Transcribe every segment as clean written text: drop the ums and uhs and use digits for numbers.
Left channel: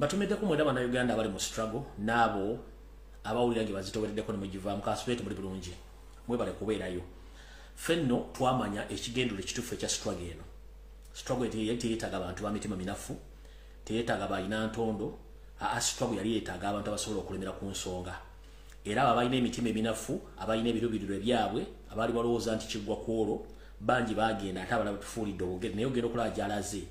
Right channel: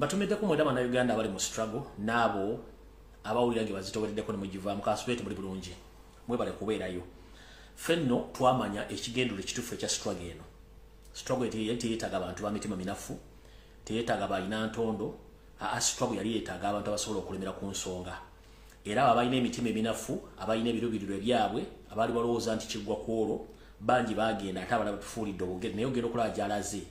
Mbatumedeko mwenda bana Uganda abali mu struggle nabo abawulirange bazitowereddeko ne mujivaamu kasubete muri bulungi mwebale kubeerayo fenno twamanya ekigendero ekitufu ekya struggle eno struggle yetetaga abantu ba mitima minafu teyetaga bayina ntondo struggle yali yetaaga abantu abasobola okulemera ku nsonga era abayina emitima eminafu abayina ebirubiriro ebyabwe abali balowooza nti kiggwa kwolwo bangi bagenda ate abalala batufuulidde obugere naye ogenda okulaba gy'alaze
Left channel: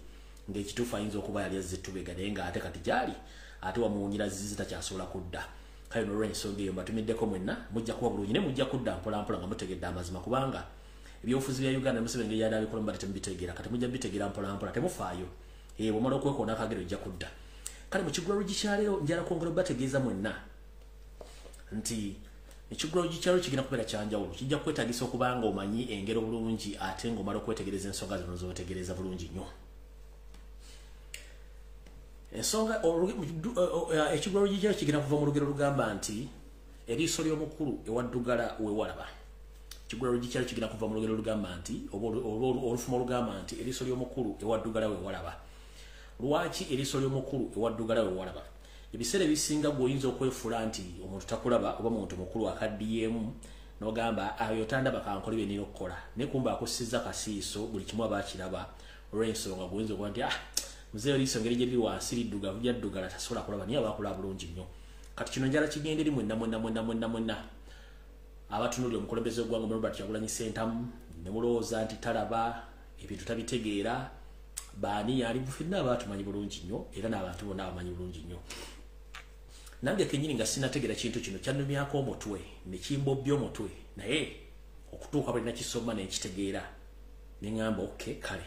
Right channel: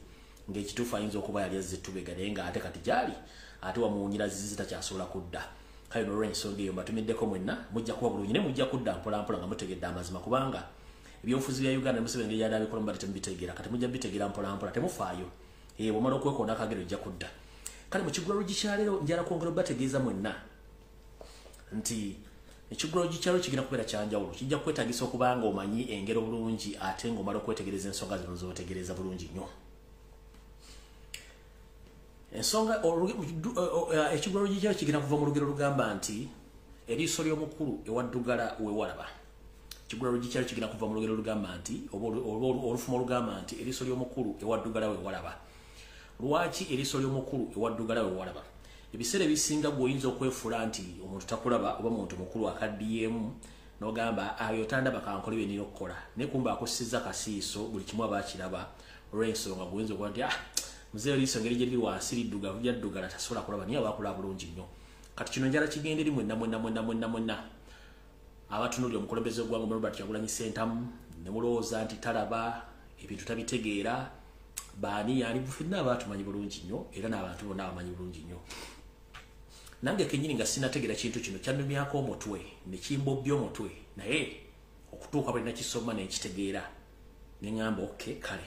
ng'ekituufu ayinza okuba yali azze tubega naye ng'ate kati gyali ate wamuwunyira zizi takyasobola kudda kale n'olw'ensonga eyo mbatumiddeko mwenna mujja kuba bulungi ne mujja kudda mpolampola nga mutegedde amazima kubanga ebyobufuzi bya Uganda musebe engeri yali abikola mbadde temubitegeera kati mujja bitegeera mpolampola temufaayo bw'omala okwekoona akagero ojja kudda kale mu kiggwa Lugikyaleero njala kwongera obategeeza mwenna nti ekiggwa Lugikyaleero kigenda kubeera kyanjawulo kijja kwetaagisa okuba nga omanyi engero bulungi ate ng'omala okwetegereza ensonga zino z'otegereza bulungi nnyo ensonga ekiggwa Lugikyaleero kigenda kuva mu lugero lugamba nti eriiso ly'omukulu ewaddugala wewalaba ekiggwa Lugikyaleero kigenda kuva mu lugero lugamba nti olufumo olugamba nti eriiso ly'omukulu ewaddugala wewalaba lwaki eriiso ly'omukulu ewaddugala wewalaba ebiseera ebisinga gweoyinza okwefuula nti omuntu takulaba oba muntu mukulu akaddiyeemu n'ogamba ayo tandaba kankola bye nina okukola naye kumba akussizza kasiiso buli kimu aba akiraba olw'ensonga gweoyinza okuba nti muzeeyo liiso ngeri gye liri wansi liddugavu lyaddugala tasobola kulaba naye aba akola bulungi nnyo kati kino njala kigenda eri mwenna abatunuulira omukulembeze gw'eggwanga Robert Kyagulanyi Ssentamu ne mulowooza nti talaba ebintu tabitegeera baani yali ffenna abaatumanyi bulungi nnyo era n'abantu bonna abamanyi bulungi nnyo nange kenyini nga sinategeera kintu kino kyannumyako omutwe ne kimbobbya omutwe naye okutuuka bwe nakisoma nenkitegeera ne ŋŋamba okay kale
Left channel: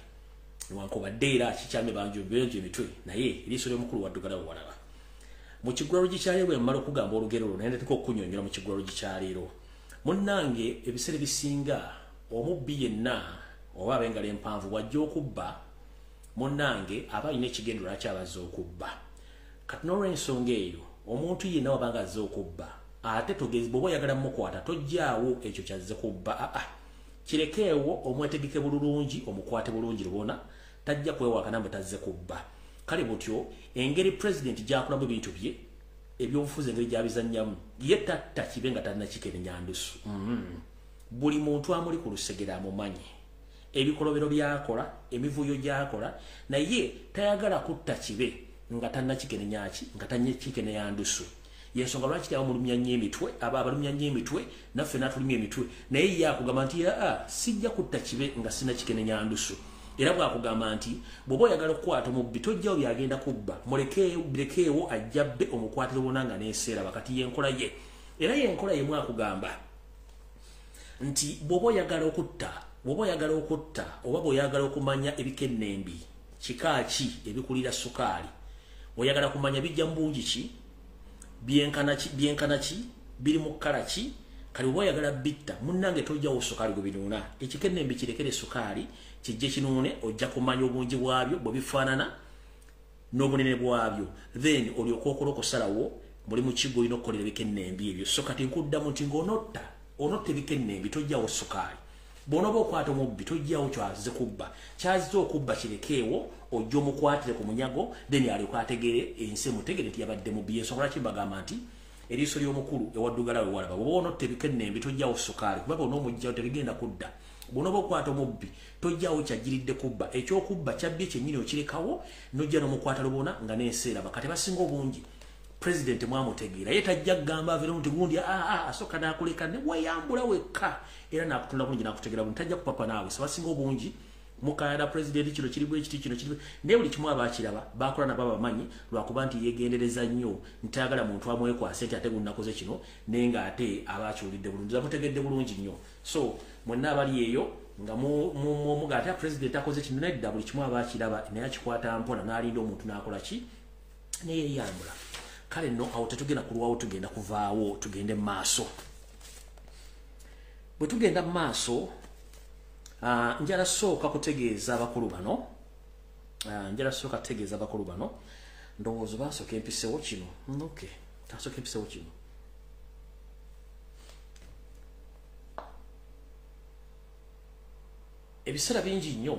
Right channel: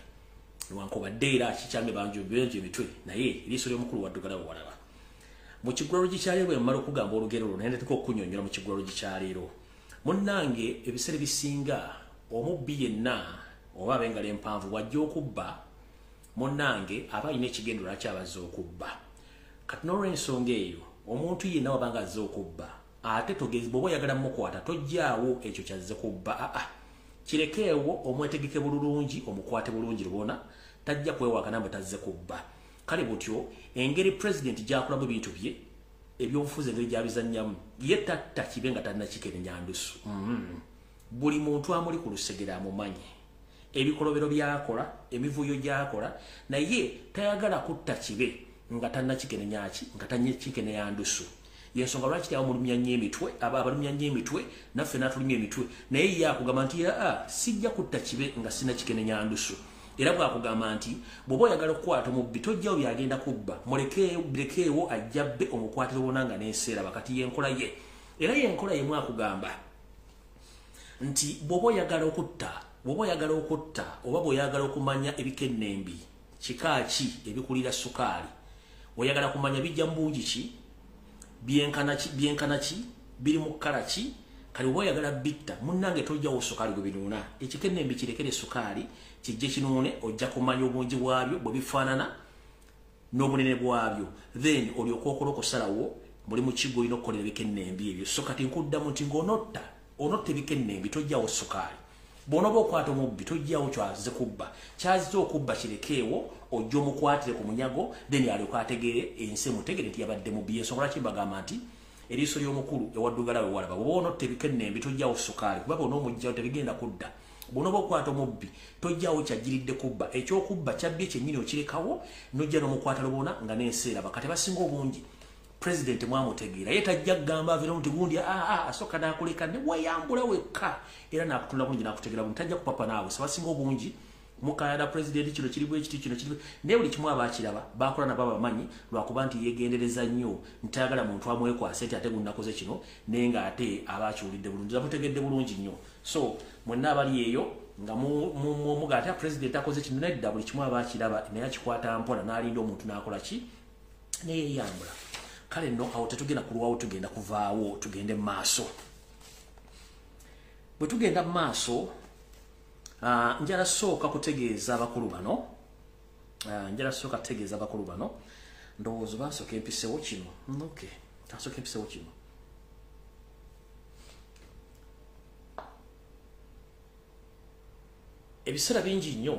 newankubadde era kikyalime banjobyenje emitwe naye eriiso ly'omukulu waddugala wewalaba mu kiggwa Lugikyaleero bwe mmala okugamba olugero olwo naye ndateka okunyonnyola mu kiggwa Lugikyaleero munnange ebiseera ebisinga omubbi yenna oba ab'engalo empanvu bw'ajja okubba munnange aba alina ekigendero lwaki abazze okubba kati n'olw'ensonga eyo omuntu yenna wabanga azze okubba ate togezi bw'oba oyagala mukwata tojjaawo ekyo kyazze kubba kirekeewo omwetegeke bulungi omukwate bulungi lubona tajja kwewakana mbu tazze kubba kale butyo engeri president gy'akolamu ebintu bye ebyobufuzi engeri gy'abizannyamu ye tatta kibe nga talina kikenenya ndusu buli muntu amuli ku lusegera amumanyi ebikolobero byakola emivuyo gyakola naye tayagala kutta kibe nga talina kikenenyaaki nga talina kikenenya ndusu yensonga lwaki abamulumya nnyo emitwe abalumya nnyo emitwe naffe n'atulumya emitwe naye ye akugamba nti sijja kutta kibe nga sina kikenenya ndusu era bw'akugamba nti bw'oba oyagala okukwata omubbi tojjawo byagenda kubba mulekeewo ajjabbe omukwatira obonanga n'enseera bakati yenkola ye era yenkola yemu akugamba nti bw'oba oyagala okutta oba bw'oyagala okumanya ebikennembi kika ki ebikulira sukaali oyagala kumanya bijja mu bungi ki byenkana ki biri mu kkala ki kale oba oyagala bitta munnange tojjawo sukaali gwe binuuna ekikennembi kirekere sukaali kijje kinuune ojja kumanya obungi bwabyo bwe bifaanana n'obunene bwabyo then olyoka okola okusalawo muli mu kigo olina okukolera ebikennembi ebyo so kati nkuddamu nti ng'onotta ebikennembi tojjawo sukaali bw'onooba okwata omubbi tojjawo kyazze kubba kyazze okubba kirekeewo ojja omukwatire ku munyago then alyoka ategere ensi emutegere nti yabadde mubbi yensonga lwaki mbagamba nti eriiso ly'omukulu ewaddugala wewalaba bw'oba onotta ebikennembi tojjawo sukaali kuba bw'onoomugjawo tebigenda kudda bw'onooba okwata omubbi tojjawo kyajjiridde kubba ekyokubba kyabbye kyennyini okirekawo n'ojja n'omukwata lubona nga n'enseera bakati basinga obungi president mwamutegeera ye tajja kugamba avera nti gundi asooka n'akuleka ne weyambula wekka era n'akutunda bulungi n'akutegeera bulungi tajja kupapa naawe sebasinga obungi mukayana president kino kiribu ekiti kino kiribu naye buli kimu abaakiraba bakola nabo abamanyi lwakuba nti yeegendereza nnyo ntayagala muntu amwekwase nti ate gunakoze kino naye ng'ate abaakiwulidde bulungi amutegedde bulungi nnyo so mwenna abali eyo nga muga ate president akoze kino nedda buli kimu abaakiraba naye akikwata mpola n'alinda omuntu n'akola ki neyeeyambula kale nno awo tetugenda kulwawo tugenda kuvaawo tugende mu maaso bwe tugenda mu maaso njala sooka kutegeeza abakulu bano ndowooza bansooka empisewo kino okay tansooka empisewo kino ebiseera bingi nnyo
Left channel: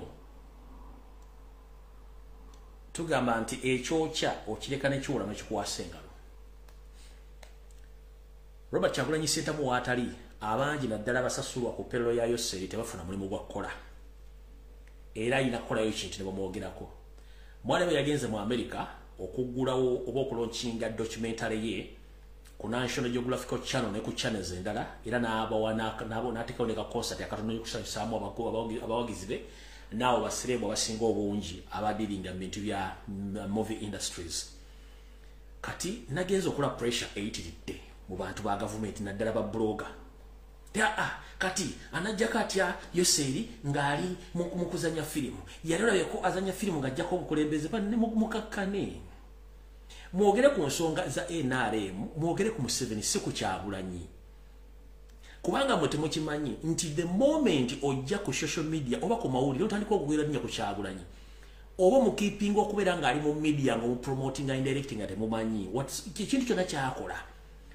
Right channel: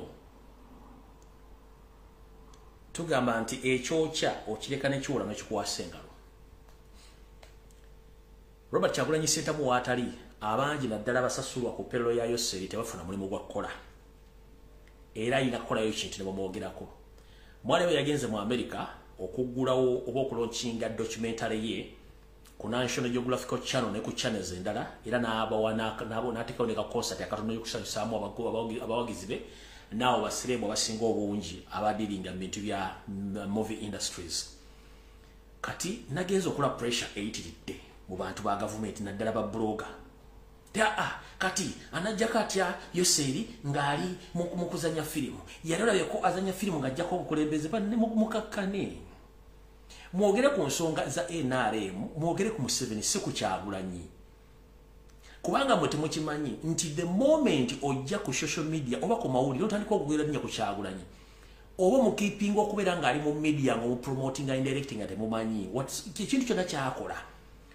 tugamba nti ekyokya okireka nekiwula nekikuwasa engalo. Robert Kyagulanyi Ssentamu waatali abangi naddala basasulwa ku payroll ya Yoseri tebafuna mulimu gwa kukola. Era ayina kukolayo kintu ne bamwogerako. Mwali we yagenze mu America okuggulawo oba okulonkinga documentary ye ku National Geographical Channel ne ku channels endala era n'ateekawo ne ka concert akatono y'okusanyusaamu abawagizi be naawo basiremu abasinga obungi abadiringa mu bintu bya movie industries. Kati nagenze okola pressure eyitiridde mu bantu ba gavumenti naddala ba blogger. Kati anajja katya Yoseri ngali mu kuzanya filimu. Yalolabe ko azanya filimu ngajjako obukulembeze banne mukakkane. Mwogere ku nsonga za NRM, mwogere ku Museveni si ku Kyagulanyi. Kubanga mwe temukimanyi nti the moment ojja ku social media oba ku mawulire otandika okugwira nnyo ku Kyagulanyi. Oba mu keeping okubeera ng'ali mu media nga mu promoting and directing ate mumanyi. Ekintu kyonna kyakola.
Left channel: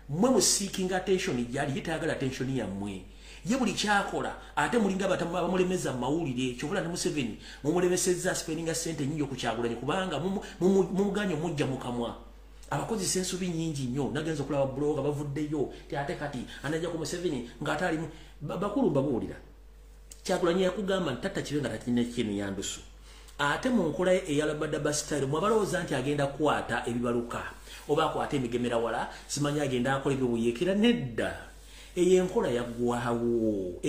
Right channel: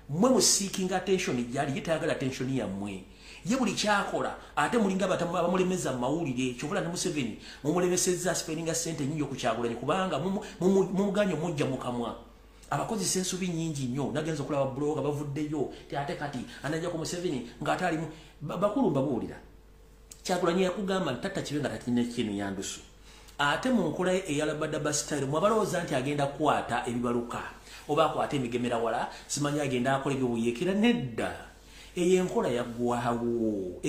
Mwe mu seeking attention yali yetayagala attention yammwe. Ye buli kyakola ate mulinga abamulemeza mawulire kyobula ne Museveni mumulemesezza spending sente nnyo ku Kyagulanyi kubanga mumuganyo mujja mukamwa. Abakozi sensubi nyingi nnyo nagenza okulaba blogger bavuddeyo ate kati anajja ku Museveni ng'atali bakulu babuulira. Kyagulanyi yakugamba ntata kibe nga tatina kintu yandusu. Ate mu nkola eyalabadda bastyle mwabalowooza nti agenda kwata ebibaluka oba akwata emigemera wala simanyi agenda akola ebyobuyekera nedda. Eyo enkola yaggwawo.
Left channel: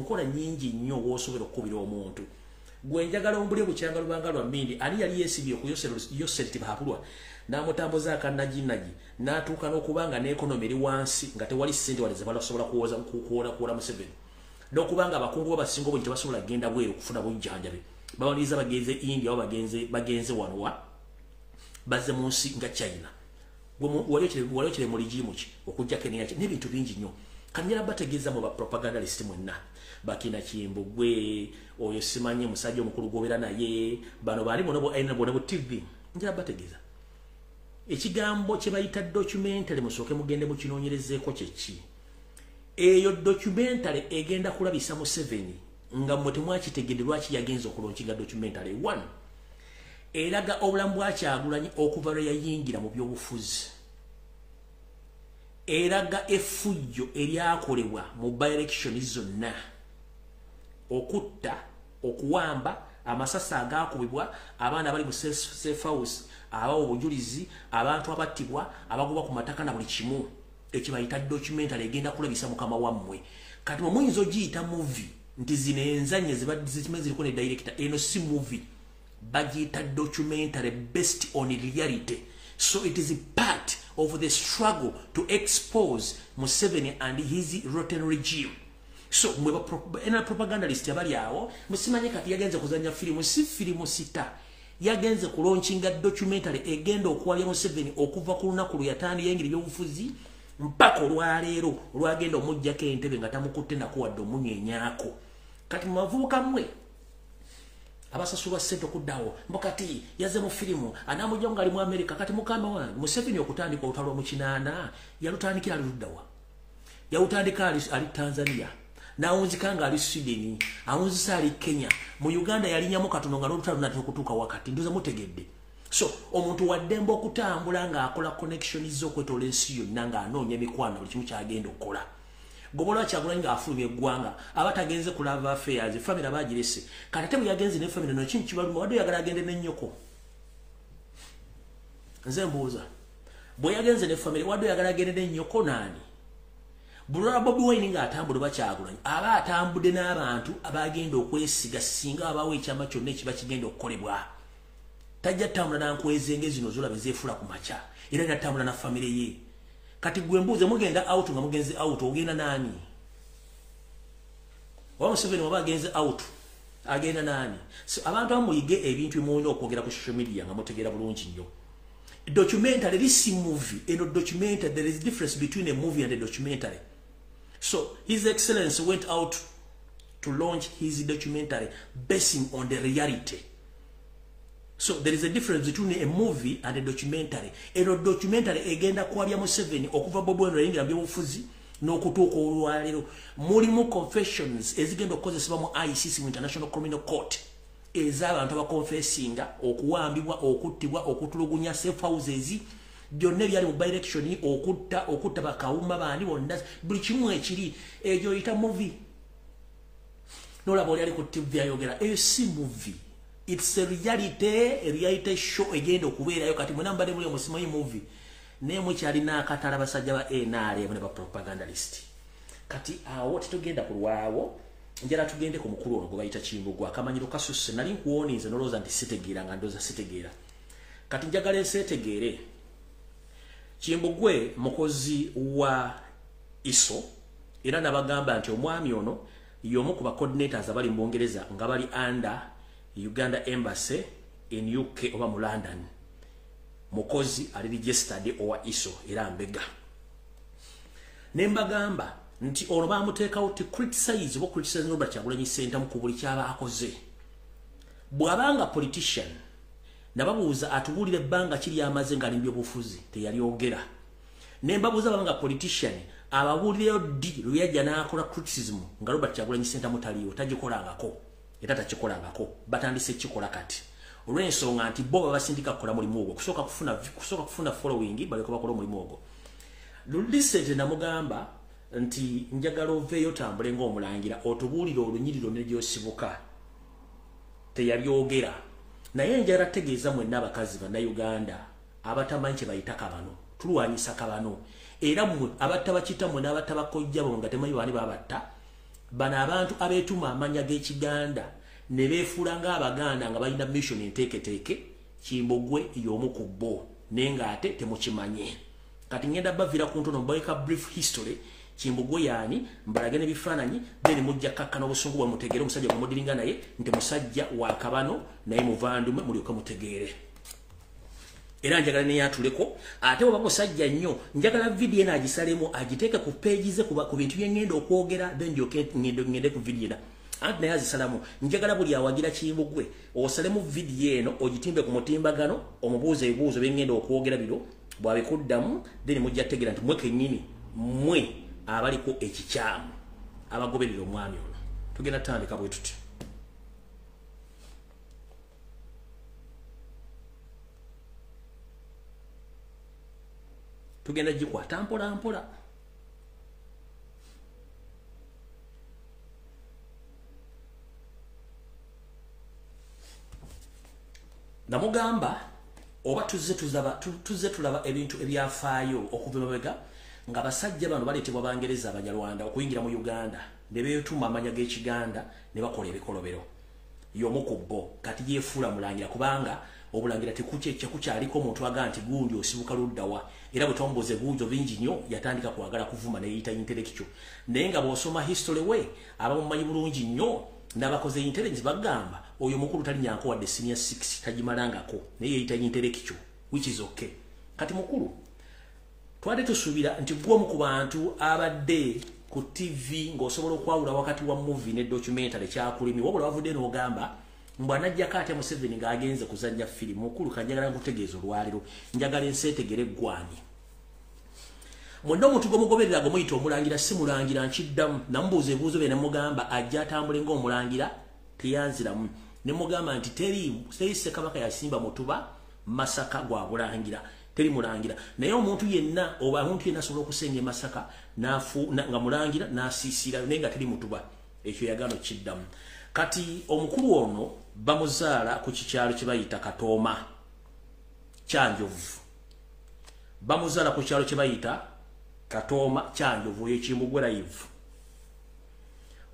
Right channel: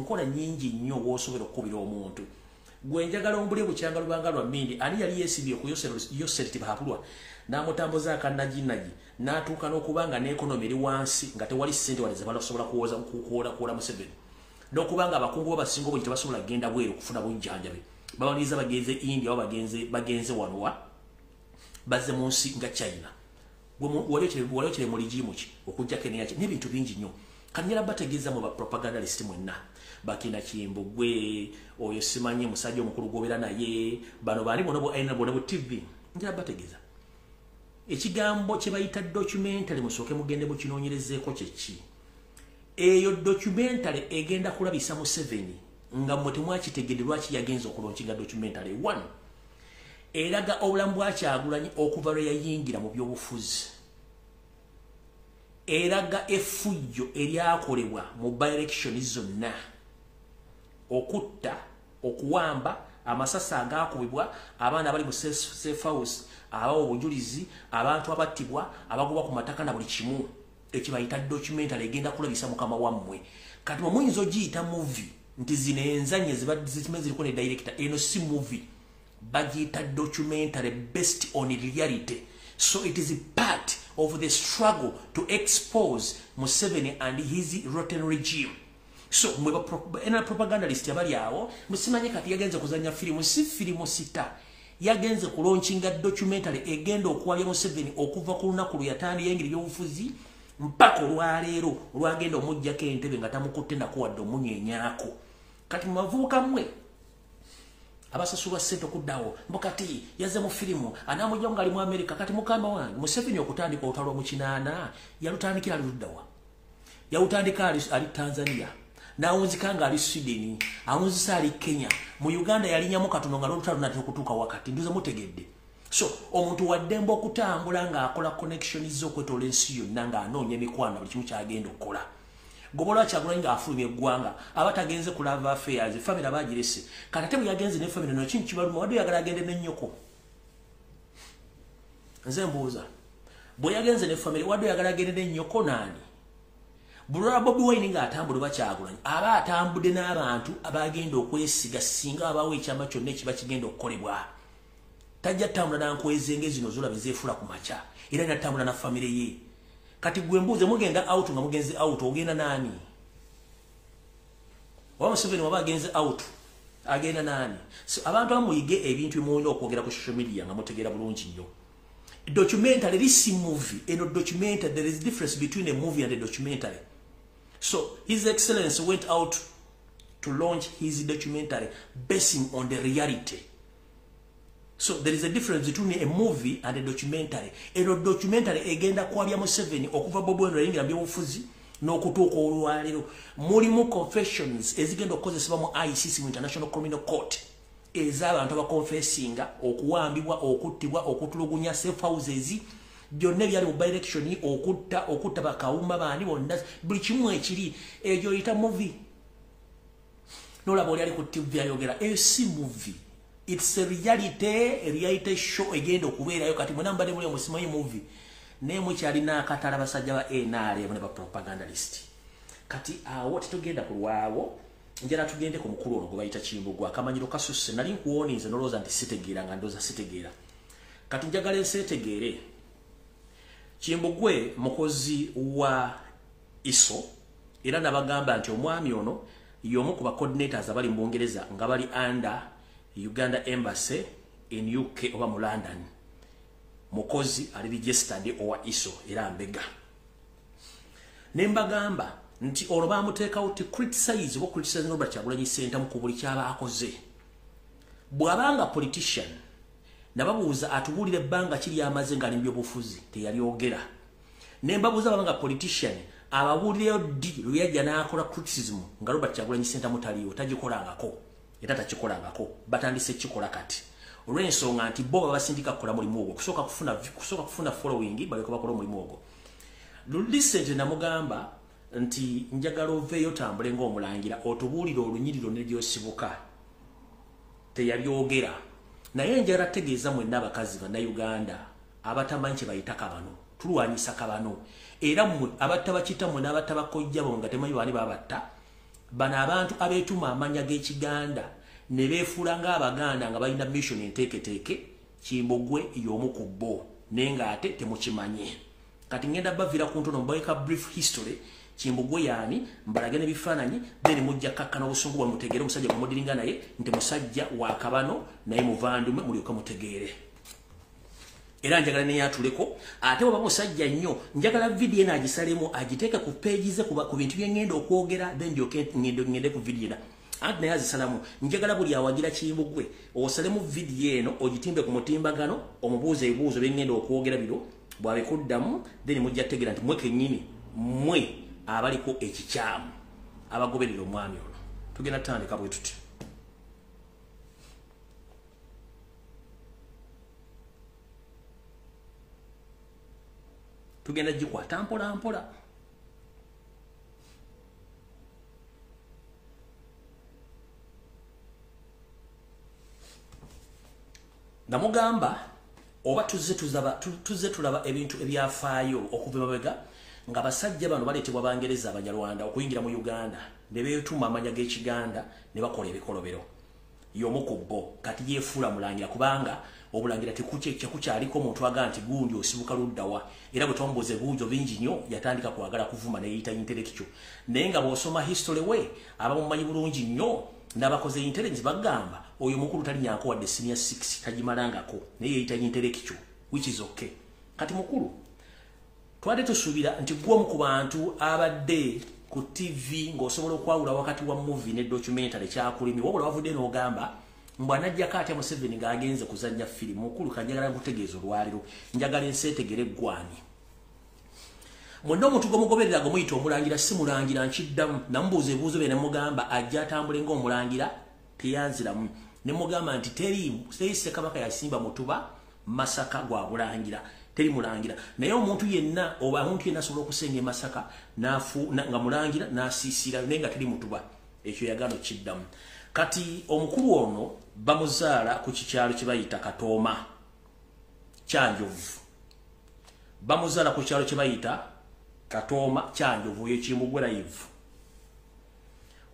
Nkola nyingi nnyo w'osobola okukubira omuntu. Gwe njagala ombulye bukyanga lubanga lwa mmindi ani yali yeesibye ku Yoseri tibahapulwa n'amutambuza akannaginagi n'atuuka n'okubanga n'ekonomi eri wansi nga tewali ssente wali ze basobola kuwola Museveni n'okubanga abakungu babasinga obungi tebasobola kugenda bweru kufuna bujjanjabe bawaniriza bagenze India oba bagenze wano bazze mu nsi nga China. Waliokire mu ligimu ki okujja Kenya n'ebintu bingi nnyo. Kanyera bategeeza mu propagandalist mwenna bakina Kimbugwe oyo simanyi musajja omukulu gobera naye bano bali bonobo aina bonobo TV njira bategeeza ekigambo kye bayita documentary musooke mugende mu kinoonyerezeeko kyeki. Eyo documentary egenda kulabisa Museveni nga mwe mwakitegedde lwaki yagenza okulonkinga documentary 1 eraga obulamu bwa Kyagulanyi okuva lwe yayingira mu byobufuzi. Eraga effujjo eryakolebwa mu by-election zonna okutta okuwamba amasasa agakubibwa abaana bali mu safe house abawo obujulizi abantu abattibwa abagoba ku mataka na buli kimu ekibayita documentary egenda kulabisa mukama wammwe. Kati muyinza ogiyita movie nti zino enzanye zibadde ziriko ne director eno si movie bagiyita documentary based on reality. So it is a part of the struggle to expose Museveni and his rotten regime. So ena propagandalist abali awo musimanye kati yagenze kuzanya filimu si filimu sita yagenze kulauncinga documentary egenda okuwabya Museveni okuva ku lunaku luyatandi yengeri byobufuzi mpaka olwaleero olwagenda omujjako entebe nga tamukutte nakuwadde omunyenyako. Kati mavuuka mmwe abasasulwa ssente okuddawo mbokati yazze mu filimu anamujja ngali mu America. Kati mukama wange Museveni okutandika olutalo mu kinaana yalutandikira aluddawa yalutandika ali Tanzania nawunzika nga ali Sweden awunzisa ali Kenya mu Uganda yalinyamu katono nga lutalo natyo kutuuka wakati nduze mutegedde. So omuntu waddemba okutambula nga akola connection z'okwetola ensi yonna nga anoonya emikwano buli kimu kyagenda okukola. Gobola Kyagulanyi nga afulumya eggwanga abatagenze ku love affairs family abagirese kati ate bwe yagenze ne family no kintu kibaluma wadde yagala agende n'ennyoko. Nze mbuuza bwe yagenze ne family wadde yagala agende n'ennyoko naani? Bulora Bobi Wine nga atambula ba Kyagulanyi aba atambudde n'abantu abagenda okwesiga singa abawo ekyama kyonna ekiba kigenda okukolebwa. Tajja tambula nankwezenge zino zola bezeefula ku macha era natambula na family ye. Kati gwe mbuuze mugenda out nga mugenze out ogenda nani? Wa Museveni waba agenze out agenda nani? So abantu amuyige ebintu emuwenda okwogera ku social media nga mutegeera bulungi nnyo. Documentary this movie and a documentary there is a difference between a movie and a documentary. So His Excellency went out to launch his documentary basing on the reality. So there is a difference between a movie and a documentary. A documentary egenda kwabya Museveni okuva Bobi Wine yingira byobufuzi n'okutuuka olwaleero mulimu confessions ezigenda okukozesebwa mu ICC mu International Criminal Court ez'abantu abakonfesinga okuwambibwa okuttibwa okutulugunya safe houses byonna byali mu by-election okutta bakawuma baani bonna buli kimu ekiri egyo oyita movie nolaba oli ali ku TV ayogera si movie, it's a reality show egenda okubeerayo kati mwena mbadde muli omusimanyi movie naye mukyalina akatala abasajja ba NRM ne ba propagandalist kati awo tetugenda kulwawo njala tugende ku mukulu ono gwe bayita Kimbugwe akamanyiro kasusse nali nkuwonize noloza nti sitegeera nga ndoza sitegeera kati njagala ensetegeere Kimbugwe mukozi wa ISO era nabagamba nti omwami ono yomu ku ba coordinators abali mu Bungereza nga bali under Uganda Embassy in UK oba mu London mukozi ali registered owa ISO era mbega nembagamba nti ono bamuteekawo ti criticize Robert Kyagulanyi Ssentamu ku buli kyaba akoze bw'abanga politician nababuuza atubulire ebbanga kiri amaze nga alimbyo bufuzi teyalyogera nembabuuza abanga politician ababuulireyo ddi lwe yajja n'akola criticism nga Robert Kyagulanyi Ssentamu taliyo tagikolangako era takikolangako batandise kikola kati olw'ensonga nti bo babasindika kukola mulimu ogwo kusooka kufuna following balyoka bakola omulimu ogwo lulisente namugamba nti njagala oveeyo tambule ng'omulangira otubuulire olunyiriro ne gyosibuka teyabyogera naye njagala tegeeza mwenna abakazi bannayuganda abatamanyi kye bayita kabano tulwanyisa kabano era mmwe abattabakita mwe n'abattabakojja bo nga temanyi baani babatta bano abantu abeetuma amanya g'ekiganda ne beefuula ng'abaganda nga balina mission enteeketeeke Kimbugwe y'omu ku bo naye ng'ate temukimanye kati ngenda bavira ku ntono mbaika brief history Kimbugwe yaani mbalage n'ebifaananyi then mujja kakkana obusungu bwe mutegeere omusajja gwe mudiringa naye nti musajja wa kabano naye muvandume mulyoka mutegeere era njagala ne yatuleko ate oba musajja nnyo njagala video ena agisalemu agiteeke ku page ze ku bintu bye ngenda okwogera then ngende ku video ena anti naye azisalamu njagala buli awagira Kimbugwe osalemu video eno ogitimbe ku mutimbagano omubuuza ebibuuzo bye ngenda okwogera biro bwabikuddamu then mujja tegeera nti mwe kennyini mwe abaliko ekikyamu abagoberera omwami ono tugenda tandika bwe tuti tugenda gikwata mpola mpola namugamba oba tuzze tulaba ebintu ebyafaayo okuva emabega nga basajja bano baleetebwa Bangereza Abanyarwanda okuyingira mu Uganda ne beetuma amanya g'Ekiganda ne bakola ebikolobero y'omu ku bo kati yeefuula mulangira kubanga obulangira tekukyaliko omuntu aga nti gundi osibuka luddawa era bwe twambuuza ebibuuzo bingi nnyo yatandika kwagala kuvuma ne yeeyita intellectual naye nga bw'osoma history we abamumanyi bulungi nnyo n'abakoze intelligence bagamba oyo mukulu talinyanko wadde senior 6 tagimalangako naye yeeyita intellectual which is okay kati mukulu twade tusuubira nti gwomu ku bantu abadde ku TV ng'osobola okwawula wakati wa movie ne documentary kyakulimi wabula bavudde n'ogamba mbwanajjako atya Museveni ng'agenze kuzannya firimu mukulu kanjagala nkutegeeza olwaliro njagala enseetegere eggwani mwonna omuntu gwomugoberera gwe muyita omulangira si mulangira nkiddamu namubuuza ebibuuzo bye ne mugamba ajja atambule ng'omulangira teyanziramu ne mugamba nti teri Ssekabaka yasimba mutuba Masaka gwa bulangira teri mulangira naye omuntu yenna oba omuntu yenna asobola okusenga Masaka nga mulangira n'asiisira naye nga teri mutuba ekyo yagano kiddamu kati omukulu ono bamuzaala ku kikyalo kye bayita Katooma Kyanjovu bamuzaala ku kyalo kye bayita Katooma Kyanjovu y'Ekimbugwe live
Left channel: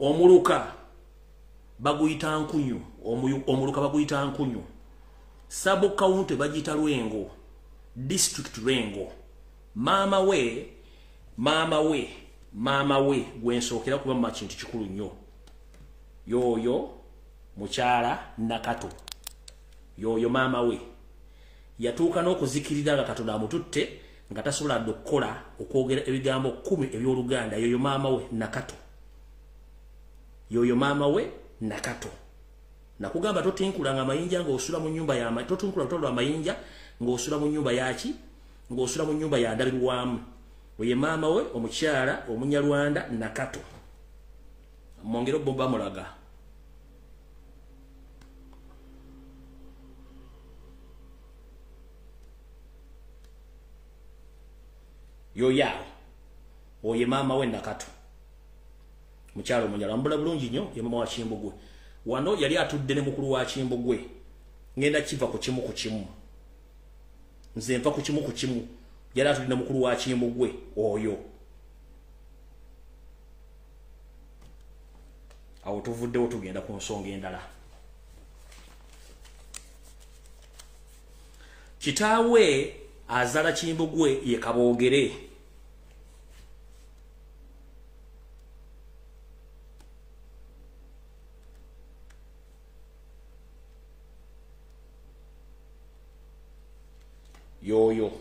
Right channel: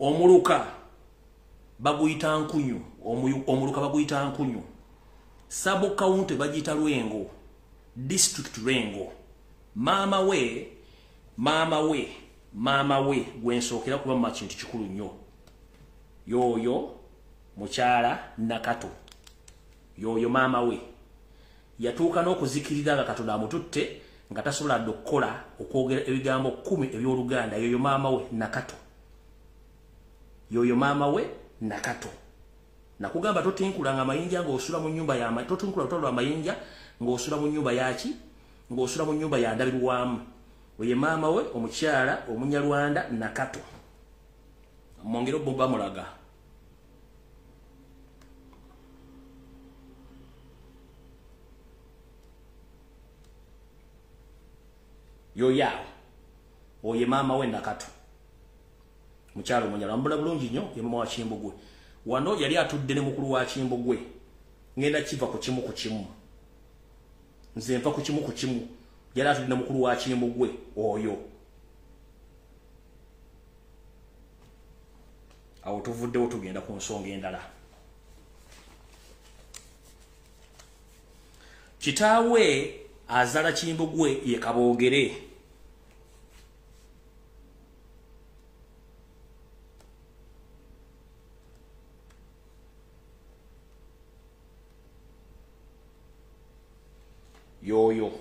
omuluka baguyita Nkunyu omuluka baguyita Nkunyu sabo county bagiyita Lwengo district Lwengo mama we gwensookera kuba mu kintu kikulu nnyo yoyo mukyala Nakato yoyo mama we yatuuka n'okuzikirira nga Katonda amututte nga tasobola okukola okwogera ebigambo 10 eby'Oluganda yoyo mama we Nakato yoyo mama we Nakato nakugamba totinkulanga amayinja ng'osula mu nnyumba ya totinkula tolwa amayinja ng'osula mu nnyumba yaki ng'osula mu nnyumba ya ndabirwamu oye mama we omukyala Omunyarwanda Nakato mwongero bomba mulaga yoyao oye mama we Nakato mukyalo munyala mbula bulungi nnyo ye mama wa Kimbugwe wano yali atudde ne mukulu wa Kimbugwe ngenda kiva ku kimu nze mpa ku kimu yali atudde ne mukulu wa Kimbugwe oyo awo tuvuddewo tugenda ku nsonga endala. Kitaawe azala Kimbugwe ye Kabogere. Yoyo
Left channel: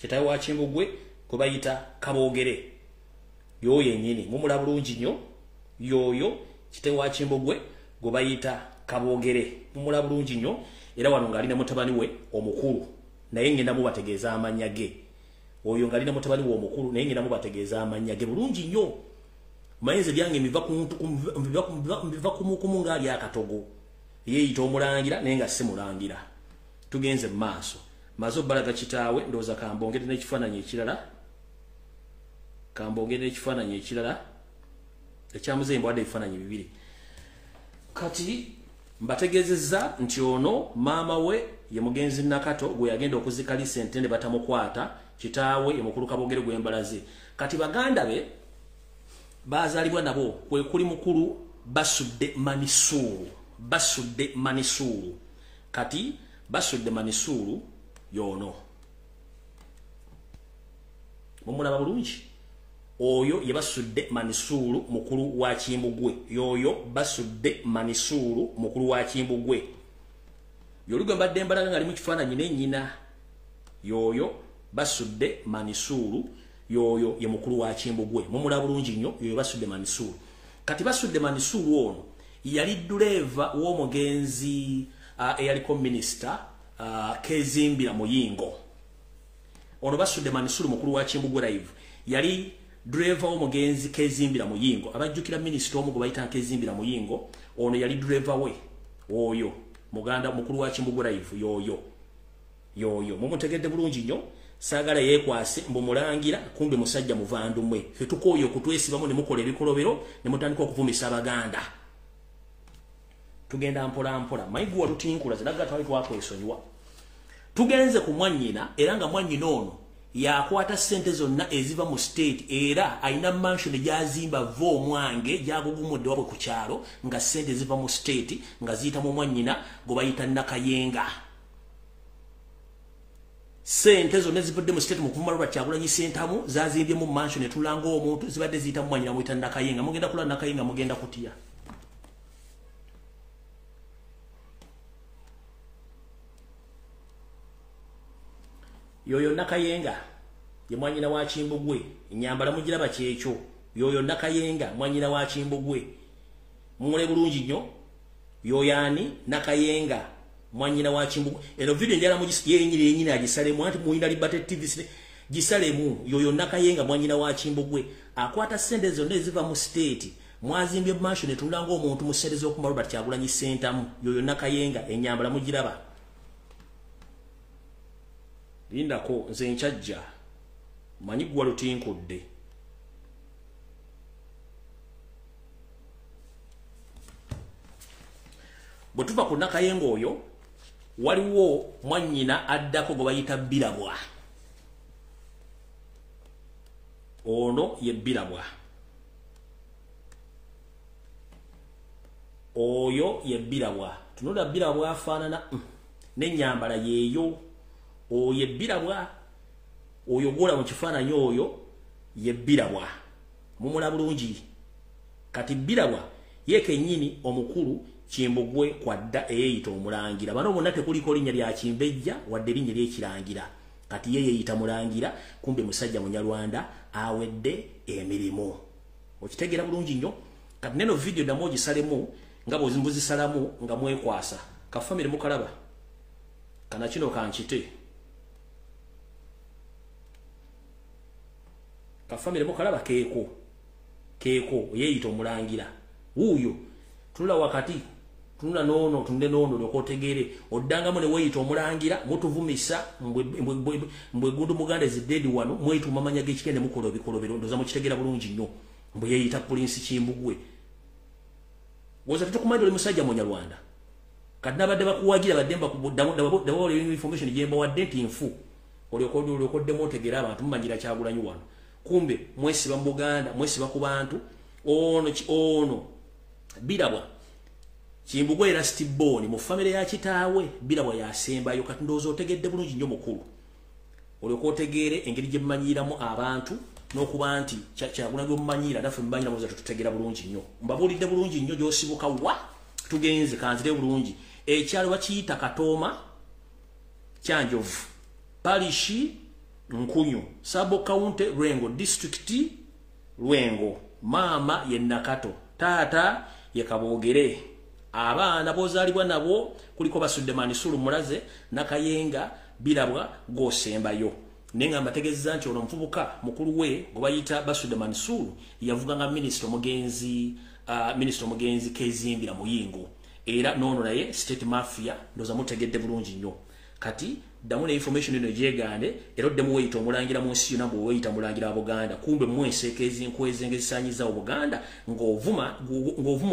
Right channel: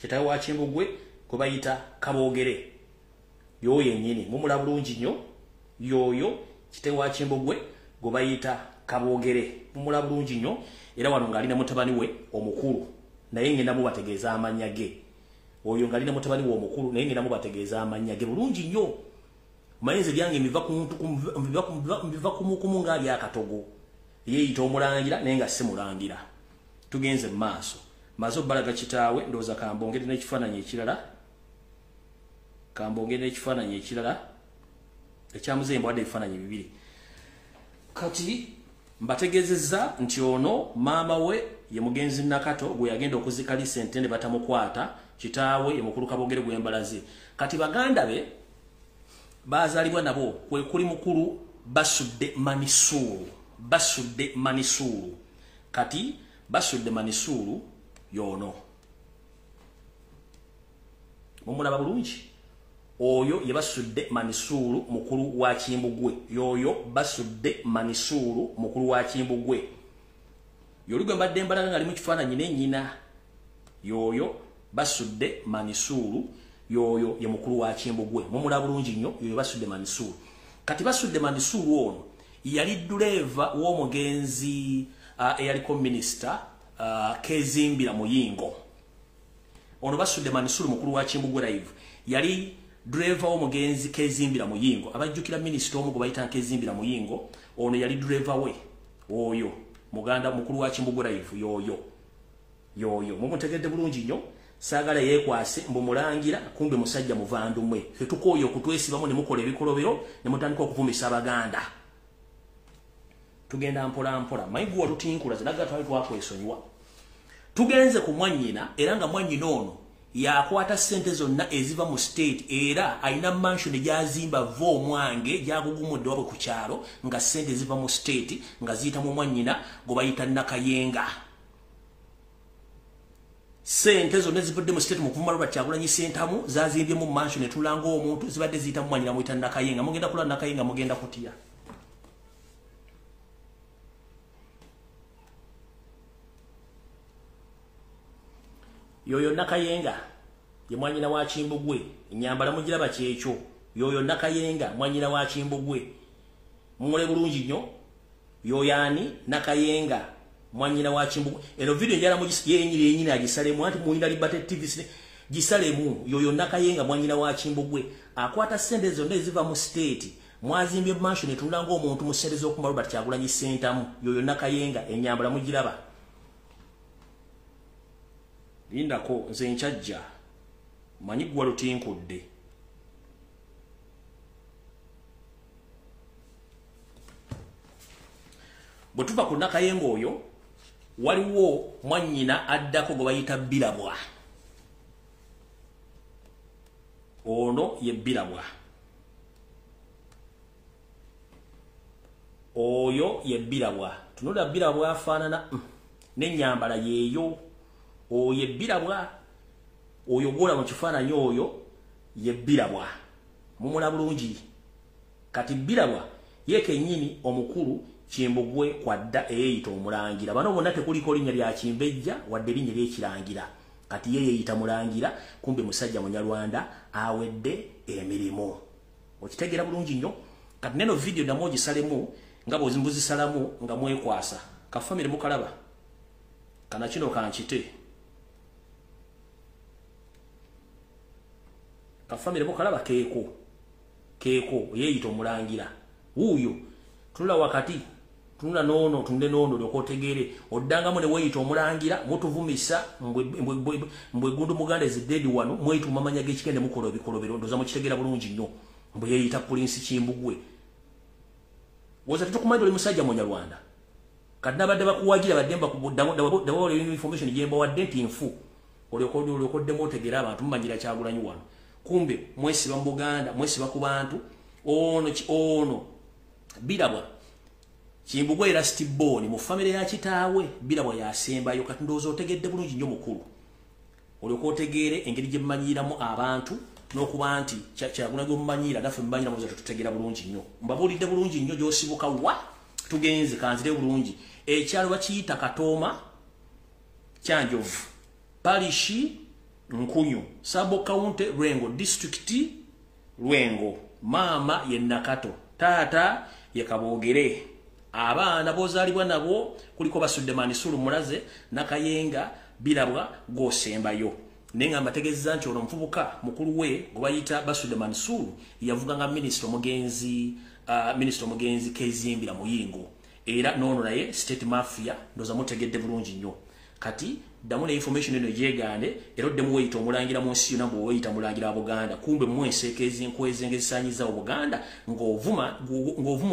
kitaawe wa Kimbugwe kwe bayita Kabogere yoyo yennyini mumula bulungi nnyo yoyo kitaawe wa Kimbugwe gwe bayita Kabogere mumula bulungi nnyo era wano ngali ne mutabani we omukulu naye ngenda mubategeeza amanya ge oyo ngali ne mutabani we omukulu naye ngenda mubategeeza amanya ge bulungi nnyo mayinze byange miva ku mukumu nga bya katogo yeeyita omulangira naye nga si mulangira. Tugenze mu maaso mazo balaga kitaawe ndoza kambongere n'ekifaananyi ekirala ekyamuze mbwadde ebifaananyi bibiri kati mbategezeza nti ono maama we ye mugenzi Nakato gwe yagenda okuzika sente ne batamukwata kitaawe ye mukulu Kabogere gwe mbalaze kati baganda be bazalibwa nabo kwe kuli mukulu Basudde Manisulu kati Basudde Manisulu yono mumulaba bulungi oyo ye Basudde Manisulu mukulu wa Kimbugwe yoyo Basudde Manisulu mukulu wa Kimbugwe yolugwe mbadde mbalaga ngali mu kifaananyi n'ennyina yoyo Basudde Manisulu yoyo ye mukulu wa Kimbugwe mumulaba bulungi nnyo yoyo Basudde Manisulu kati Basudde Manisulu ono yali driver w'omugenzi eyaliko minister Kezimbira Muyingo ono Basudde Manisulu mukulu wa Kimbugwe live yali driver w'omugenzi Kezimbira Muyingo abajjukira minister omu gwe bayita Kezimbira Muyingo ono yali driver we oyo muganda mukulu wa Kimbugwe live yoyo mumutegedde bulungi nnyo saagala yeekwase mbumulangira kumbe musajja muvandumwe fetukoyo kutwesibamu ne mukola ebikolobero ne mutandika okuvumisa abaganda tugenda mpola mayigwa tutinkula zinaga twali twakwesonyiwa tugenze ku mwannyina era nga mwannyina ono yakwata sente zonna eziva mu state era aina mansion gyazimba vo mwange gyagugumudde wabwe ku kyalo nga sente ziva mu state nga ziyita mu mwannyina gwe bayita Nakayenga sente zonna zivudde mu state mu kuvuma Robert Kyagulanyi Ssentamu zazimbye mu mansion etulanga omuntu zibadde ziyita mu mwannyina muyita Nakayenga mugenda kula Nakayenga mugenda kutya yoyo Nakayenga ye mwanyina wa Kimbugwe nyambala mugiraba kyekyo yoyo Nakayenga mwanyina wa Kimbugwe mumule bulungi nnyo yoyani Nakayenga mwanyina wa Kimbugwe eno video njala mugisiye yenyini agisalemu anti muinda Liberty TV gisalemu yoyo Nakayenga mwanyina wa Kimbugwe akwata sente zonna eziva mu state mwazimbye mansion etulanga omuntu mu sente z'oku Robert Kyagulanyi Ssentamu yoyo Nakayenga enyambala mugiraba lindako nze nkyajja manyi gwa lutinkudde bwe tuva ku Nakayenga oyo waliwo mwannyina addako gwe bayita Birabwa ono ye Birabwa oyo ye Birabwa tunula Birabwa afaanana n'ennyambala yeeyo oyo Birabwa oyo gola mu kifaananyi oyo ye Birabwa mumula bulungi kati Birabwa yeke nnyini omukulu Kimbugwe kwadda eyeeyita omulangira bano bonna tekuliko linnya lya Kimbejja wadde linnya ly'ekirangira kati yeeyita mulangira kumbe musajja Munyarwanda awedde emirimu okitegera bulungi nnyo kati neno video damo gisalemu nga bw'ozisalamu nga mwekwasa kafamire mukalaba kana kino kankite kafamire mukalaba keeko yeeyita omulangira wuuyo tula wakati tunula nono tunde nono lyokotegere oddangamu ne weyita omulangira mutuvumisa mbwe gundu muganda ezidedi wano mweyitu mamanya g'ekigende mukola ebikolobero ndoza mukitegera bulungi nnyo mbwe yeyita Prince Kimbugwe woza tetukumanyi oli musajja Munyarwanda kati nabadde bakuwagira baddemba kubuddamu information gyemba wadde nti nfu olyokoddemu otegera abantu mumanyira Kyagulanyi wano kumbe mwesiba mu Buganda mwesiba ku bantu ono birabwa Kimbugwe era Stiboni mu family ya kitaawe birabwa yasembayo kati ndowooza otegedde bulungi nnyo mukulu olyokotegere engeri gye mumanyiramu abantu n'okuba nti Kyagulanyi omumanyira naffe mumanyira muza tutegera bulungi nnyo mbabuulidde bulungi nnyo gy'osibuka wa tugenze kanzire bulungi ekyalo bakiyita Katooma Kyanjovu Parishi Nkunyu Sabo County Lwengo District Lwengo mama ye Nakato taata ye Kabogere abaana bozalibwa nabo kuliko basudde Manisulu Mulaze Nakayenga birabwa gosembayo nenga mbategeza nti ono mfubuka mukulu we gobayita basudde Manisulu yavuga nga minister omugenzi Kezimbira Muyingo era nono naye state mafia ndoza mutegedde bulungi nnyo kati damu ne information eno gyegande era oddemu weyita omulangira mu nsi yonna bwe weyita mulangira wa Buganda kumbe mwenseekezi nkwezi engezisanyiza Obuganda ng'ovuma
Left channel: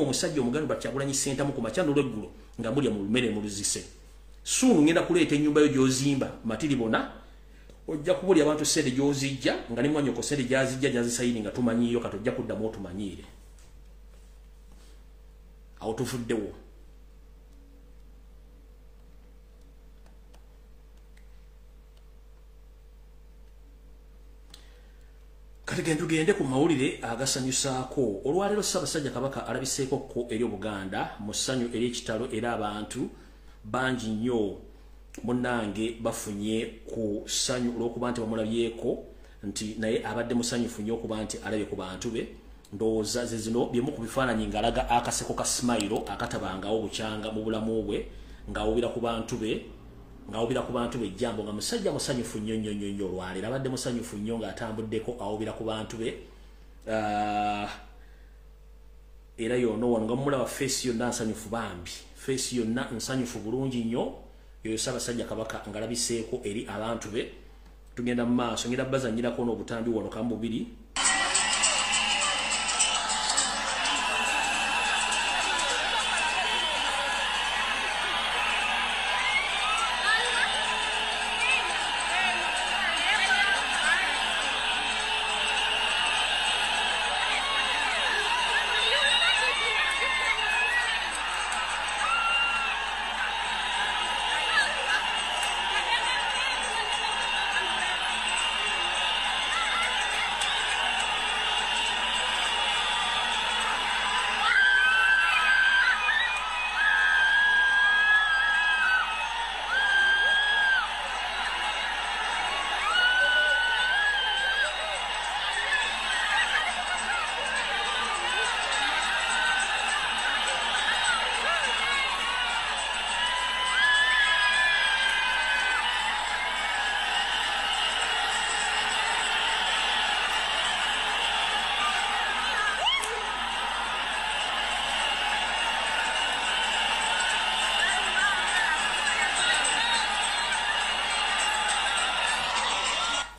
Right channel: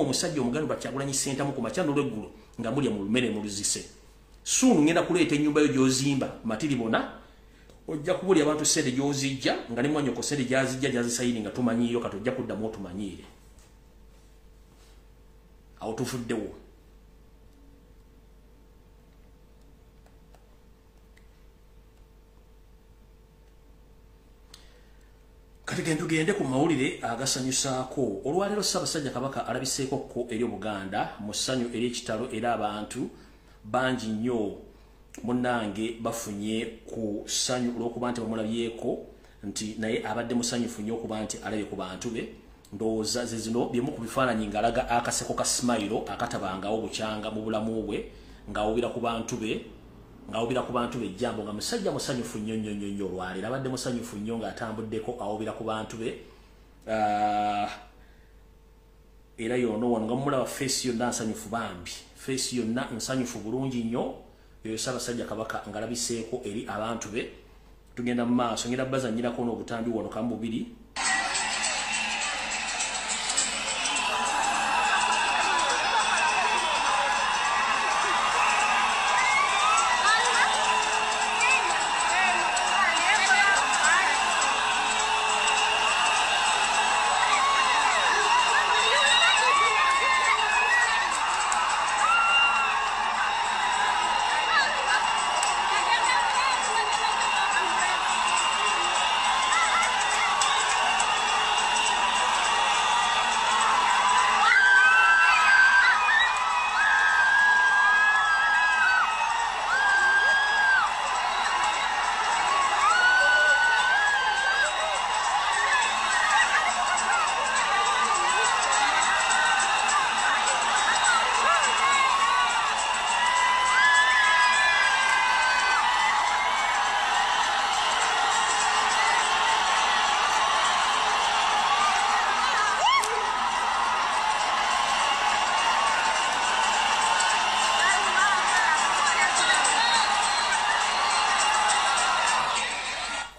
omusajja omuganda Kyagulanyi Ssentamu ku makya n'olweggulo nga mulya mu lumere mu luzise sunu ngenda kuleeta ennyumba yo gy'ozimba matiribona ojja kubulya abantu sente gy'ozijja nga ne mwanyoko sente gyazijja gyazisayini nga tumanyiyo kati ojja kuddamu otumanyiire awo tufuddewo kati gende ku mawulire agasanyusaako olwaleero Ssaabasajja Kabaka alabiseeko ko eri Obuganda mu ssanyu eri ekitalo era abantu bangi nnyo munnange bafunye ku ssanyu olw'okuba nti bamulabyeko nti naye abadde musanyufu nnyo okuba nti alabye ku bantu be ndowooza ze zino byemu ku bifaananyi ng'alaga akaseko ka smile akatabangawo bukyanga mu bulamu bwe ng'awubira ku bantu be ejjambo nga musajja musanyufu nnyo olwaleero abadde musanyufu nnyo ng'atambuddeko awubira ku bantu be era yono wano nga mumulaba face yonna nsanyufu bambi face yonna nsanyufu bulungi nnyo yoyo Ssaabasajja Kabaka ngalabiseeko eri abantu be tugenda mu maaso ngenda bazanyirako n'obutambi wano kamu bubiri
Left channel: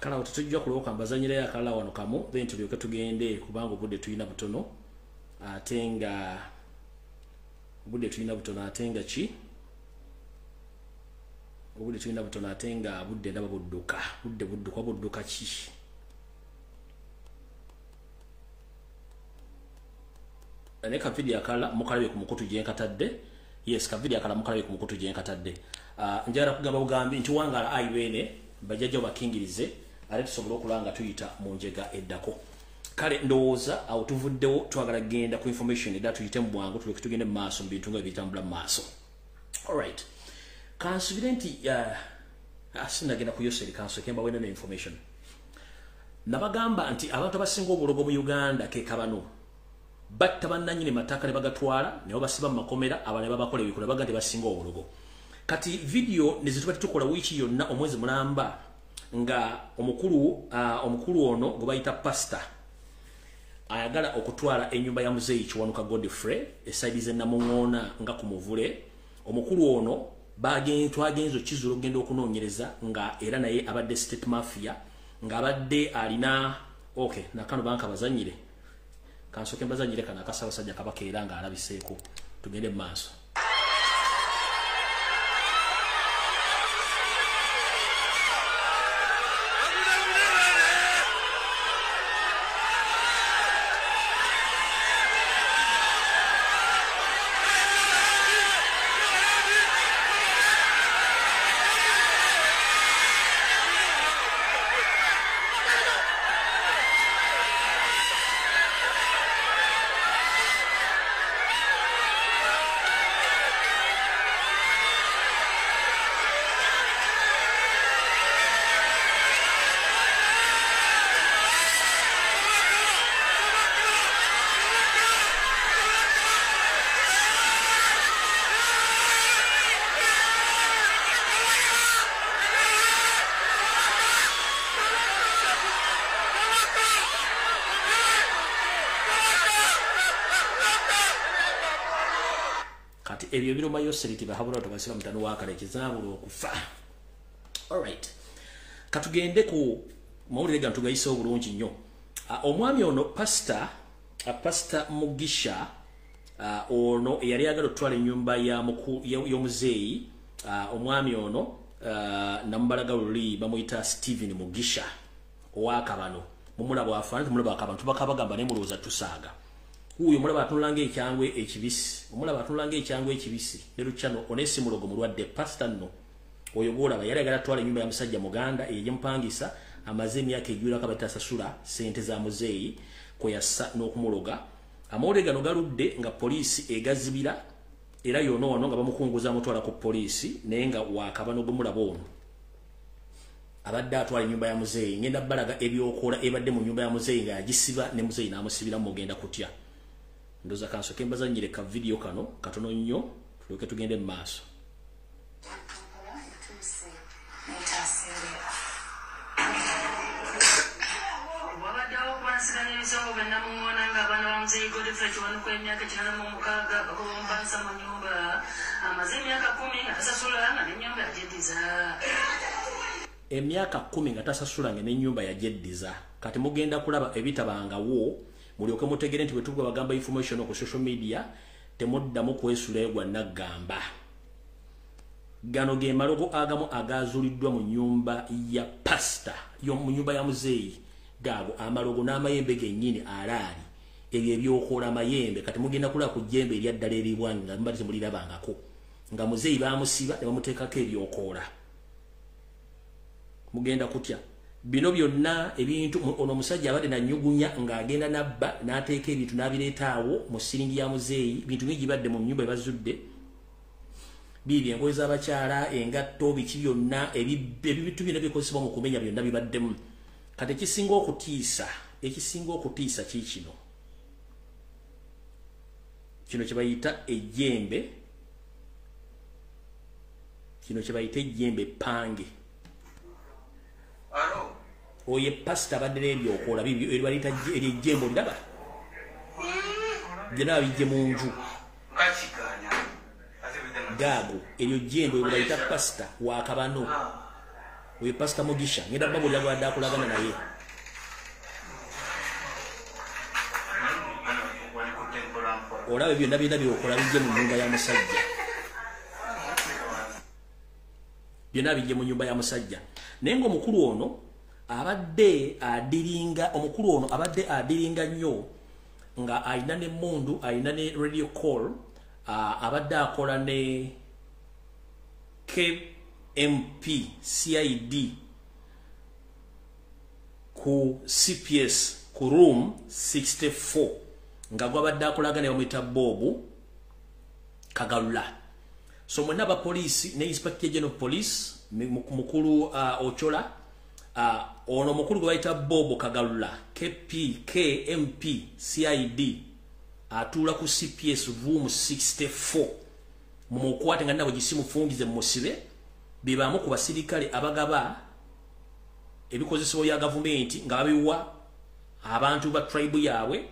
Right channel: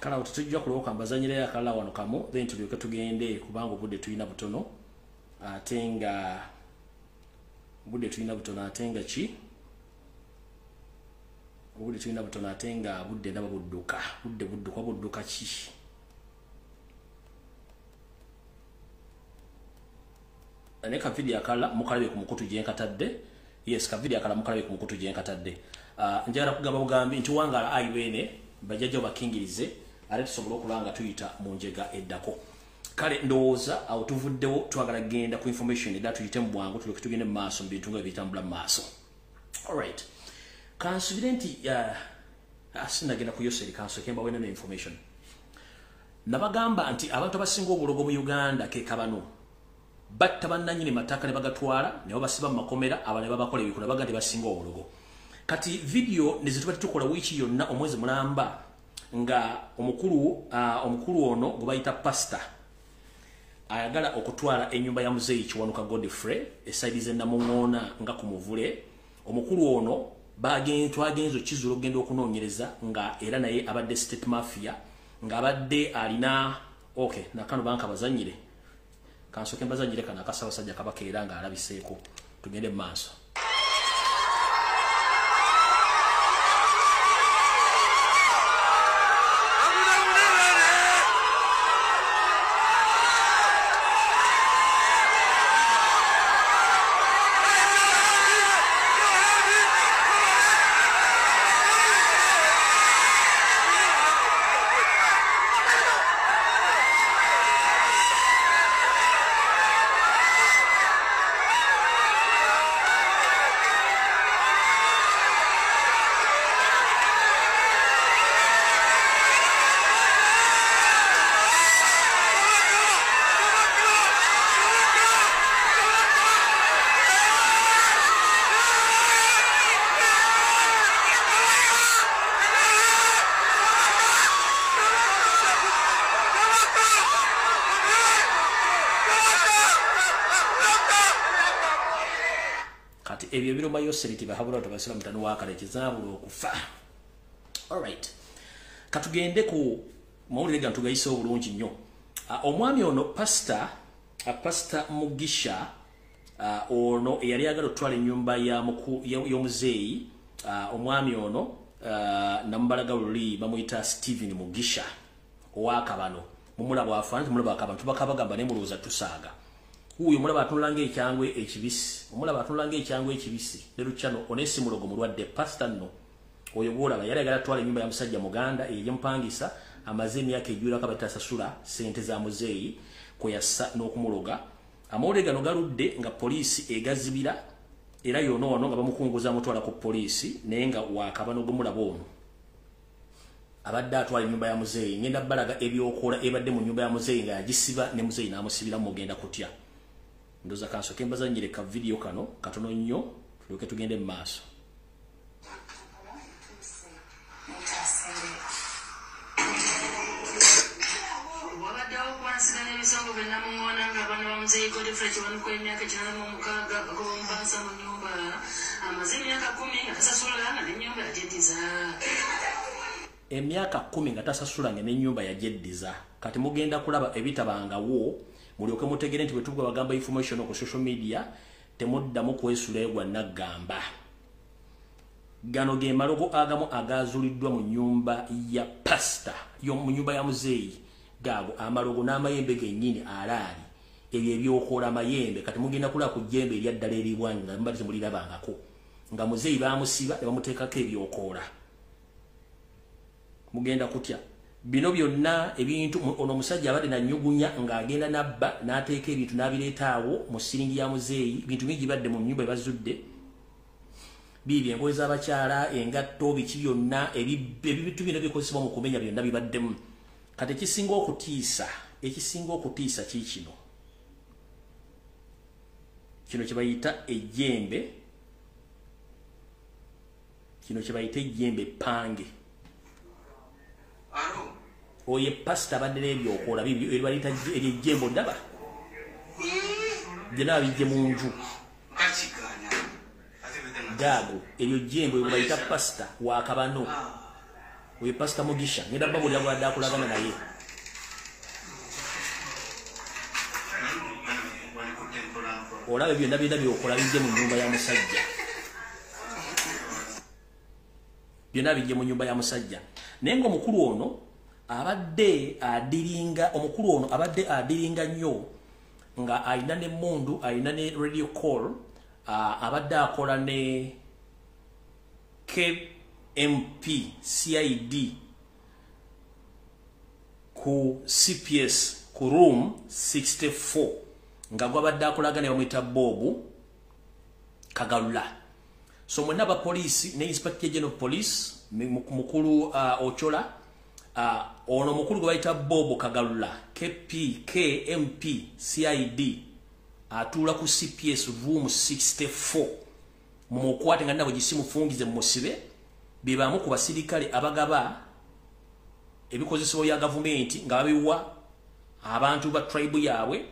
kala tutujja kuloka mbazanyira ya kala wano kamu then tulyoke tugende kubanga obudde tulina butono atenga budde tulina butono atenga ki obudde tulina butono atenga budde ndaba budduka ki ane ka video akala mukalabe ku mukutu je nkatadde yes ka video akala mukalabe ku mukutu je nkatadde njara kugamba bugambi nti wangala ayiwene bajajja bakingirize ale tusobola okulanga tuyita mu njega eddako kale ndowooza awo tuvuddewo twagala genda ku information edda tuyite mu bwangu tuleke tugende mu maaso mu bintu nga bitambula mu maaso alright kansubire nti sinagenda ku Yoseri kanso kemba wena ne information nabagamba nti abantu abasinga obulogo mu Uganda ke kabano batta bannanyini mataka ne bagatwala ne basiba mu makomera abane babakola ebikola baga nti basinga obulogo kati video nezituba tukola wiki yonna omwezi mulamba nga omukulu ono gwe bayita pastor ayagala okutwala ennyumba ya muzeeyi Kiwanuka Godfrey eside ze Namungona nga ku Muvule. Omukulu ono twagenzo kizulo ogenda okunoonyereza nga era naye abadde state mafia nga abadde alina okay nakano banka bazanyire kansoke mbazanyire kana akasabasajja kabakeera nga alabiseeko tugende maaso. Ebyo biruma Yoseri tibahabula tubasira mutano wakale kizabulo okufa. All right. Katugende ku mawulire gantu gayise obulungi nnyo. Omwami ono pastor Mugisha ono yali agala otwala ennyumba y'omuzeeyi omwami ono nambalaga luli bamuyita Steven Mugisha owakabano mumulaba afaanana mumulaba akabantu bakabagamba ne mulooza tusaaga. Uyo mulaba atunulanga ekyangwe ekibisi. Omulaba atunulanga ekyangwe ekibisi. Lero chano onesi mulogo mulwadde pastor no. Oyo bolaba yali agala twala nyumba ya musajja Muganda eyeempangisa amaze emyaka ejjula kabata sasula sente za muzeeyi kweyassa n'okumuloga. Amawulire gano galudde nga poliisi egazibira era yono nga bamukunguza mutwala ku poliisi naye nga wakabano gumulaba ono. Abadde atwala nyumba ya muzeeyi ngenda balaga ebyokola ebadde mu nyumba ya muzeeyi nga yagisiba ne muzeeyi n'amusibira mugenda kutya. Ndoza kansoke mbazanyire ka video kano katono nnyo tuloke tugende mu maaso. Emyaka 10 nga tasasulanga n'ennyumba yajeddiza. Kati mugenda kulaba ebitabangawo mulyoke mutegere nti bwe bagamba information ku social media temuddamu kwesuleegwa nagamba. Gano ge malogo agamu agazuliddwa mu nyumba ya pastor mu nyumba ya muzeeyi gago amalogo n'amayembe gennyini alaali ebyo ebyokola amayembe kati mugenda kulaba ku jjembe eryaddala eribwanga mbali temulirabangako nga muzeeyi bamusiba ne bamuteekako ebyokola mugenda kutya. Bino byonna ebintu ono musajja abadde nanyugunya nga agenda nabba n'ateeka ebintu n'abireetaawo mu siringi ya muzeeyi bintu bingi badde mu nyumba ebazudde bibi engoye z'abakyala engatto biki byonna ebintu byonna bikozesebwa mu kumenya byonna bibaddemu. Kati ekisinga okutiisa kikino kye bayita ejjembe pange. Oye pastor abadde n'ebyokola bibyo eribalita eryejjembo ndaba byonna bijje mu nju gaago eryo jjembo ebyo bayita pastor wakabano. Oye pastor Mugisha ngenda babulira gwadde akulagana naye. Olaba byonna byokola bijje mu nyumba ya musajja. Byonna bijje mu nyumba ya musajja. Naye ng'omukulu ono abadde adiringa nnyo nga ayina ne mundu ayina ne radio call abadde akola ne KMP CID ku CPS ku room 64 nga gwabadde akolaga ne bamuyita Bobu Kagalula. So mwenna ba police ne Inspector General Police mukulu Ochola ono mukulu gwaita Bobo Kagalula KMP CID atula ku CPS room 64 mumukwate nga nabo gisimu fungize musibe bibamu ku basirikale abagaba ebikozesebwa ya Gavumenti nga babiwa abantu ba tribe yawe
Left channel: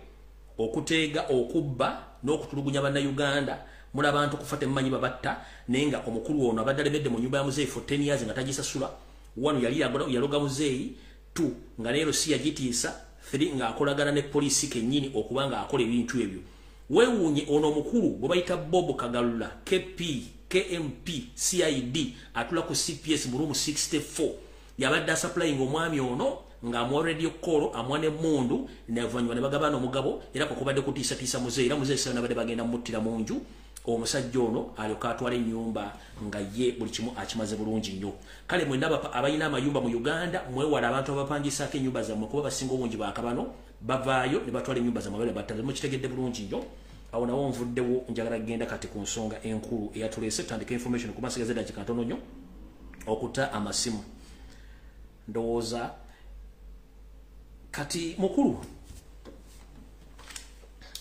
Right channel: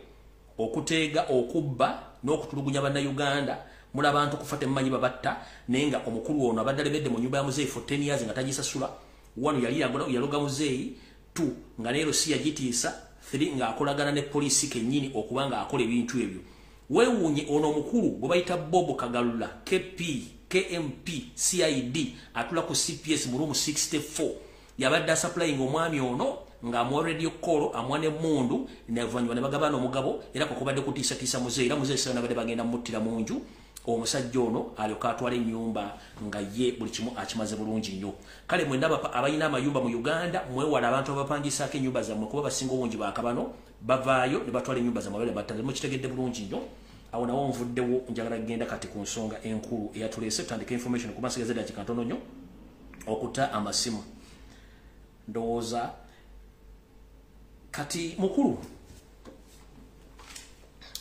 okuteega okubba n'okutulugunya bannayuganda mula abantu kufa temumanyi babatta naye nga omukulu ono abadde alemedde mu nyumba ya muzeeyi for 10 years nga tagisasula. 1 yali yaloga muzeeyi, 2 nga leero si yagitiisa, 3 nga akolagana ne poliisi kennyini okuba nga akola ebintu ebyo. Weewuunye ono omukulu gwe bayita Bobo Kagalula KMP CID atula ku CPS mu room 64 yabadde supplying omwami ono nga mu radio call amwane mundu n'avanywa ne bagabana omugabo era ko kubadde kutiisa muzeeyi era muzeeyi sasa nabadde bagenda muttira mu nju. Omusajja ono alyoka atwala ennyumba nga ye buli kimu akimaze bulungi nnyo. Kale mwendaba abayina amayumba mu Uganda mwewala abantu abapangisaako ennyumba zammwe kuba basinga obungi baakabano bavaayo ne batwala ennyumba zammwe bale battale mukitegedde bulungi nnyo. Awo nawo nvuddewo njagala genda kati ku nsonga enkulu eyatuleese tandika information ku masigaze dakika ntono nnyo okuta amasimu. Ndowooza kati mukulu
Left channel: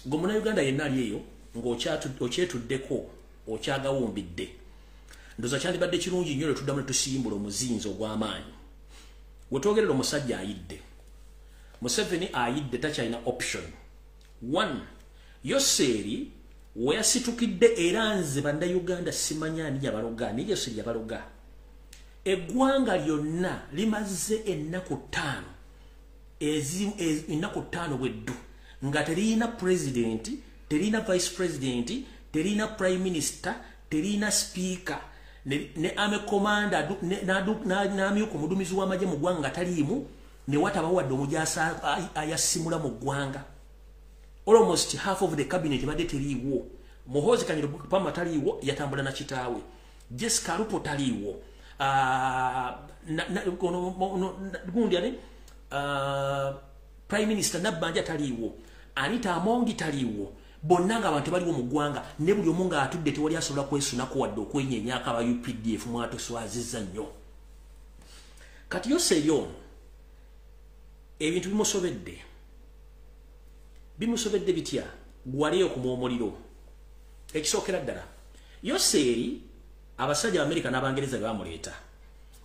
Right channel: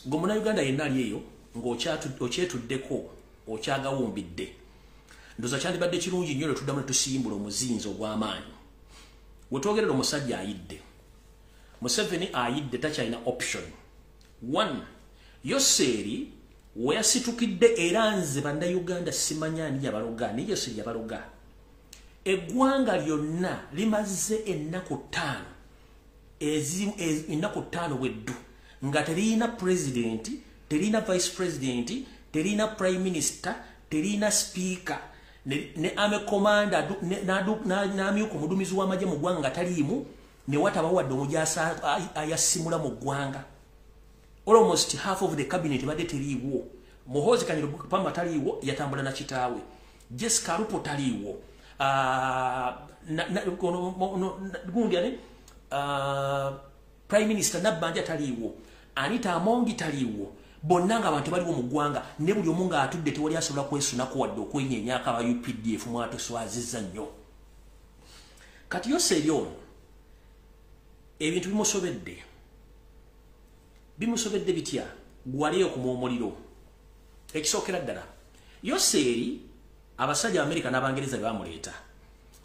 gwe Munnayuganda yenna ali eyo ng'okyetuddeko okyagawumbidde. Ndowooza kyandibadde kirungi nnyo ne tuddamu ne tusimbula omuzinzi ogw'amaanyi. We twogerera omusajja ayidde. Museveni ayidde takyalina option. 1. Yoseri we yasitukidde era nze bannayuganda simanya ani yabaloga ni Yoseri yabaloga. Eggwanga lyonna limaze ennaku 5 ennaku 5 bweddu nga terina president, terina vice president, terina prime minister, terina speaker ne ame commander n'amyuka omuduumizi w'amagye mu ggwanga taliimu ne wataba wadde omujasa ayasimula mu ggwanga. Almost half of the cabinet badde teriiwo. Muhoozi Kanyero Pama taliiwo yatambula na kitaawe. Jessica Alupo taliiwo. Prime Minister Nabbanja taliiwo. Anita Amongi taliiwo. Bonna nga abantu baliwo mu ggwanga ne buli omu nga atudde tewali asobola kwesunako wadde okwenyenyaka aba UPDF mwatuswazizza nnyo. Kati Yoseri ono ebintu bimusobedde bitya gwaliyo ku omuliro. Ekisookera ddala Yoseri abasajja Amerika n'Abangereza bamuleeta.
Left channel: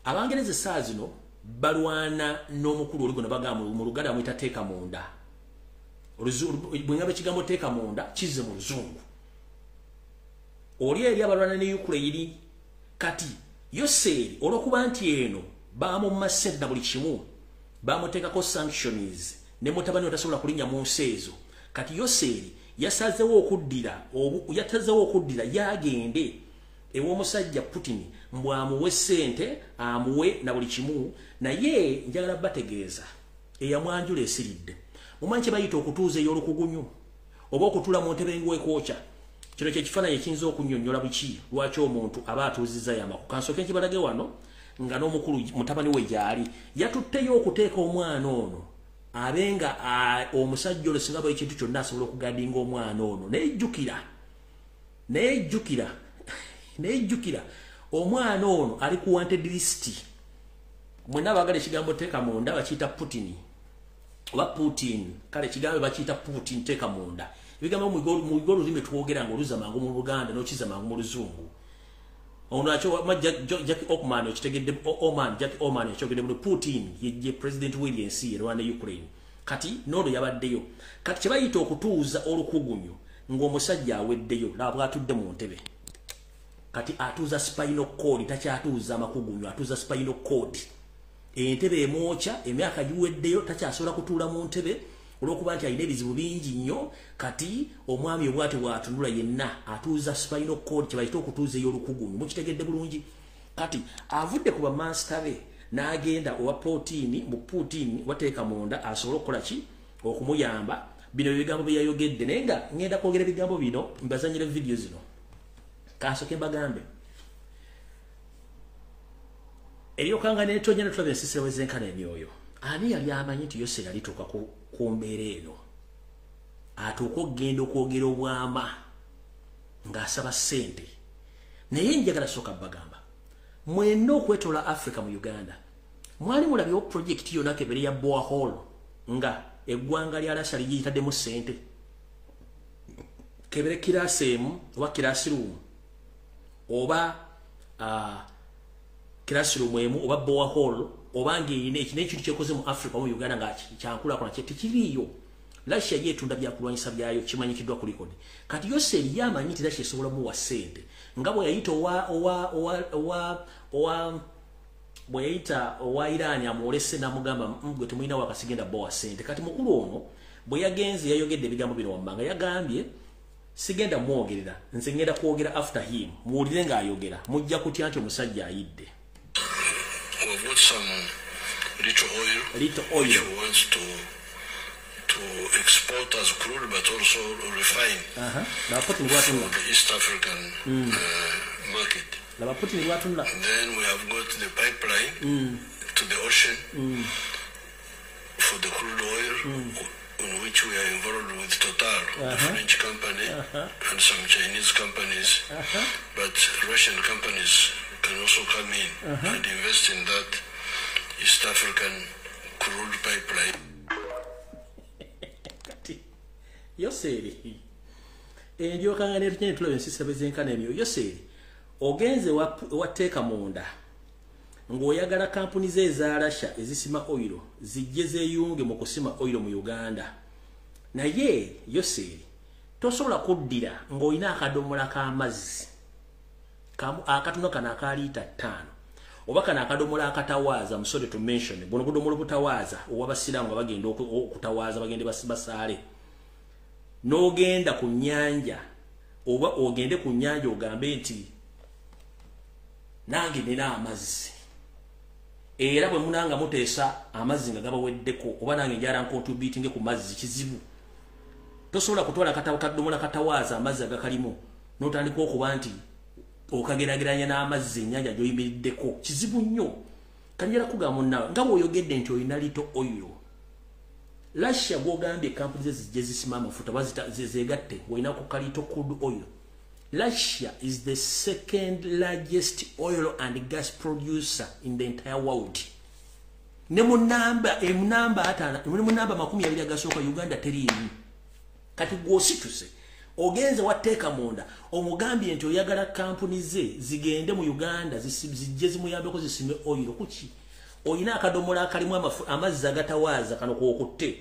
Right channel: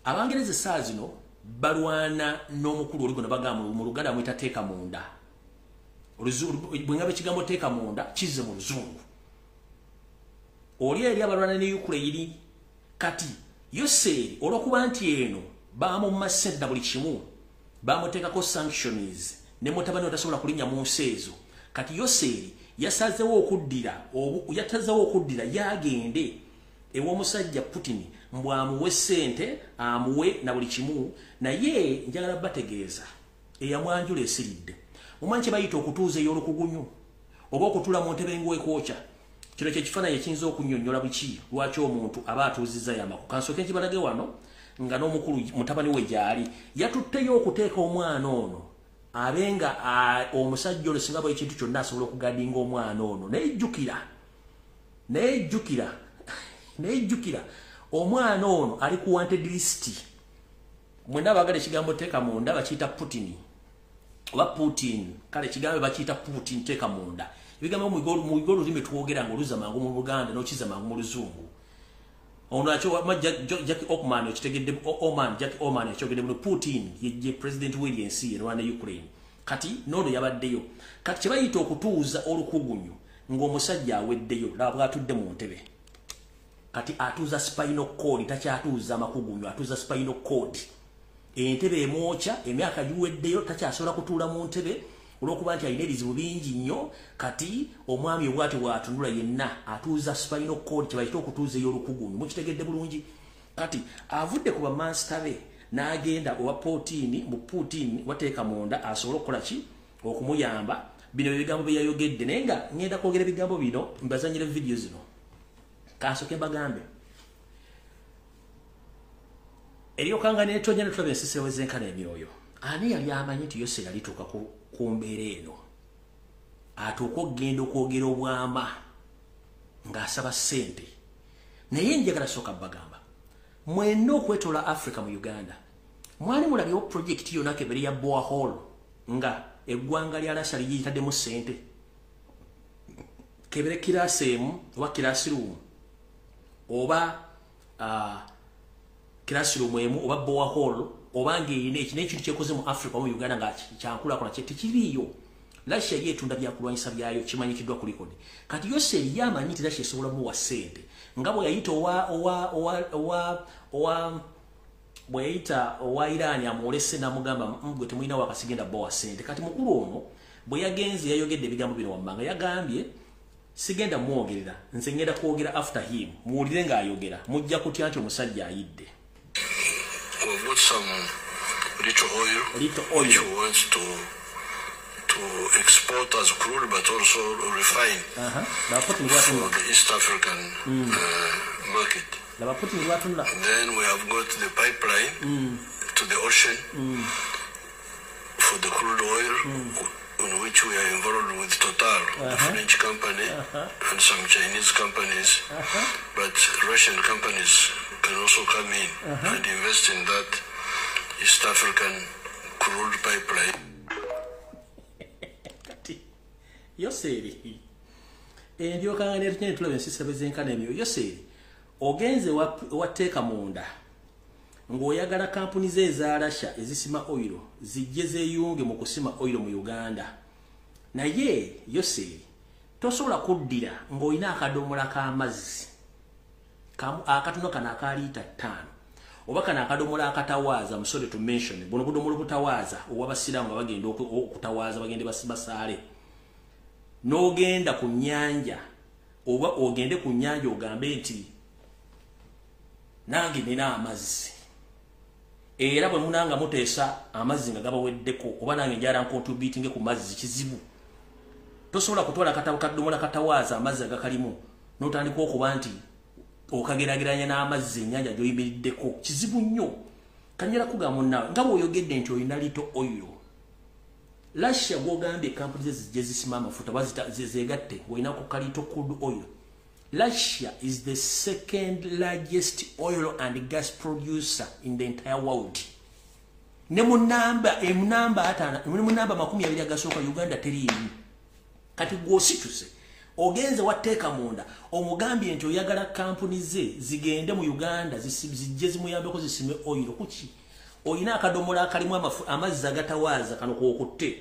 Abangereza saa zino balwana n'omukulu oli gwe bagamba mu Luganda amuyita teeka munda. Bwe ngabe kigambo teeka munda kizze mu Luzungu. Oli eri abalwana ne Ukraine. Kati Yoseri olw'okuba nti eno bamumma ssente na buli kimu bamuteekako sanctions ne mutabani otasobola kulinnya mu nsi ezo. Kati Yoseri yasazeewo okuddira yagende ew'omusajja Putin mbw amuwe ssente amuwe na buli kimu naye njagala bategeeza eyamwanjula esiridde. Mumanyi kye bayita okutuuza ey'olukugunyu oba okutula mu ntebe ng'ekwokya. Kino kye kifaananyi ekiyinza okunnyonnyola buki lwaki omuntu aba atuuzizza yamaku. Kansooke nkibalage wano nga n'omukulu mutabani we gyali yatutteyo okuteeka omwana ono abenga omusajja olwo singa bwe ekintu kyonna asobola okugadinga omwana ono nejjukira omwana ono ali ku wanted list. Mwenna baagala ekigambo teeka munda bakiyita Putin oba Putin. Kale ekigambo bakiyita Putin teeka munda. Ebigambo mu olulimi twogera ng'oluza mangu mu Luganda n'okiza mangu mu Luzungu. Ono acho Jack Ockman okitegedde Jack Oman yakyogedde mu Putin ye President William C. Rwanda Ukraine. Kati n'olwo yabaddeyo. Kati kye bayita okutuuza olukugunyu ng'omusajja aweddeyo laba bw'atudde mu ntebe. Kati atuuza spinal cord takyatuuza makugunyu atuuza spinal cord. Entebe emwokya emyaka giweddeyo takyasobola kutuula mu ntebe olw'okuba nti alina ebizibu bingi nnyo. Kati omwami obwati bw'atunula yenna atuuza spinal cord kye bayita okutuuza ey'olukugunyu. Mukitegedde bulungi. Kati avudde ku bamansita be n'agenda owa Putin wateeka munda asobole okukola ki okumuyamba. Bino ebigambo bye yayogedde naye nga ngenda kwogera ebigambo bino mbazanyire video zino. Kansooke mbagambe eryokanga n'etonnya ne tulaba ensisira wezenkana emyoyo. Ani yali amanyi nti Yoseri alituuka ku mbeera eno atuuka okugenda okwogera obwama ng'asaba ssente. Naye njagala sooka bagamba mwenna okwetoola Africa mu Uganda mwali mulabyewo projekiti yonna kebere ya borehole nga eggwanga lya Russia ligiyitaddemu ssente. Kebere kiraasi emu oba classroom oba classroom emu oba borehole oba ng'eyina ekintu kyekoze mu Africa mu Uganda nga kyankulakulana tekiriiyo. Russia yetunda byakulwanyisa byayo kimanyikiddwa ku record. Kati Yoseri yamanyi nti Russia esobola mu wasente. Ngabo yayita bweyita owa Iran amolese namugamba gwe temulina wakasigenda bo wasente. Kati mukulu ono bwe yagenze yayogedde ebigambo bino wammanga yagambye sigenda mwogerera nze ngenda kwogera after him muwulire ng'ayogera mujja kutya nti omusajja ayidde. We've got some little oil which we want to export as crude but also refine for the East African market. Then we have got the pipeline to the ocean for the crude oil on which we are involved with Total, the French company, and some Chinese companies, but Russian companies can also come in and invest in that East African crude pipeline. Yoseri endio kangane tunyene tulebe nsisa bezenkana emyo Yoseri ogenze wateeka munda ng'oyagala kampuni ze eza Russia ezisima oil zijje zeeyunge mu kusima oil mu Uganda. Naye Yoseri tosobola kuddira ng'olina akadomola k'amazzi akatono kana aka lita 5 oba kana akadomola akatawaaza musole to mention buno budomola butawaaza owabasiramu bagenda okutawaaza bagende basaale n'ogenda ku nnyanja oba ogende ku nnyanja ogambe nti nange nina amazzi era bwe munanga muteesa amazzi nga gabaweddeko oba nange njala nkontributinge ku mazzi kizibu. Tosobola kutwala kadomola katawaaza amazzi agakalimu n'otandika okuba nti okagerageranya n'amazzi ennyanja gy'oyimiriddeko kizibu nnyo. Kanjala kugamba munnawe nga bw'oyogedde nti olina lito oil Russia gwogambye kampuni ze zijje zisima amafuta zeegatte olina ku kalito crude oil. Russia is the second largest oil and gas producer in the entire world. Ne munamba atana ne munamba 20 agasooka Uganda teriimu. Kati gwosituse ogenze wateeka munda omugambye nti oyagala kampuni ze zigende mu Uganda zijje zimuyambeko zisime oil kuki oyina akadomola akalimu amazzi agatawaaza kano kwokutte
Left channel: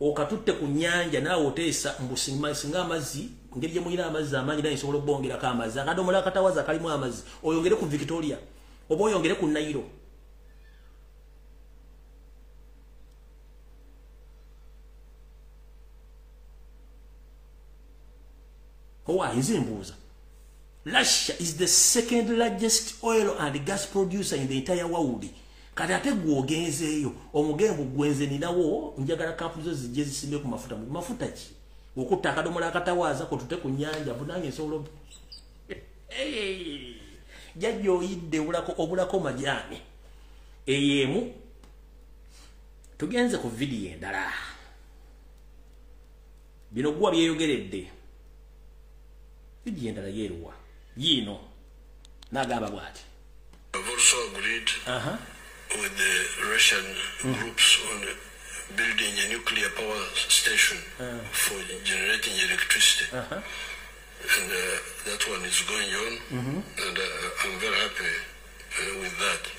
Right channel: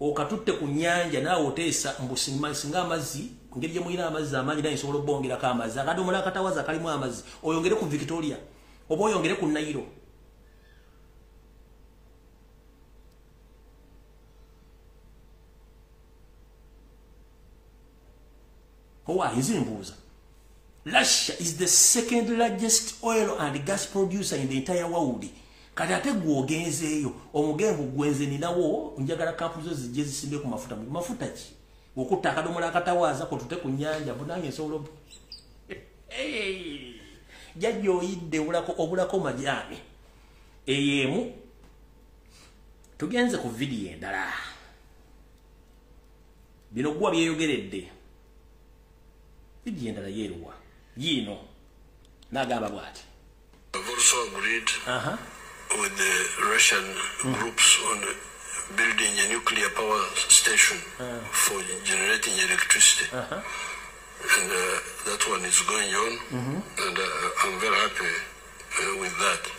okatutte ku nnyanja naawe oteesa mbusinga amazzi ngeri gye muyina amazzi amangi naye nsobola obbongerako amazzi akadomola akatawaaza kalimu amazzi oyongere ku Victoria oba oyongere ku Nairo. Russia is the second largest oil and gas producer in the entire world. Kati ate gwogenzeeyo omugengo gwenze ninawo njagala kampuni zo zijje zisimbe ku mafuta ki okutta akadomola akatawaaza ko tute ku nnyanja bunange nsobola jajja oyidde obulako majaani eyemu. Tugenze ku vidiyo endala bino gwa byeyogeredde vidiyo endala yeeruwa yiino n'agamba bw'ati. I've also agreed with the Russian groups on building a nuclear power station for generating electricity. And that one is going on, and I'm very happy with that.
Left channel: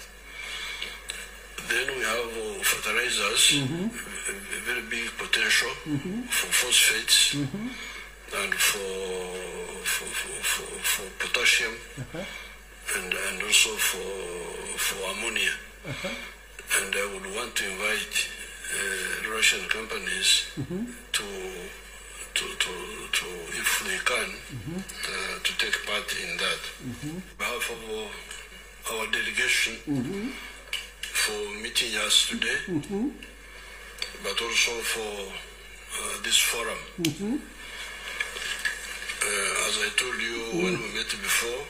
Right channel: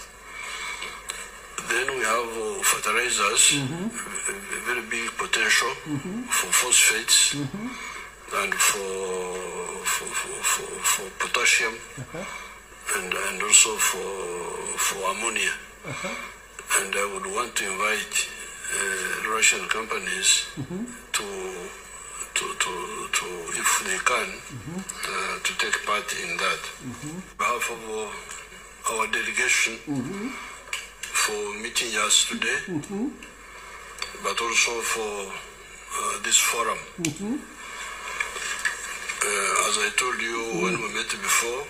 Then we have fertilizers, a very big potential for phosphates and for potassium and also for ammonia. And I would want to invite Russian companies to if they can, to take part in that. On behalf of our delegation for meeting us today, but also for this forum. As I told you when we met before,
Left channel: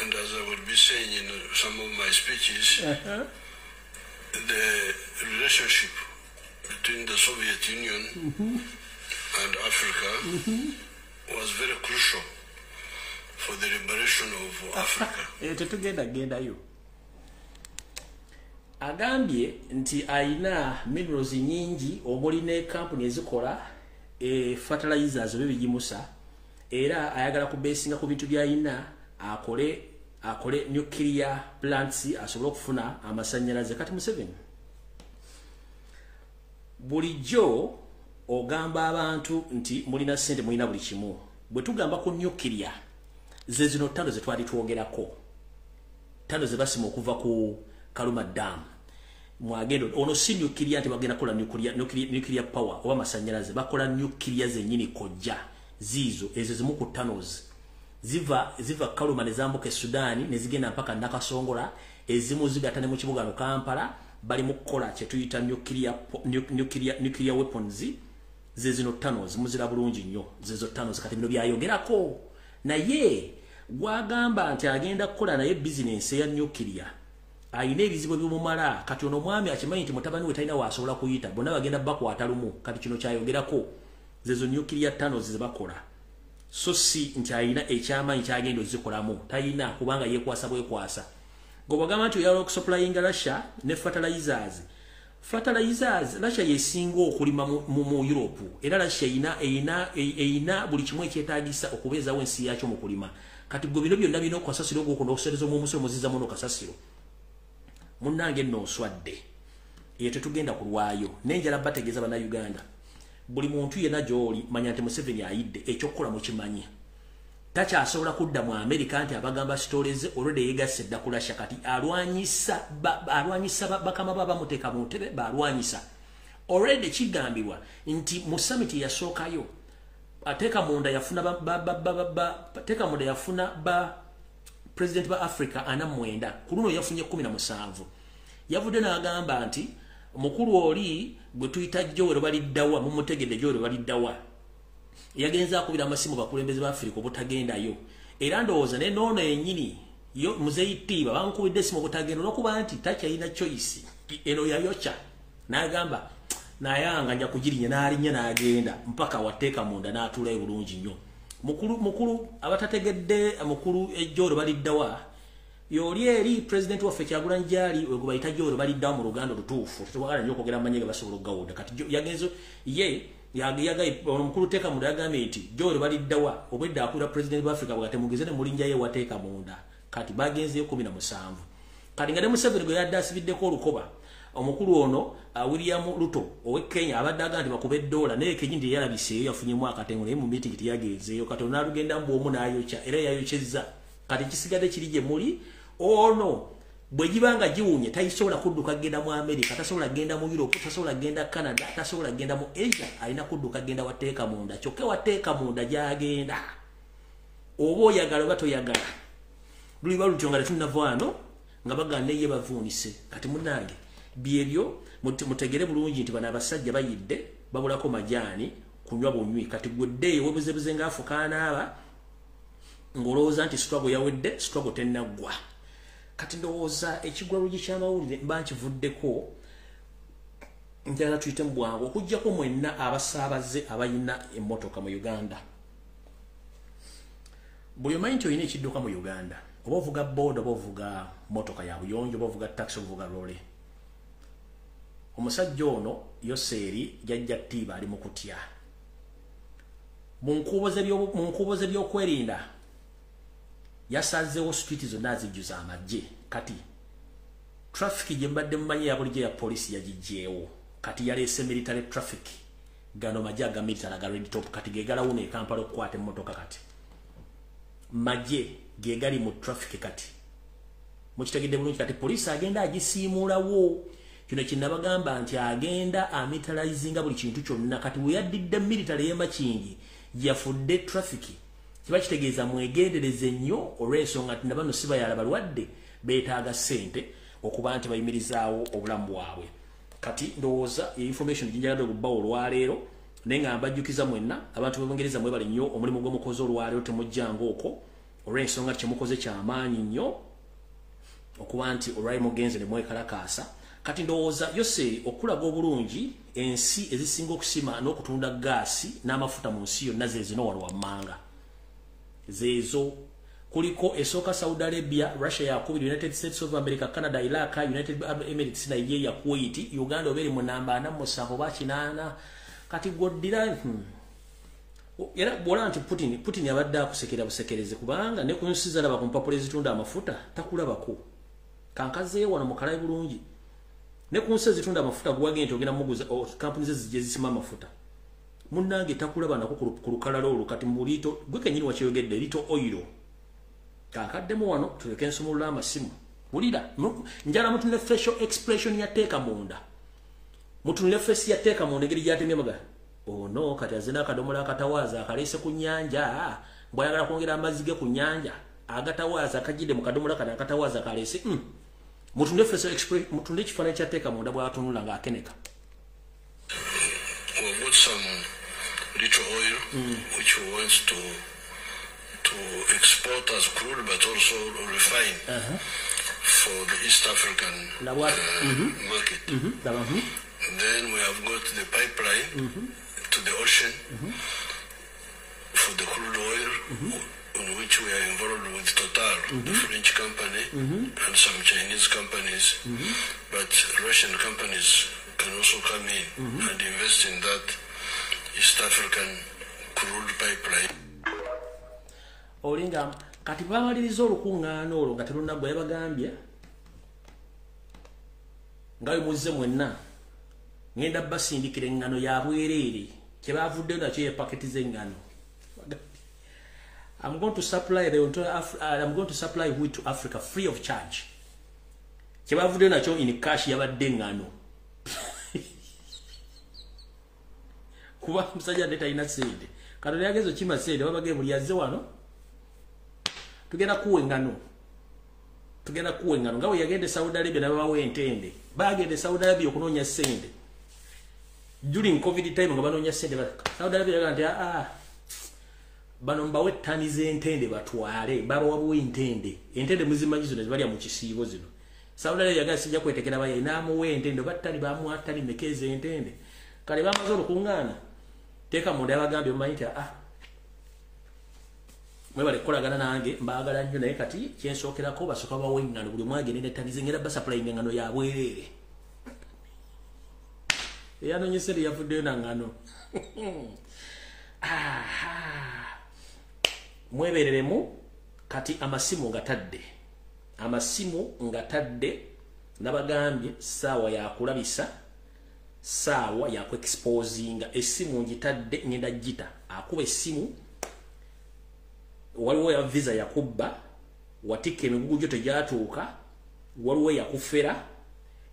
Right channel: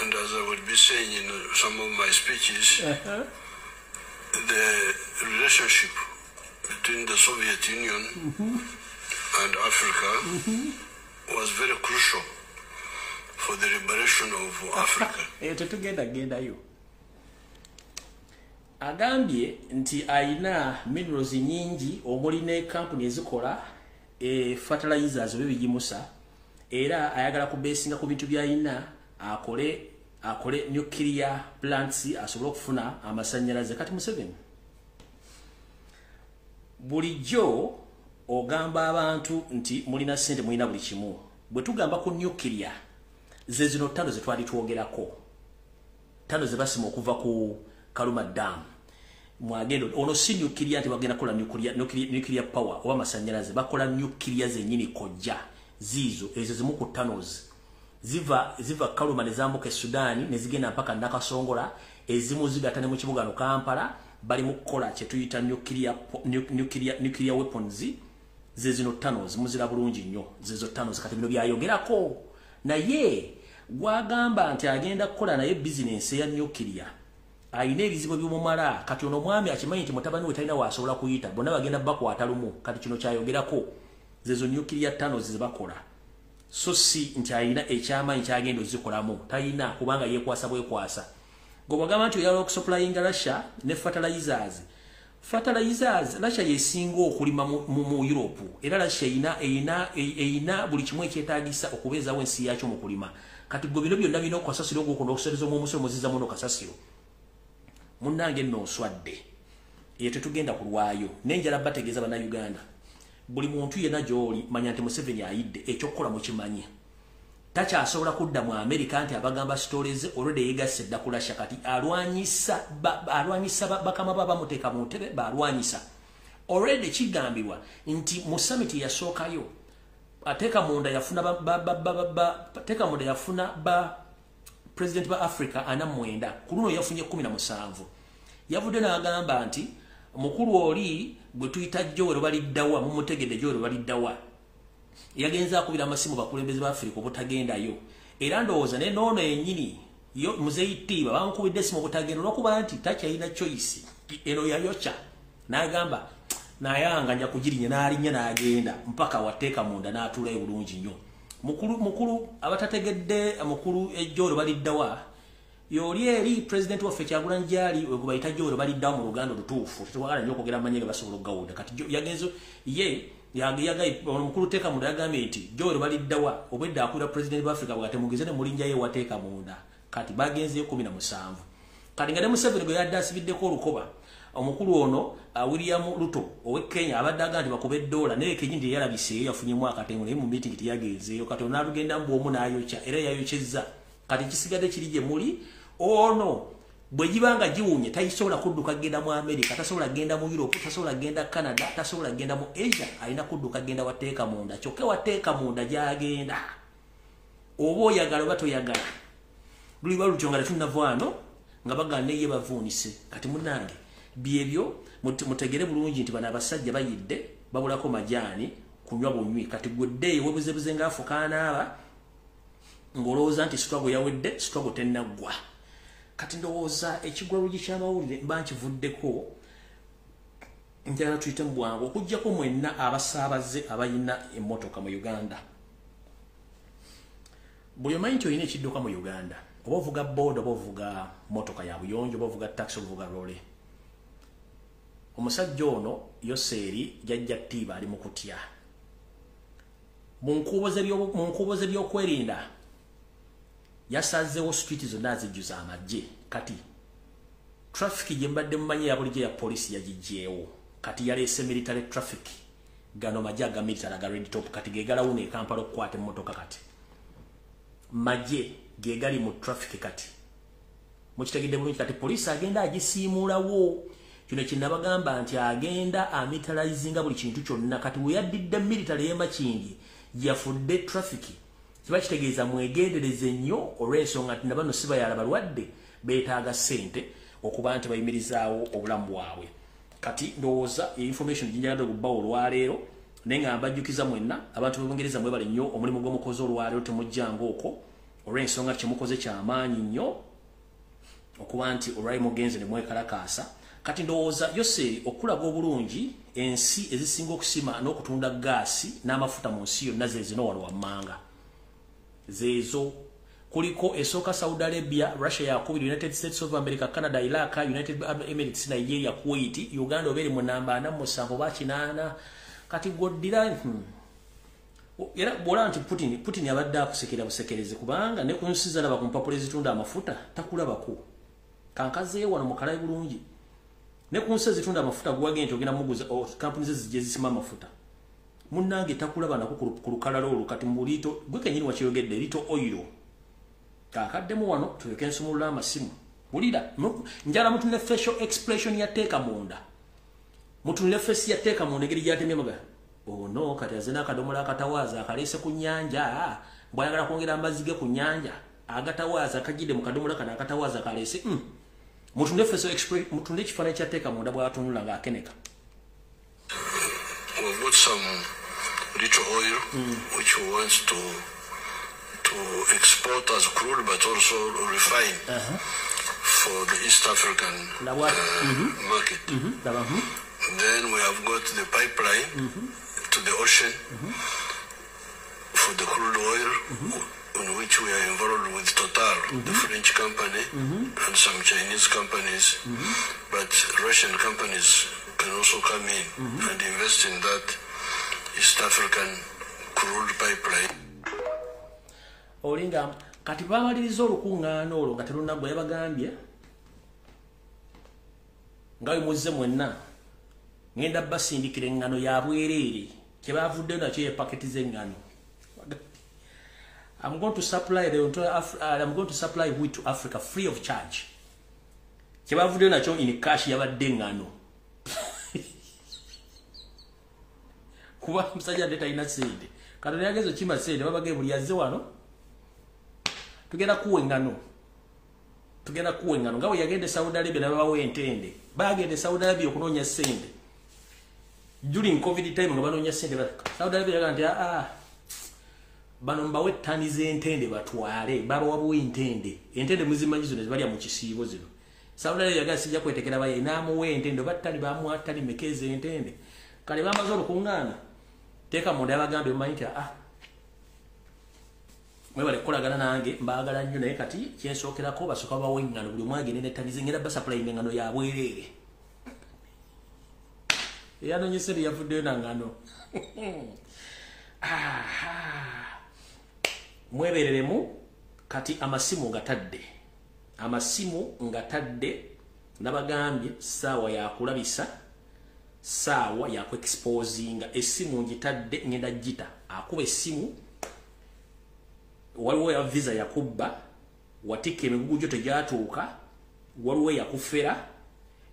and as I will be saying in some of my speeches, the relationship between the Soviet Union and Africa was very crucial for the liberation of Africa. Agambye nti aina minerals nyingi omuli ne company ezikola fertilizers bebijimusa era ayagala kubesinga ku bintu byayina akole nuclear plants asobola okufuna amasanyalaze. Kati Museveni bulijjo ogamba abantu nti mulina sente mulina buli kimu bwe tugamba ku nuclear ze zino ttano ze twali twogerako ttano ze basima okuva ku Kaluma Dam mwagendo ono si nuclear nti bagenda kola nuclear power oba masanyalaze bakola nuclear zennyini kojja zizo ezo zimu ku ttanos ziva Kaluma ne zambuka Sudani ne zigenda mpaka Nakasongola ezimu zigatane mu kibuga no Kampala bali mu kola kye tuyita nuclear weapons ze zino ttanos muzira bulungi nnyo zezo ttanos kati bino byayogerako naye gwagamba nti agenda kukola naye business ya nuclear ayina ebizibu by'omumala kati ono mwami akimanyi nti mutabani we talina waasobola kuyita bonna bagenda bakwata lumu kati kino kyayogerako zezo nuclear ttanos ze bakola so si nti ayina ekyamaanyi kyagenda ozikolamu talina kubanga yeekwasa bwekwasa gobagamba nti oyala okusupplyinga Russia ne fertilizers Russia yesinga okulima mu Europe era Russia eyina buli kimu ekyetaagisa okubeezawo ensi yakyo mu kulima kati go bino byonna bino kwasasiro gwo kono okusereza mu musolo muziza muno kasasiro munnange nno oswadde eyo tetugenda kulwayo nenjala bategeeza bana Uganda buli muntu yena gyoli manya nti Museveni ayidde ekyokukola mu kimanyi takyasobola kudda mu America nti abagamba stories already yegasse dda ku Russia kati alwanyisa bakama baba muteeka mu ntebe balwanyisa already kigambibwa nti mu summit yasookayo ateka munda yafuna president ba Africa ana mwenda kuluno yafunye 17 yavudde n'agamba nti mukulu oli gwe tuyita Joero baliddawa mu mutegedde Joero baliddawa yagenza akubira amasimu bakulembeze ba Africa obutagendayo era ndowooza ne noono yennyini yo muzeeyitiibwa bankubidde simu obutagenda olwokuba nti takyalina choice eno yayokya n'agamba nayanga nja kugirinya n'alinnya n'agenda mpaka wateeka munda n'atuulayo bulungi nnyo mukulu abatategedde mukulu Joero baliddawa yoli eri president waffe Kyagulanyi gyali we bayita Joero baliddawa mu Luganda lutuufu tetwagala nnyo okwogera amanyega basobola okugawuda kati yagenzo ye yagayi omukulu teeka munda yagambye nti Joero baliddawa obwedda akulira president wa Africa bwagate mugeze ne mulinja ye wateeka munda kati bagenzeyo 17 kati nga ne Museveni gwe yadde asibiddeko olukoba omukulu ono William Ruto owe Kenya abadde agamba nti bakube $, naye Kenyindi yalabiseeyo yafunyemu akatengo naye mu meeting tiyagenzeeyo kati onaalugenda mbu omu n'ayokya era yayokyezza kati kisigadde kiri gye muli ono bwe gibanga giwunye tayisobola kudduka genda mu America tasobola genda mu Europe tasobola genda Canada tasobola genda mu Asia alina kudduka genda wateeka munda kyokka wateeka munda gyagenda oba oyagala oba toyagala luliba lutyo nga tetunnavaano nga baganda ye bavuunise kati munnange byebyo mutegere bulungi nti bano abasajja bayidde babulako majaani kunywa bunywi kati gweddeeyo webuzebuze ngaafukaanaaba ng'olowooza nti struggle yawedde struggle tennaggwa kati ndowooza ekigwa Lujji ky'amawulire mba nkivuddeko njagala tuyite mu bwangu okuggyako mwenna abasaabaze abayina emmotoka mu Uganda buli omanyi nti olina ekidduka mu Uganda oba ovuga boda oba ovuga motoka ya buyonjo oba ovuga taxi ovuga lole omusajja ono Yoseri jajja ttiiba ali mu kutya mu nkuboze by'okwerinda yasazeewo street zonna azijjuza amagye kati traffic gye mbadde mumanyi ya bulijjo ya polisi yagiggyeewo kati yaleese military traffic gano magye aga military aga red top kati gegalawuna e Kampala okukwata emmotoka kati magye gegali mu traffic kati mukitegedde bulungi kati polisi agenda agisiimulawo kino kinabagamba nti agenda amilitarizinga buli kintu kyonna kati we yaddidde military y'emakingi yafudde traffic kiba kitegeeza mwegendereze nnyo olw'ensonga nti nabano si bayala balwadde beetaaga ssente okuba nti bayimirizaawo obulamu bwabwe kati ndowooza information ginjagadde okubbawo olwaleero naye nga mbajjukiza mwenna abantu b'Obungereza mwebale nnyo omulimu gw'omukozi olwaleero temujjanga okwo olw'ensonga kyemukoze kyamaanyi nnyo okuba nti olwali mugenze ne mwekalakaasa kati ndowooza Yoseri okulaga obulungi ensi ezisinga okusima n'okutunda gaasi n'amafuta mu nsi yonna zeezino wano wammanga zeezo kuliko esooka Saudi Arabia, Russia yakubiri, United States of America, Canada, Iraq, United Arab Emirates, Nigeria, Kuwait, Uganda oberi mu namba 47 bakinana kati goddira era bola nti Putin yabadde akusekera busekereze kubanga ne kunsiza laba ku mpapula ezitunda amafuta takulabako kankaze wano mukalayi bulungi ne kunse zitunda amafuta gwagente ogenda muguza companies zijje zisima amafuta munnange takulaba nako ku lukalalo olukati mbulito gwe kenyini wakiyogedde lito oil kakaddemu wano tuleke ensumulula amasimu bulira njala mutunne facial expression ya teeka munda mutunne face ya teeka munda ngeri gyatemye maga oh no kati azina akadomola akatawaza akalese ku nyanja bwayagala kwongera amazzi ge ku nyanja agatawaza akajide mu kadomola kana akatawaza kalese mutunde facial expression mutunde kifana kya teeka munda bwatunula nga akeneka. We've got some little oil which we want to export as crude but also refine for the East African market. Then we have got the pipeline to the ocean for the crude oil on which we are involved with Total, the French company, and some Chinese companies, but Russian companies can also come in and invest in that East African crude pipeline. Olinga kati bamaliriza olukungano olwo nga terunagwa yabagambye ngawe muzize mwenna ngenda basindikira engano ya bwerere kye bavudde nakyo ye paketi z'engano. I'm going to supply wheat to Africa free of charge. Kye bavudde nakyo in cash yabadde engano. Kuba musajja data ina sente katoni yagezo kima sente babage buli yazze wano tugenda kuwe ngano ngawe yagende Saudi Arabia na bawe entende bagende Saudi Arabia okunonya sente during covid time nga banonya sente Saudi Arabia yaganti bano mbawe tani z'entende batwale baba wabuwe entende muzimanyizo ne bali mu kisiibo zino Saudi Arabia yaganti sijja kwetekera baye namuwe entende batali bamwatali mekeze entende kale bamaze okungana teka munda yabagambye omanyi mwebale kukolagana nange mbagala nnyo naye kati kyensookerako basooka bawe engano buli mwagende netanize ngenda basapulainga engano ya bwerere eyanonyeseri yavuddeyo na ngano mwebereremu kati amasimu ngatadde nabagambye saawa yakulabisa sawa ya exposinga esimu ngitadde ngenda jita akuba esimu waliwo ya visa yakubba watike emigugu gyo tegyatuuka waliwo yakufera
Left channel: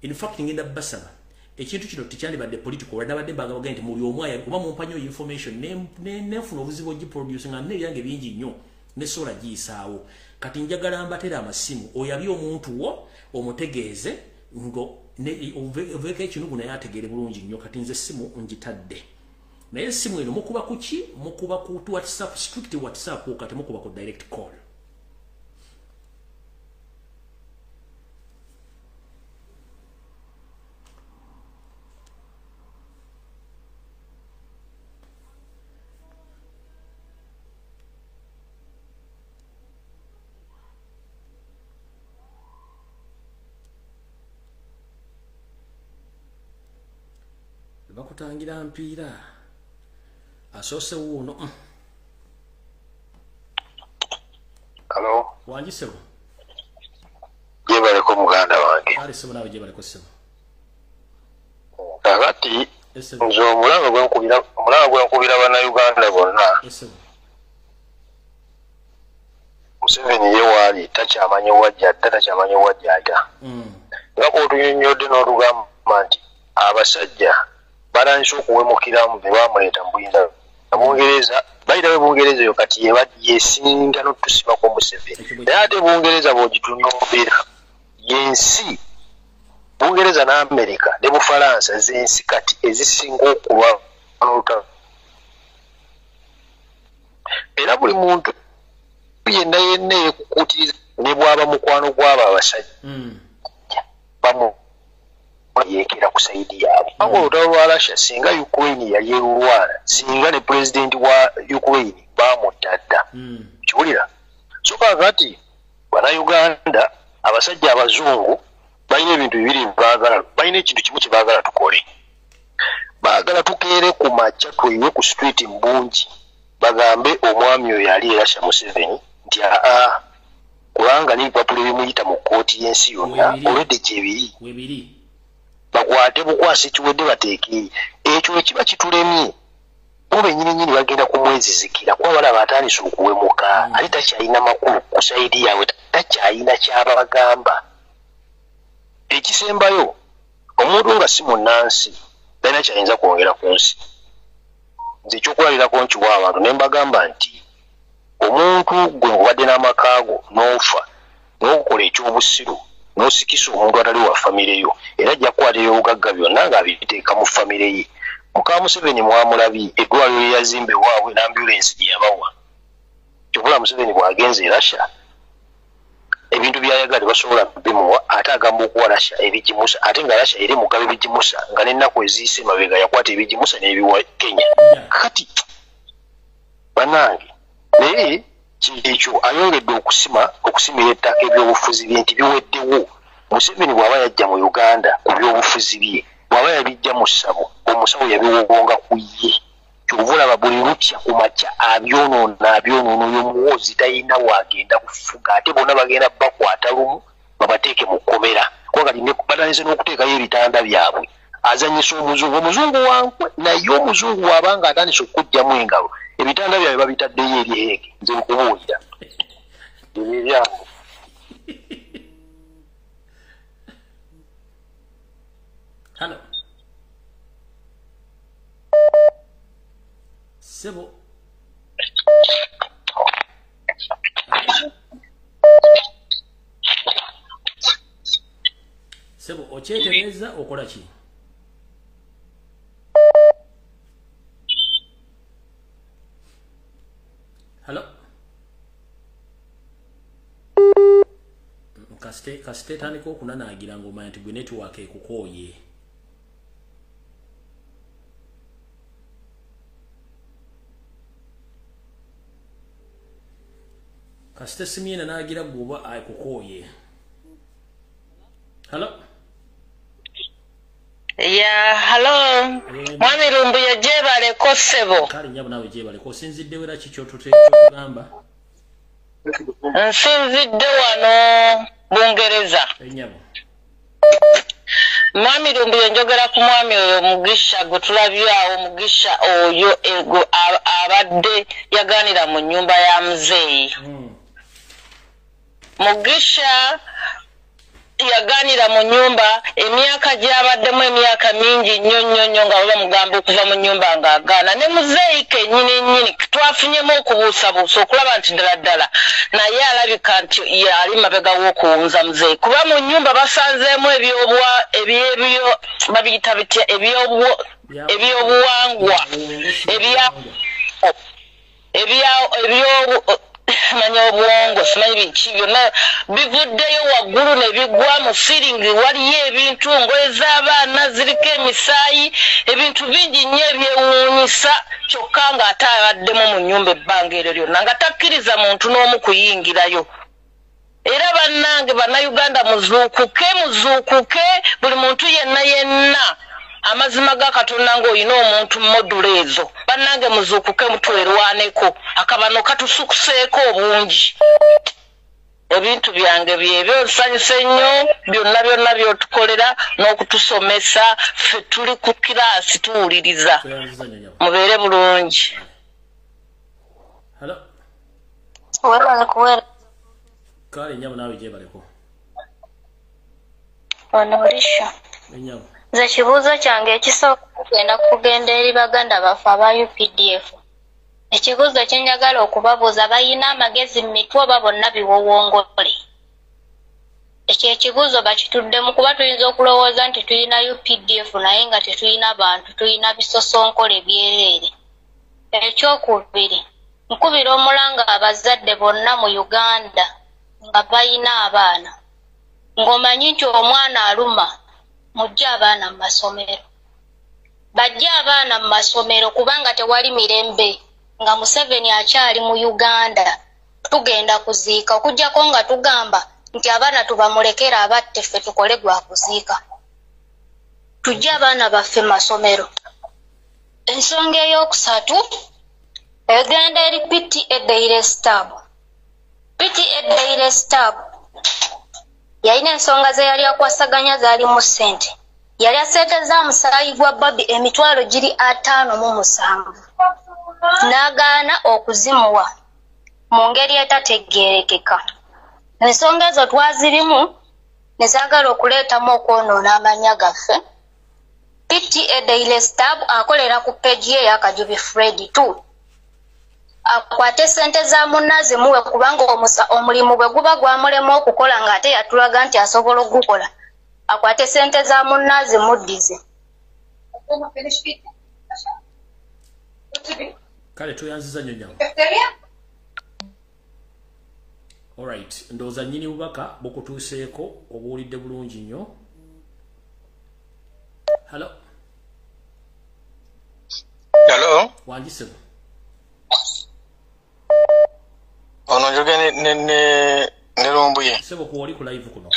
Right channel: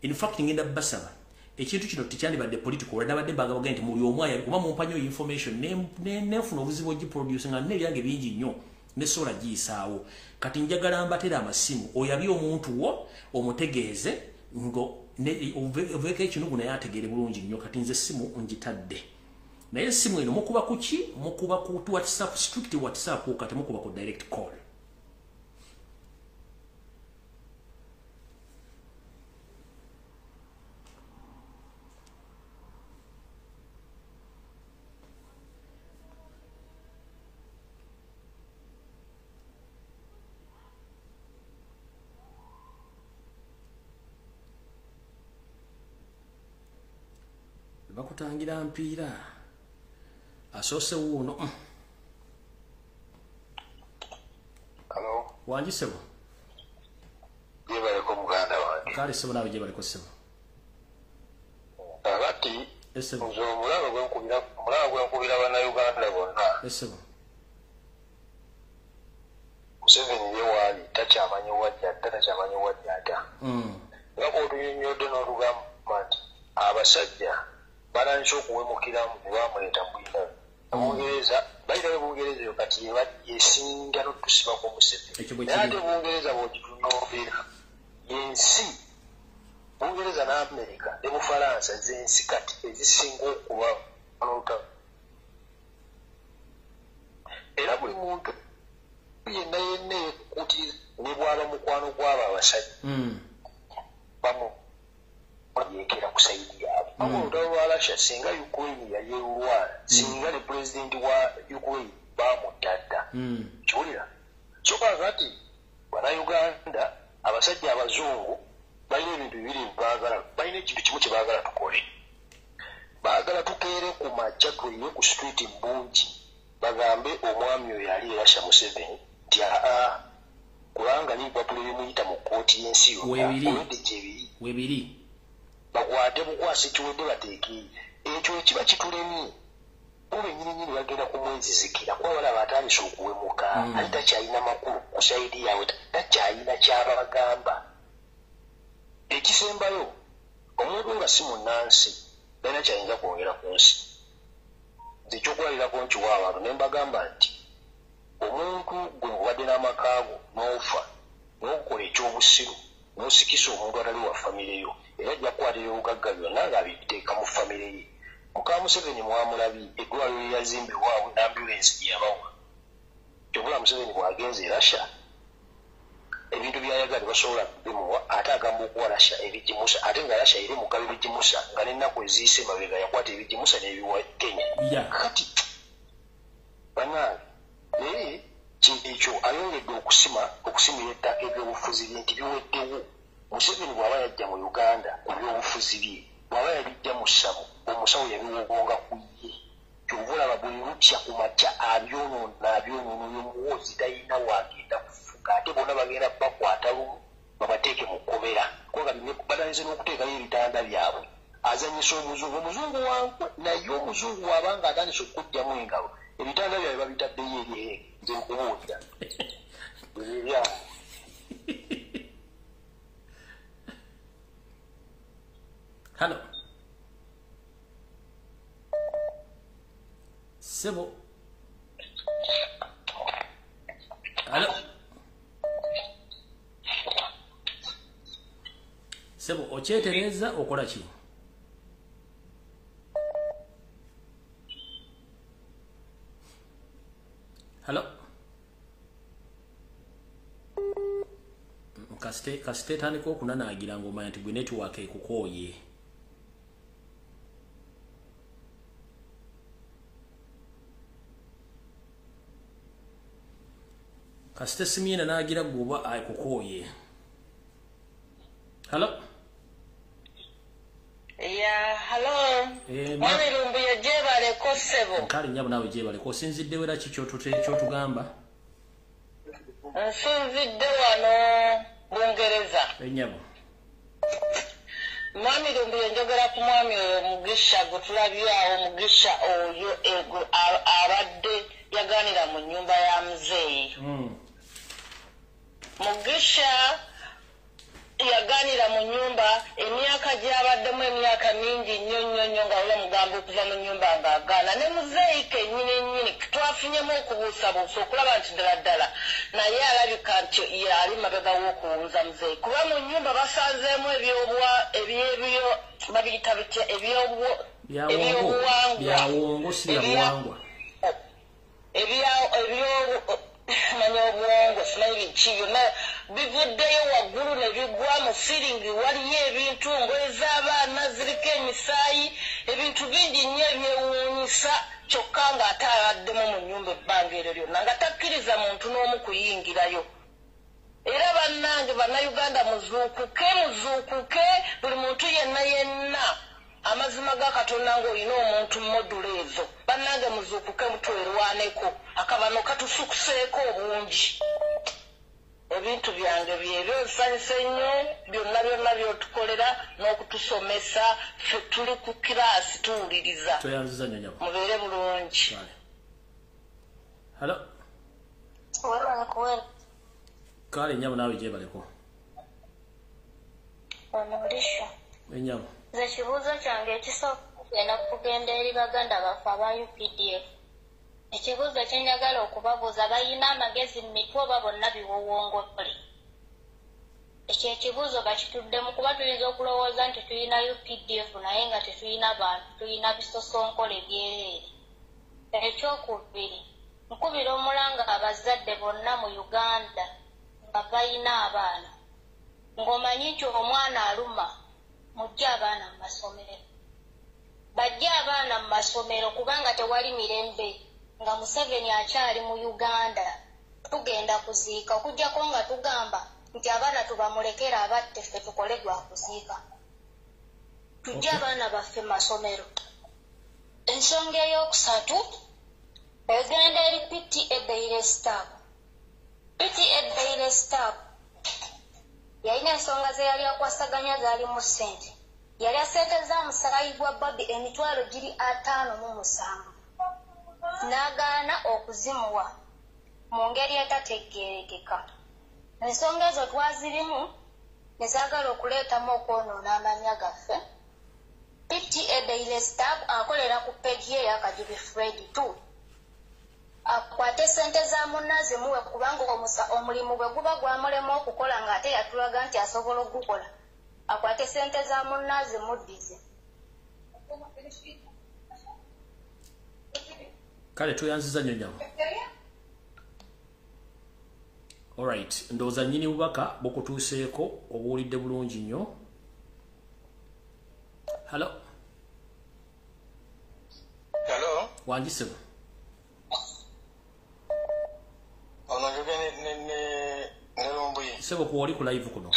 in fact ngenda basaba ekintu kino tikyandibadde political wali nabadde bagamba nti muli omwaya kuba mumpanyo information nefuna obuzibu ogiproduce nga nebyange bingi nnyo nesobola giyisaawo kati njagala mbatera amasimu oyabye omuntu wo omutegeeze ngo oveka ekinugu naye ategeere bulungi nnyo kati nze simu ngitadde naye simu eno mukuba kuki mukuba ku WhatsApp strict WhatsApp kati mukuba ku direct call bakutangira mpiira asose wuno. Hello wanji sebo yebale ko muganda wange kale sebo nawe yebale ko sebo agati nzo mulanga gwenkubira bana Uganda bonna sebo Museveni yewali takyamanyi wajja nga bw'otunyonyodde n'olugamba nti abasajja balanso okuwemukiramu be bamuleeta mu buyinza Bungereza bayitawe Bungereza yo kati yesinga n'otusibako Museveni naye ate Bungereza bw'ogitunuulira yensi Bungereza n'Amerika ne Bufalansa z'ensi kati ezisinga okulwa n'olutalo era buli muntu yenna yeekukuutiriza ne bw'aba mukwano gw'abo abasajja bamu yekera ku saidi yabo abo olutalo lwa Russia singa Ukraine yali erulwana singa ne president wa Ukraine bamutadda kiwulira kyokka kati bana Uganda abasajja abazungu balina ebintu bibiri baagala balina ekintu kimu kye baagala tukole baagala tukeere ku makya tweyiwe ku street mbungi bagambe omwami oyo yali e Russia Museveni nti kubanga n'ebipapula ebimuyita mu kkooti y'ensi yonna olwedde gyebiri bakwate bukwasi kiwedde bateeke ekyo ekiba kitulemye obe nyini bagenda ku mwezi zikira kwa bala batandise okuwemuka ali takyalina makulu ku saidi yawe takyalina kyabagamba ekisembayo omuntu nga si munnansi talina kyayinza kwongera ku nsi nze ekyokulalirako nkiwa abantu ne mbagamba nti omuntu gwe ngubadde n'amakaago n'ofa n'okukola ekyobusiru n'osikisa omuntu atali wa famire yo era ajja kukwatira obugagga byonna ng'abiteeka mu famire ye muka Museveni mwamulabi eddwaliro lye yazimba ewaabwe n'ambulensi gye yabawa kyokula Museveni bw'agenza e Russia ebintu byayagala basobola bimuwa ate agamba okuwa Russia ebigimusa ate nga Russia eri mugaba ebigimusa nga n'ennaku eziyise mabega yakwata ebigimusa n'ebiwa Kenya kati bannange naye ekyo ayongedde okusimira ettaka ebyobufuzi bye nti biweddewo Museveni bw'aba yajja mu Uganda ku byobufuzi bye bw'aba yabijja mu ssabo omusawo yabiwonga ku ye kyovulaba buli lutya ku makya abyonoona oyo muwoozi talina waagenda kufuga ate bonna bagenda bakwata lumu babateeke mu kkomera kwakati batandise n'okuteekayo ebitanda byabwe azanyisa omuzungu wankwe naye omuzungu wabanga atandise okujjamu engalo ebitanda byabwe babitaddeyo eri heege nze nkubuulira Hello. Sebo. Hello. Sebo, okyetereza okola ki? Hello. Kasite tandika okunanaagira ng'omanya nti gwe netiwaaka ekukooye. Kasite simyena naagira gwoba ekukooye. Hello. Yeah, hello. Mwami Lumbuye jebale ko Sebo. Kale nyabo nawe jebale ko sinzidde wera kikyo tugamba. Nsinzidde wano Bungereza. Enyabo. Mwami Lumbuye njogera ku mwami oyo Mugisha gutulabyawo Mugisha oyo ego abadde yaganira mu nyumba ya muzeeyi. Mugisha yaganira mu nyumba emyaka gyabaddemu emyaka mingi nnyo nga baba mugamba okuva mu nyumba ng'agaana ne muzeeyi kennyini twafunyemu okubuusabuusa okulaba nti ddala naye alabika nti yali mabega w'okuwunza muzeeyi kuba mu nyumba basanzeemu babiyita bitya ebyobuwangwa manya obwongo simanyi biki byonna bivuddeyo waggulu ne bigwa mu firingi waliyo ebintu ngoye z'abaana ziriko emisaayi ebintu bingi nnyo ebyewuunyisa kyokka ng'ate abaddemu mu nnyumba ebbanga eryo lyonna nga takkiriza muntu n'omu kuyingirayo era bannange bannayuganda muzuukuke buli muntu yenna amazima ga Katonda ng'olina omuntu modula ezo bannange muzuukuke mutwerwaneko akabano katusukuseeko obungi ebintu byange byebyo nsanyuse nnyo byonna byotukolera n'okutusomesa ffe tuli ku kiraasi tuwuliriza mubeere bulungi. Kale nyabo nawe gyebaleko onolisha enyabo nze kibuuzo kyange ekisooka kugenda kugenda eri baganda baffe aba UPDF. Ekibuuzo kye njagala okubabuuza balina amagezi mu mitwe oba bonna biwowongole. Ekyo ekibuuzo bakituddemu kuba tuyinza okulowooza nti tulina UPDF naye nga tetulina bantu, tulina bisosonkole byereere. Ekyokubiri, nkubira omulanga abazadde bonna mu Uganda nga balina abaana. Ng'omanyi nti omwana aluma mujja abaana mu masomero. Bajja abaana mu masomero kubanga tewali mirembe nga Museveni akyali mu Uganda. Tugenda kuziika okuggyako nga tugamba nti abaana tubamulekera abatte ffe tukole gwa kuziika. Tujja abaana baffe mu masomero. Ensonga ey'okusatu egenda eri PTA Daily Stab. PTA Daily Stab yalina ensonga ze yali akwasaganya zaali mu ssente. yali asente za musaayi gwa Bobi emitwalo giri 57 n'agaana okuzimuwa mu ngeri etategeerekeka. Ensonga ezo twazirimu ne zaagala okuleetamu okwonoona amanya gaffe. PTA Daily Stab akolera ku peegi ye ya Kajubi Fred 2. Akwate sente za munnazi muwe kubanga omulimu bwe guba gwamulema okukola ng'ate yatulaga nti asobola okugukola. Akwate sente za munnazi muddize. Kale tuyanziza nnyo nyawo. Alright, ndowooza nnyini bubaka bukutuuseeko obuwulidde bulungi nnyo. Hello. Hello. Wanjisebo. Ono njoge ne Lumbuye. Sebo kuwoli ku live kuno.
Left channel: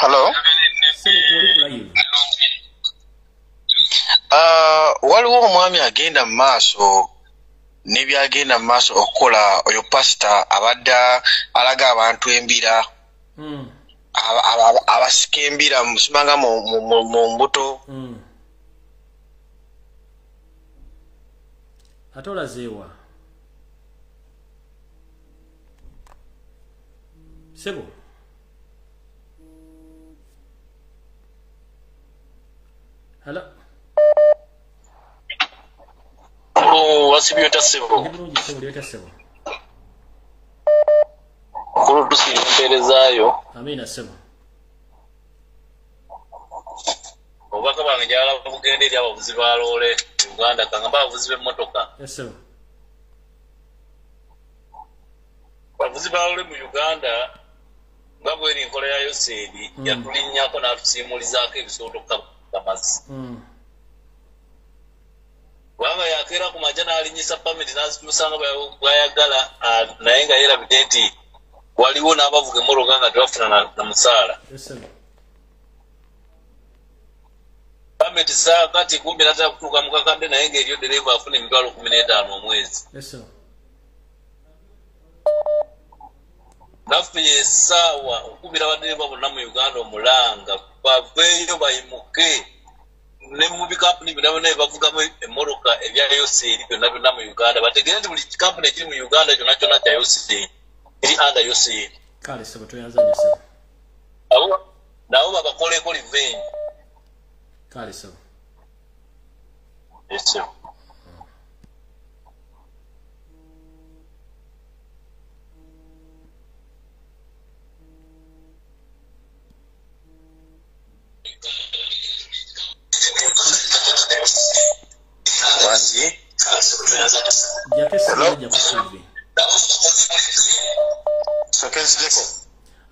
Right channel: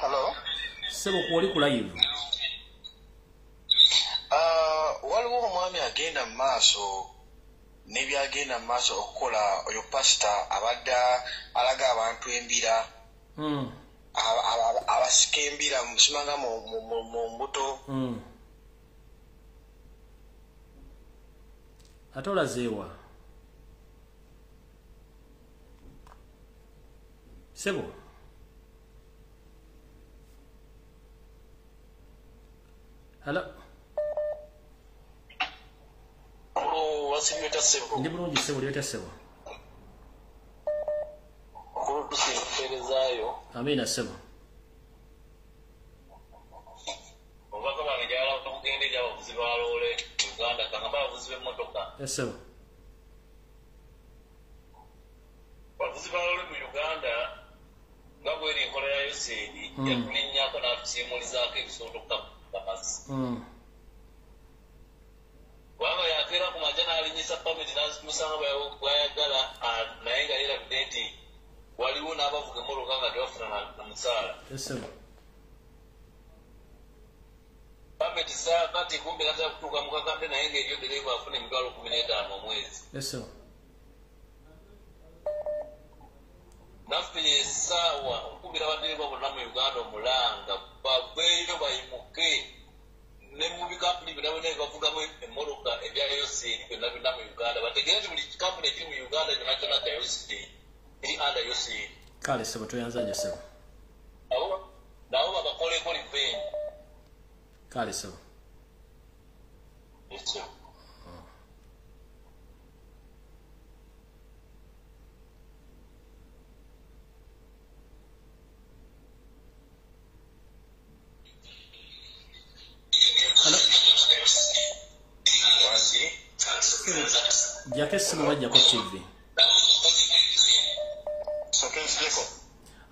Hello. Sebo kuwoli ku live. Waliwo omwami agenda mu maaso n'ebyagenda mu maaso okukola oyo pasita abadde alaga abantu embira. Abasika embira musimanga mu mbuto. Ate olazeewa. Sebo. Hello. Wasibiyota Sebo. Ndi bulungi Sebo, lyota Sebo. Kulu tusimperezaayo. Amina Sebo. Obubaka bwange njagala bugenda eri abavuzi ba loole Uganda kangamba abavuzi b'emmotoka. Sebo. Abavuzi ba loole mu Uganda nga bw'eri enkola ya Yoseri yatulinnyako n'atusiimulizaako ebisooto kamazi. Bwanga yakeera ku majja n'alinyisa pamiti n'azimusanga bw'ayagala naye nga yeerabidde nti waliwo n'abavuga emmotoka nga tebafuna na musaala. Pamiti saa kati 13 kutuuka mu kakadde naye ng'eriyo dereeva afuna emitwalo 15 omwezi. Naffe essaawa okubira abadereeva bonna mu Uganda omulanga baveeyo bayimuke ne mu bikampuni byonna bavugamu emmotoka ebya Yoseri byonna mu Uganda bategeere nti buli kikampuni ekiri mu Uganda kyonna kyonna kya Yoseri eri under Yoseri. Kale Sebo tuyanza nnyo Sebo. Nabo babakoleeko revenge. Kale Sebo. Yes, sir.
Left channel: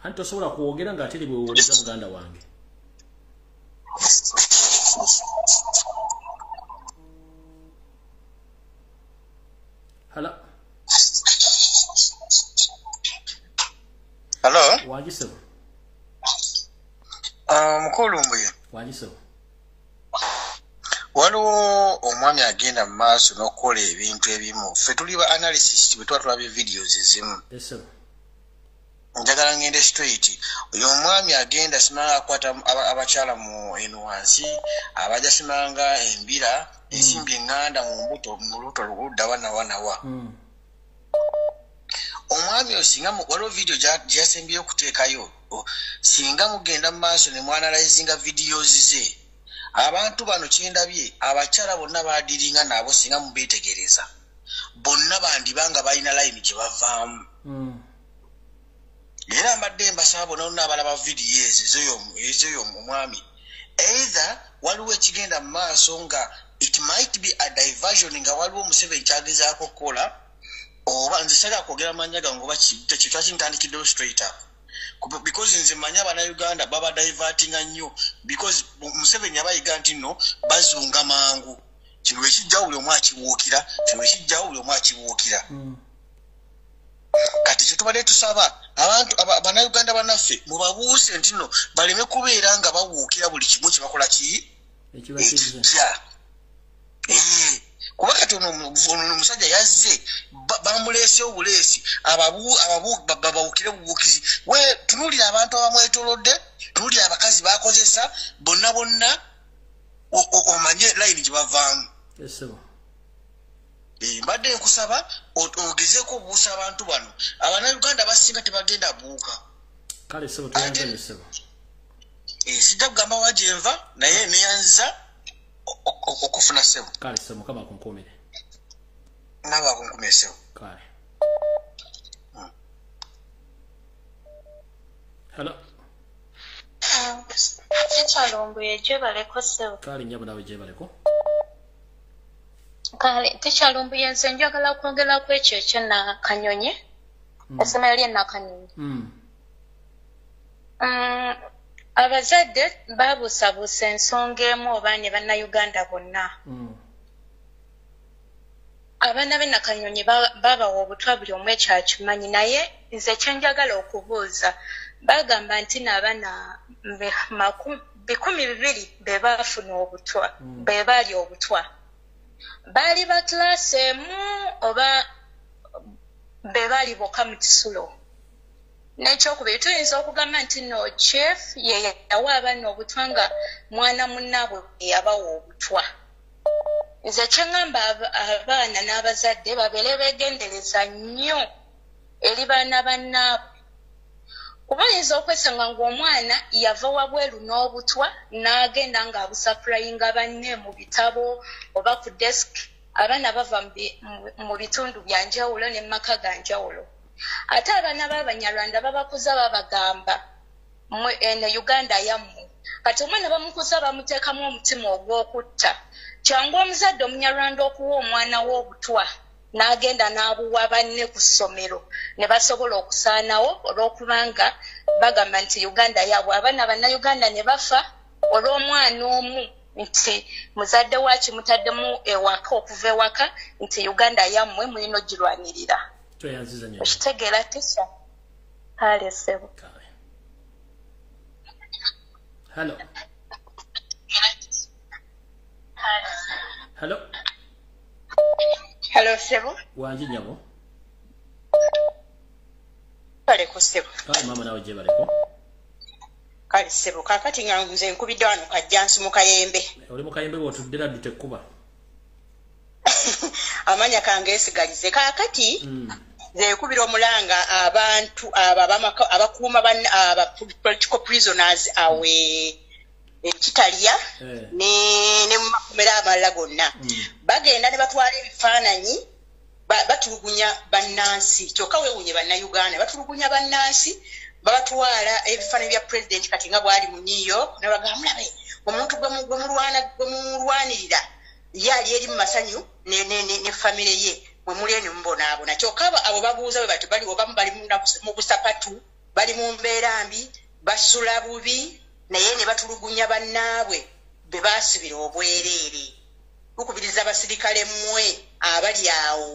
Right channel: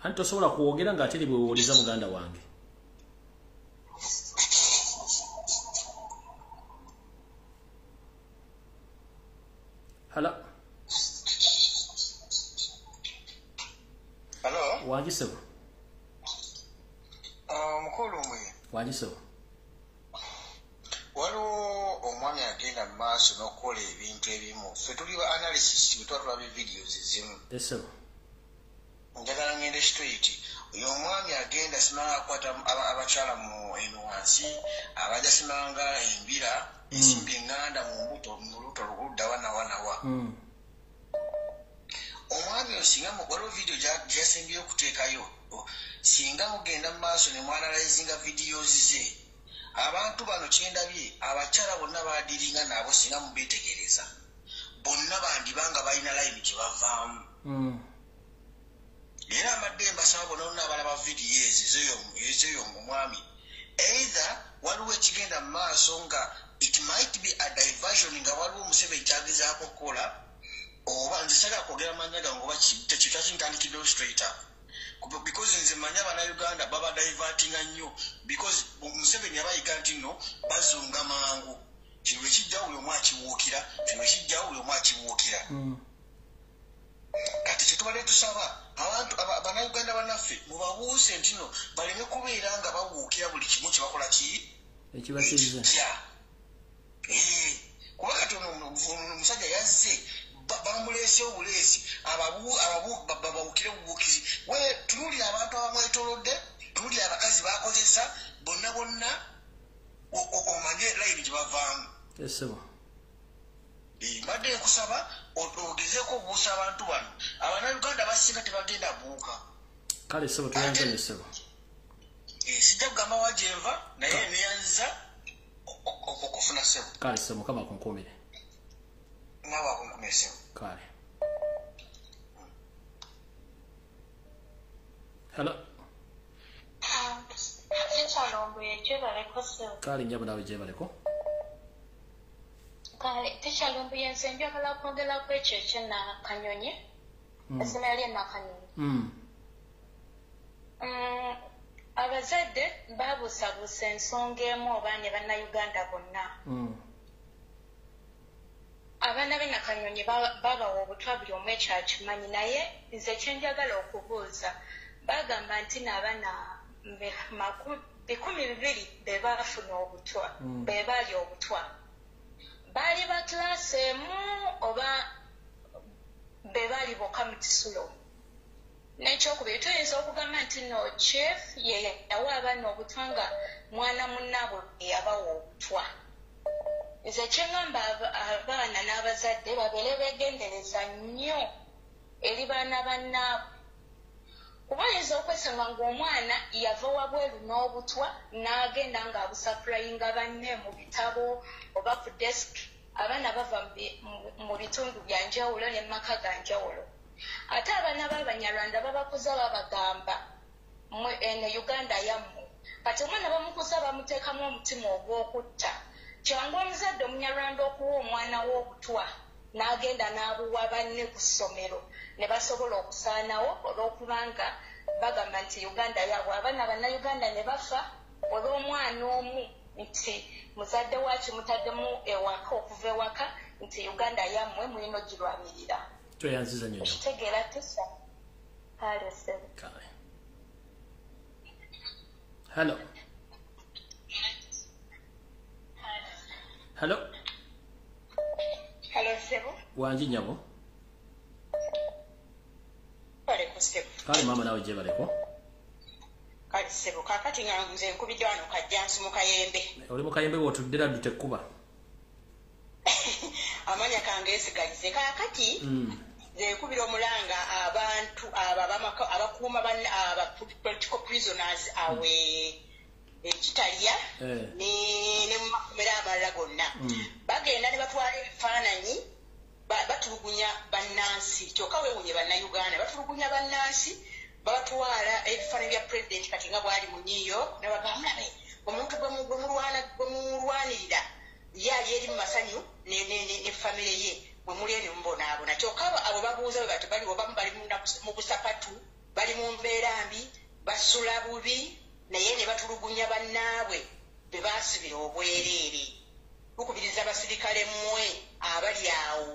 Anti osobola kwogera ng'ate bwewuliza muganda wange. Hello. Hello. Wanjisebo. Mukulu Lumbuye. Wanjisebo. Waliwo omwami agenda mu maaso n'okukola ebintu ebimu. Ffe tuli ba analysis bwe tuba tulaba videos ezimu. Sebo. Njagala ngende straight. Oyo omwami agenda simanga akwata abakyala mu enwansi, abaja simanga embira, ensimbi enganda mu mbuto mu luto ludda wanawa. Omwami oyo singa waliwo video gyasembyeyo okuteekayo. Singa mugenda mu maaso ne mwanalizinga videos ze. Abantu bano kyendabye abakyala bonna baadiringa nabo singa mubeetegereza. Bonna bandibanga balina line gye bavaamu. Era amadde mbasaba bonna abalaba video ezo omwami. Either waliwo ekigenda mu maaso nga it might be a diversion nga waliwo Museveni kyagezaako okukola oba nze sagala kwogera manya gange oba kikika kintandikiddewo straight up. Because nze manya Uganda baba divertinga nnyo because Museveni abayiga nti nno bazunga mangu. Kino ekijja buli omu akiwuukira, kino ekijja buli omu akiwuukira. Kati kyetubadde tusaba abantu Uganda bannaffe mubabuuse nti nno baleme kubeera nga bawuukira buli kimu kye bakola ki ekibakiriza. Kuba kati omusajja yazze bamulese obulesi babawukire bubukizi we tunulira abantu abamwetolodde tunulira abakazi bakozesa bonna omanye layini gye bavaamu mbadde nkusaba ogezeeko obuusa abantu bano Abannayuganda basinga tebagenda buuka kale sebo tuyanzanye sebo sijja kugamba wajenva naye neyanza okufuna sebo kale sebo kama kunkumire naba kunkumire sebo kale hello Lumbuye jebaleko sebo kale nyabo nawe jebaleko kale Lumbuye nze njagala kwongera ku ekyo ekyo Nakanyonyi essomero lye Nakanyonyi abazadde babuusabuusa ensonga emu oba ne Bannayuganda bonna abaana b'e Nakanyonyi babawa obutwa buli omu ekyakimanyi naye nze kyenjagala okubuuza bagamba nti n'abaana 200 be baafuna obutwa be baali obutwa baali ba class emu oba be baali bokka mu kisulo n'ekyokubiri tuyinza okugamba nti no chief ye yawa abaana obutwa nga mwana munnaabwe yabawa obutwa nze kyengamba abaana n'abazadde babeere beegendereza nnyo eri baana bannaabwe kuba oyinza okwesanga ng'omwana yava wabweru n'obutwa n'agenda ng'abusapurayinga banne mu bitabo oba ku desk abaana bava mu bitundu bya njawulo ne mu maka ga njawulo ate abaana b'Abanyarwanda babakuza babagamba eno Uganda yammwe kati omwana bamukuza bamuteekamu omutima ogw'okutta kyangu omuzadde Omunyarwanda okuwa omwana w'obutwa n'agenda n'abuwa banne ku ssomero ne basobola okusaanawo olw'okubanga bagamba nti Uganda yaabwe abaana Bannayuganda ne bafa olw'omwana omu nti muzadde waaki mutaddemu ewaka okuva ewaka nti Uganda yammwe mulina ogirwanirira okitegeera tisa kale sebo hello hello sebo wanji nyabo kale ko sebo kale mama nawe je baleko kale sebo kakati nga nze nkubidde wano kajjansi mu Kayembe oli mu Kayembe wotuddira dute kuba amanya kange esigalize kakati nze nkubira omulanga abantu abakuuma aba political prisoners awe ekitaliya ne mu makomera amalala gonna bagenda ne batwala ebifaananyi batulugunya bannansi kyokka weewunye Bannayuganda batulugunya bannansi babatwala ebifaananyi bya president kati nga bwali mu New York nabagamba mulabe omuntu gwemulwanirira ye ali eri mu masanyu ne famire ye mwe muli eno mubonaabona kyokka abo babuuza bwe bati bali obamu bali mu busapatu bali mu mbeera mbi basula bubi naye ne batulugunya bannaabwe be baasibira obwereere okubiriza abasirikale mmwe abali awo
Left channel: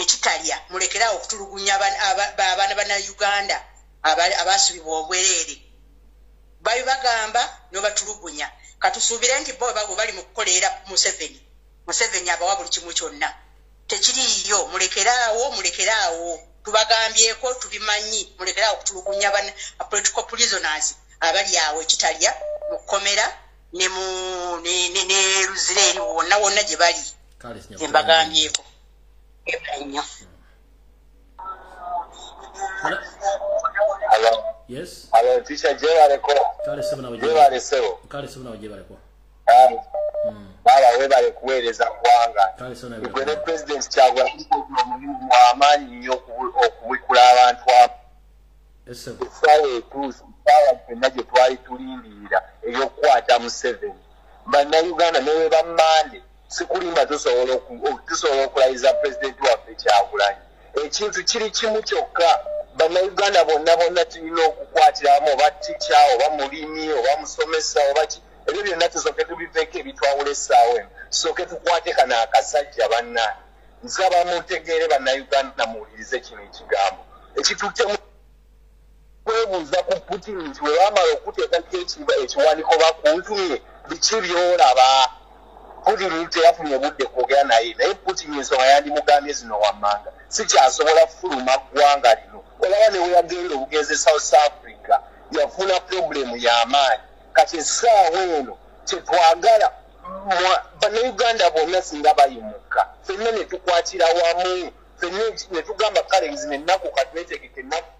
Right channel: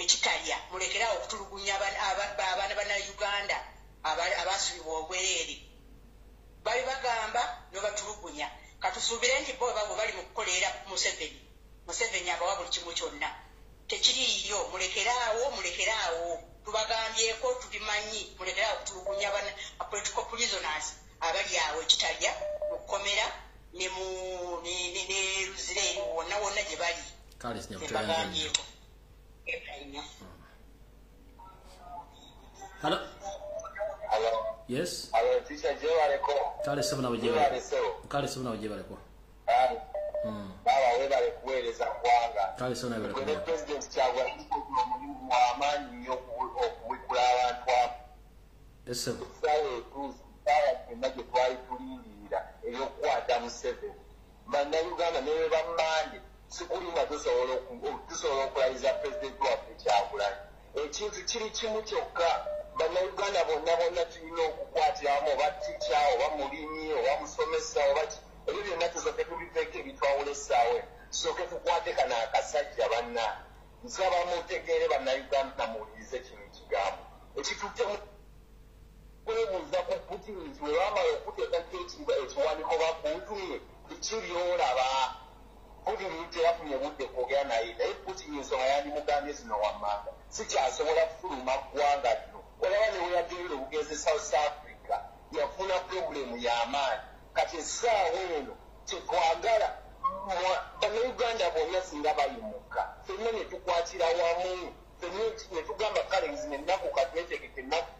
ekitalya mulekeraawo okutulugunya abaana Bannayuganda abaasibibwa obwereere babagamba n'obatulugunya katusuubire nti bo babo bali mu kukoleera Museveni abawa buli kimu kyonna tekiriiyo mulekeraawo tubagambyeko tubimanyi mulekeraawo okutulugunya political prisoners abali awo ekitalya mu kkomera ne Luzira eri wonna gye bali mbagambyeko nnyo. Hello. Yes. Hello, teacher Jebaleko. Kale sebo na Jebaleko. Kale sebo na Jebaleko. Bala webale kuweereza ggwanga. Kale sebo na Jebaleko. The president kyagwa mu amaanyi nnyo okubikula abantu abo. Yes sebo. Sawa ekuusi fenna gye twali tulindirira ey'okukwata Museveni. Bannayuganda ne bwe bammande sikulimba tusobola okulayiza pulezidenti waffe Kyagulanyi. Ekintu kiri kimu kyokka Bannayuganda bonna tulina okukwatiramu oba tica oba mulimi oba musomesa oba ki ebyo byonna tusooke tubiveeko ebitwawula essaawa eno tusooke tukwate kano akasajja banna nsaba mutegeere Bannayuganda muwulirize kino ekigambo ekituttemu kwebuuza ku Putin nti we bamala okuteekako ekiwandiiko bakuntumye biki by'olaba Putin teyafunye budde kwogera naye Putin ensonga yandimugambye zino wammanga sikyasobola kufuluma ggwanga lino olaba ne weyagenda obugenzi South Africa yafuna problemu y'amaanyi kati essaawa eno kyetwagala bannayuganda bonna singa bayimuka ffenna ne tukwatira wamu ffenna ne tugamba kale zino ennaku kati netegeka ennaku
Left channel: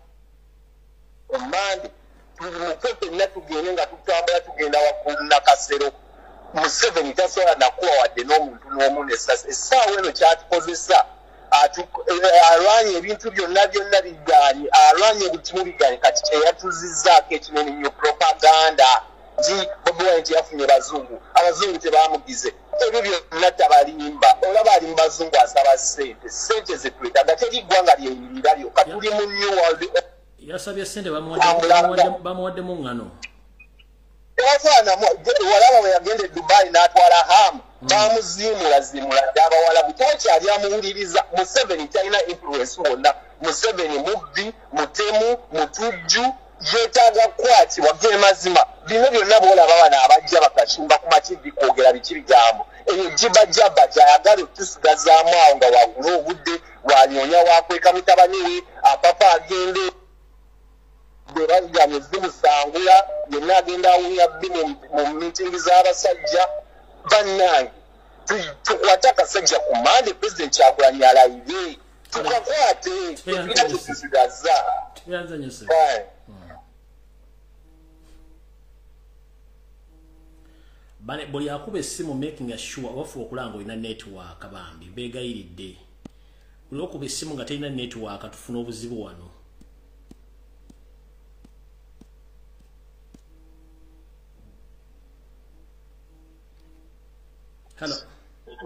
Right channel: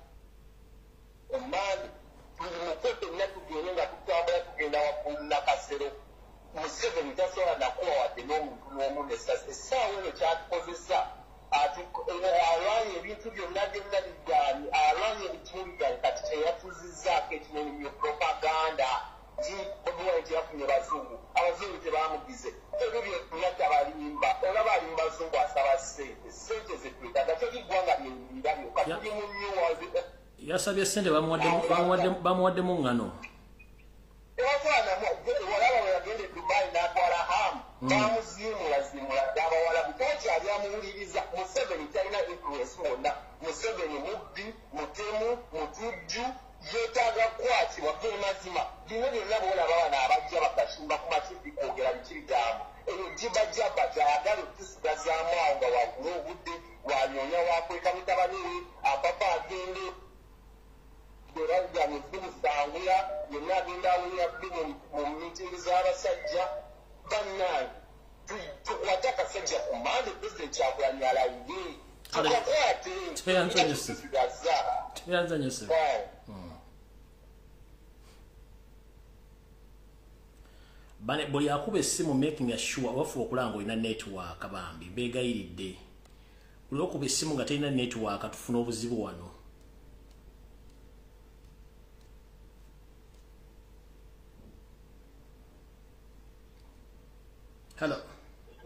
omandi tumuke ffenna tugende nga tutambula tugenda waggulu nakasero Museveni tasobola nakuwa wadde n'omuntu n'omu n'essasi essaawa eno kyatukozesa alwanye ebintu byonna bigaanye alwanye buli kimu bigaanye kati kyeyatuzizzaako ekinene nnyo propaganda nti Bobi Wine nti yafunye abazungu tebaamugize ebyo byonna tabalimba olaba ali mu bazungu asaba sente zetwetaaga teri ggwanga lyeyimirira lyokka tuli mu new world yasabye sente bamuwaddemu ŋŋano walaba we yagenda Dubai n'atwala hamu bamuziimula ddala abawalabu tokyali amuwuliriza Museveni talina influence wonna Museveni mubbi mutemu mutujju yeetaaga kukwatibwa gemazima bino byonna boolaba bano abajja bakacumba ku mativi kwogera biki bigambo eyo jibajaba gyayagala otusigazaamu awo nga wagula obudde wanyonya wakweka mutabani we apapa agende bwebagamye zimusangula yenna agenda awunya bbi mu mitingi z'abasajja bannange tukwate akasajja ku mande President Kyagulanyi alayire tukakwate tusigaza bane buli akuba essimu making sure wafu okulanga olina network bambi beegayiridde buli okuba essimu nga terina network tufuna obuzibu wano. Hello.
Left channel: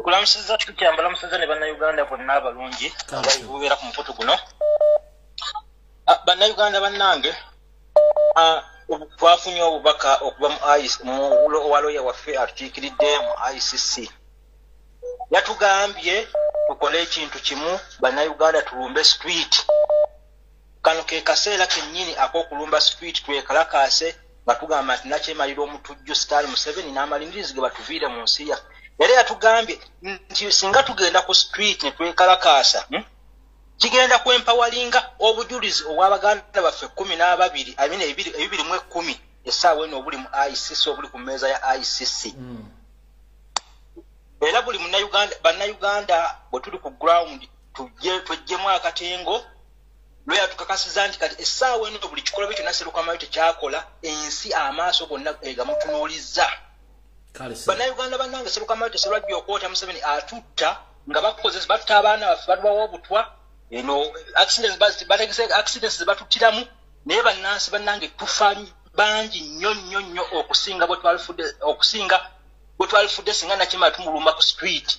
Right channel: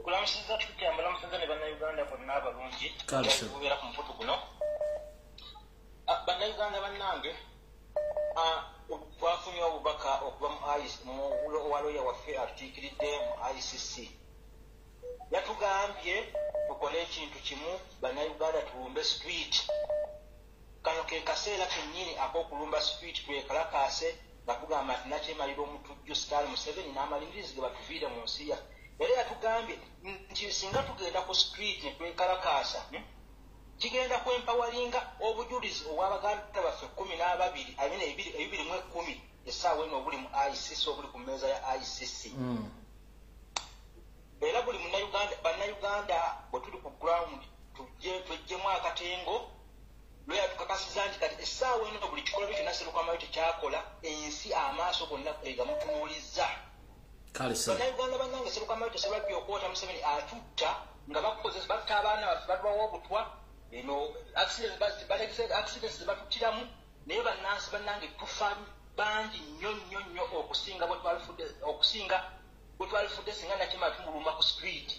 Kulamusiza tukyambala musaza ne bannayuganda bonna abalungi ababeera ku mukutu guno. Bannayuganda bannange twafunye obubaka okuva mu waloya waffe atukiikiridde mu ICC. Yatugambye tukole ekintu kimu bannayuganda tulumbe street. Kano ke kaseera kennyini ak'okulumba street twekalakaase nga tugamba nti nakyemalira omutujju Sitali Museveni n'amalingirizi ge batuviire mu nsi yaffe. Yali atugambye nti singa tugenda ku street ne twekalakaasa kigenda kwempawalinga obujulizi obw'abaganda baffe 12 ebibiri mu 10 essaawa eno obuli mu ICC obuli ku mmeeza ya ICC. Era buli bannayuganda bwe tuli ku ground tujjemu akatengo lwe yatukakasiza nti kati essaawa eno buli kikolwa kyonna Serukamayo tekyakola ensi amaaso gonna egamutunuulizza. Bannayuganda bannange Serukamayo teserwajja okwota Museveni atutta nga bakozesa batta abaana baffe batubawa obutwa eno accidents zebatuttiramu naye bannansi bannange tufa bangi nnyo okusinga bwe twalifudde singa nakima tumulumba ku street.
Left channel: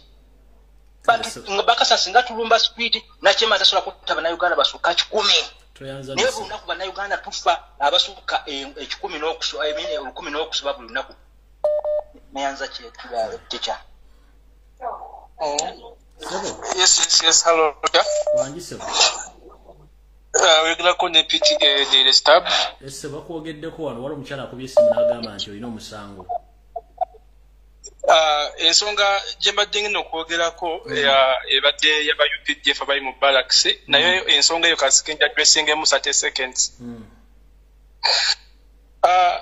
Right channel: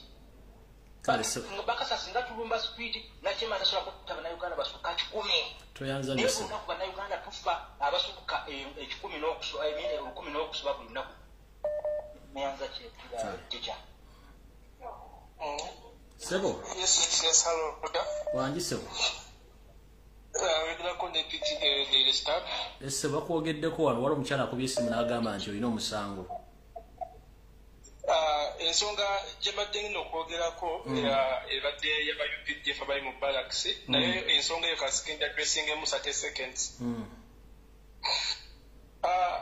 Nga bakasa singa tulumba street nakima tasobola kutta bannayuganda basukka 10. Naye buli lunaku bannayuganda tufa abasukka 10 n'okusoba buli lunaku. Meanza teacher. Sebo. Yes, hello. Wangi sebo. Wegula ko ne PTA de stab. Ese bakwogeddeko wano wali omukyala akubye essimu n'agamba nti olina omusango. Ensonga gye mbadde ngenda okwogerako ebadde yaba UPDF abali mu barracks naye ensonga eyo kasikenda addressingemu 30 seconds.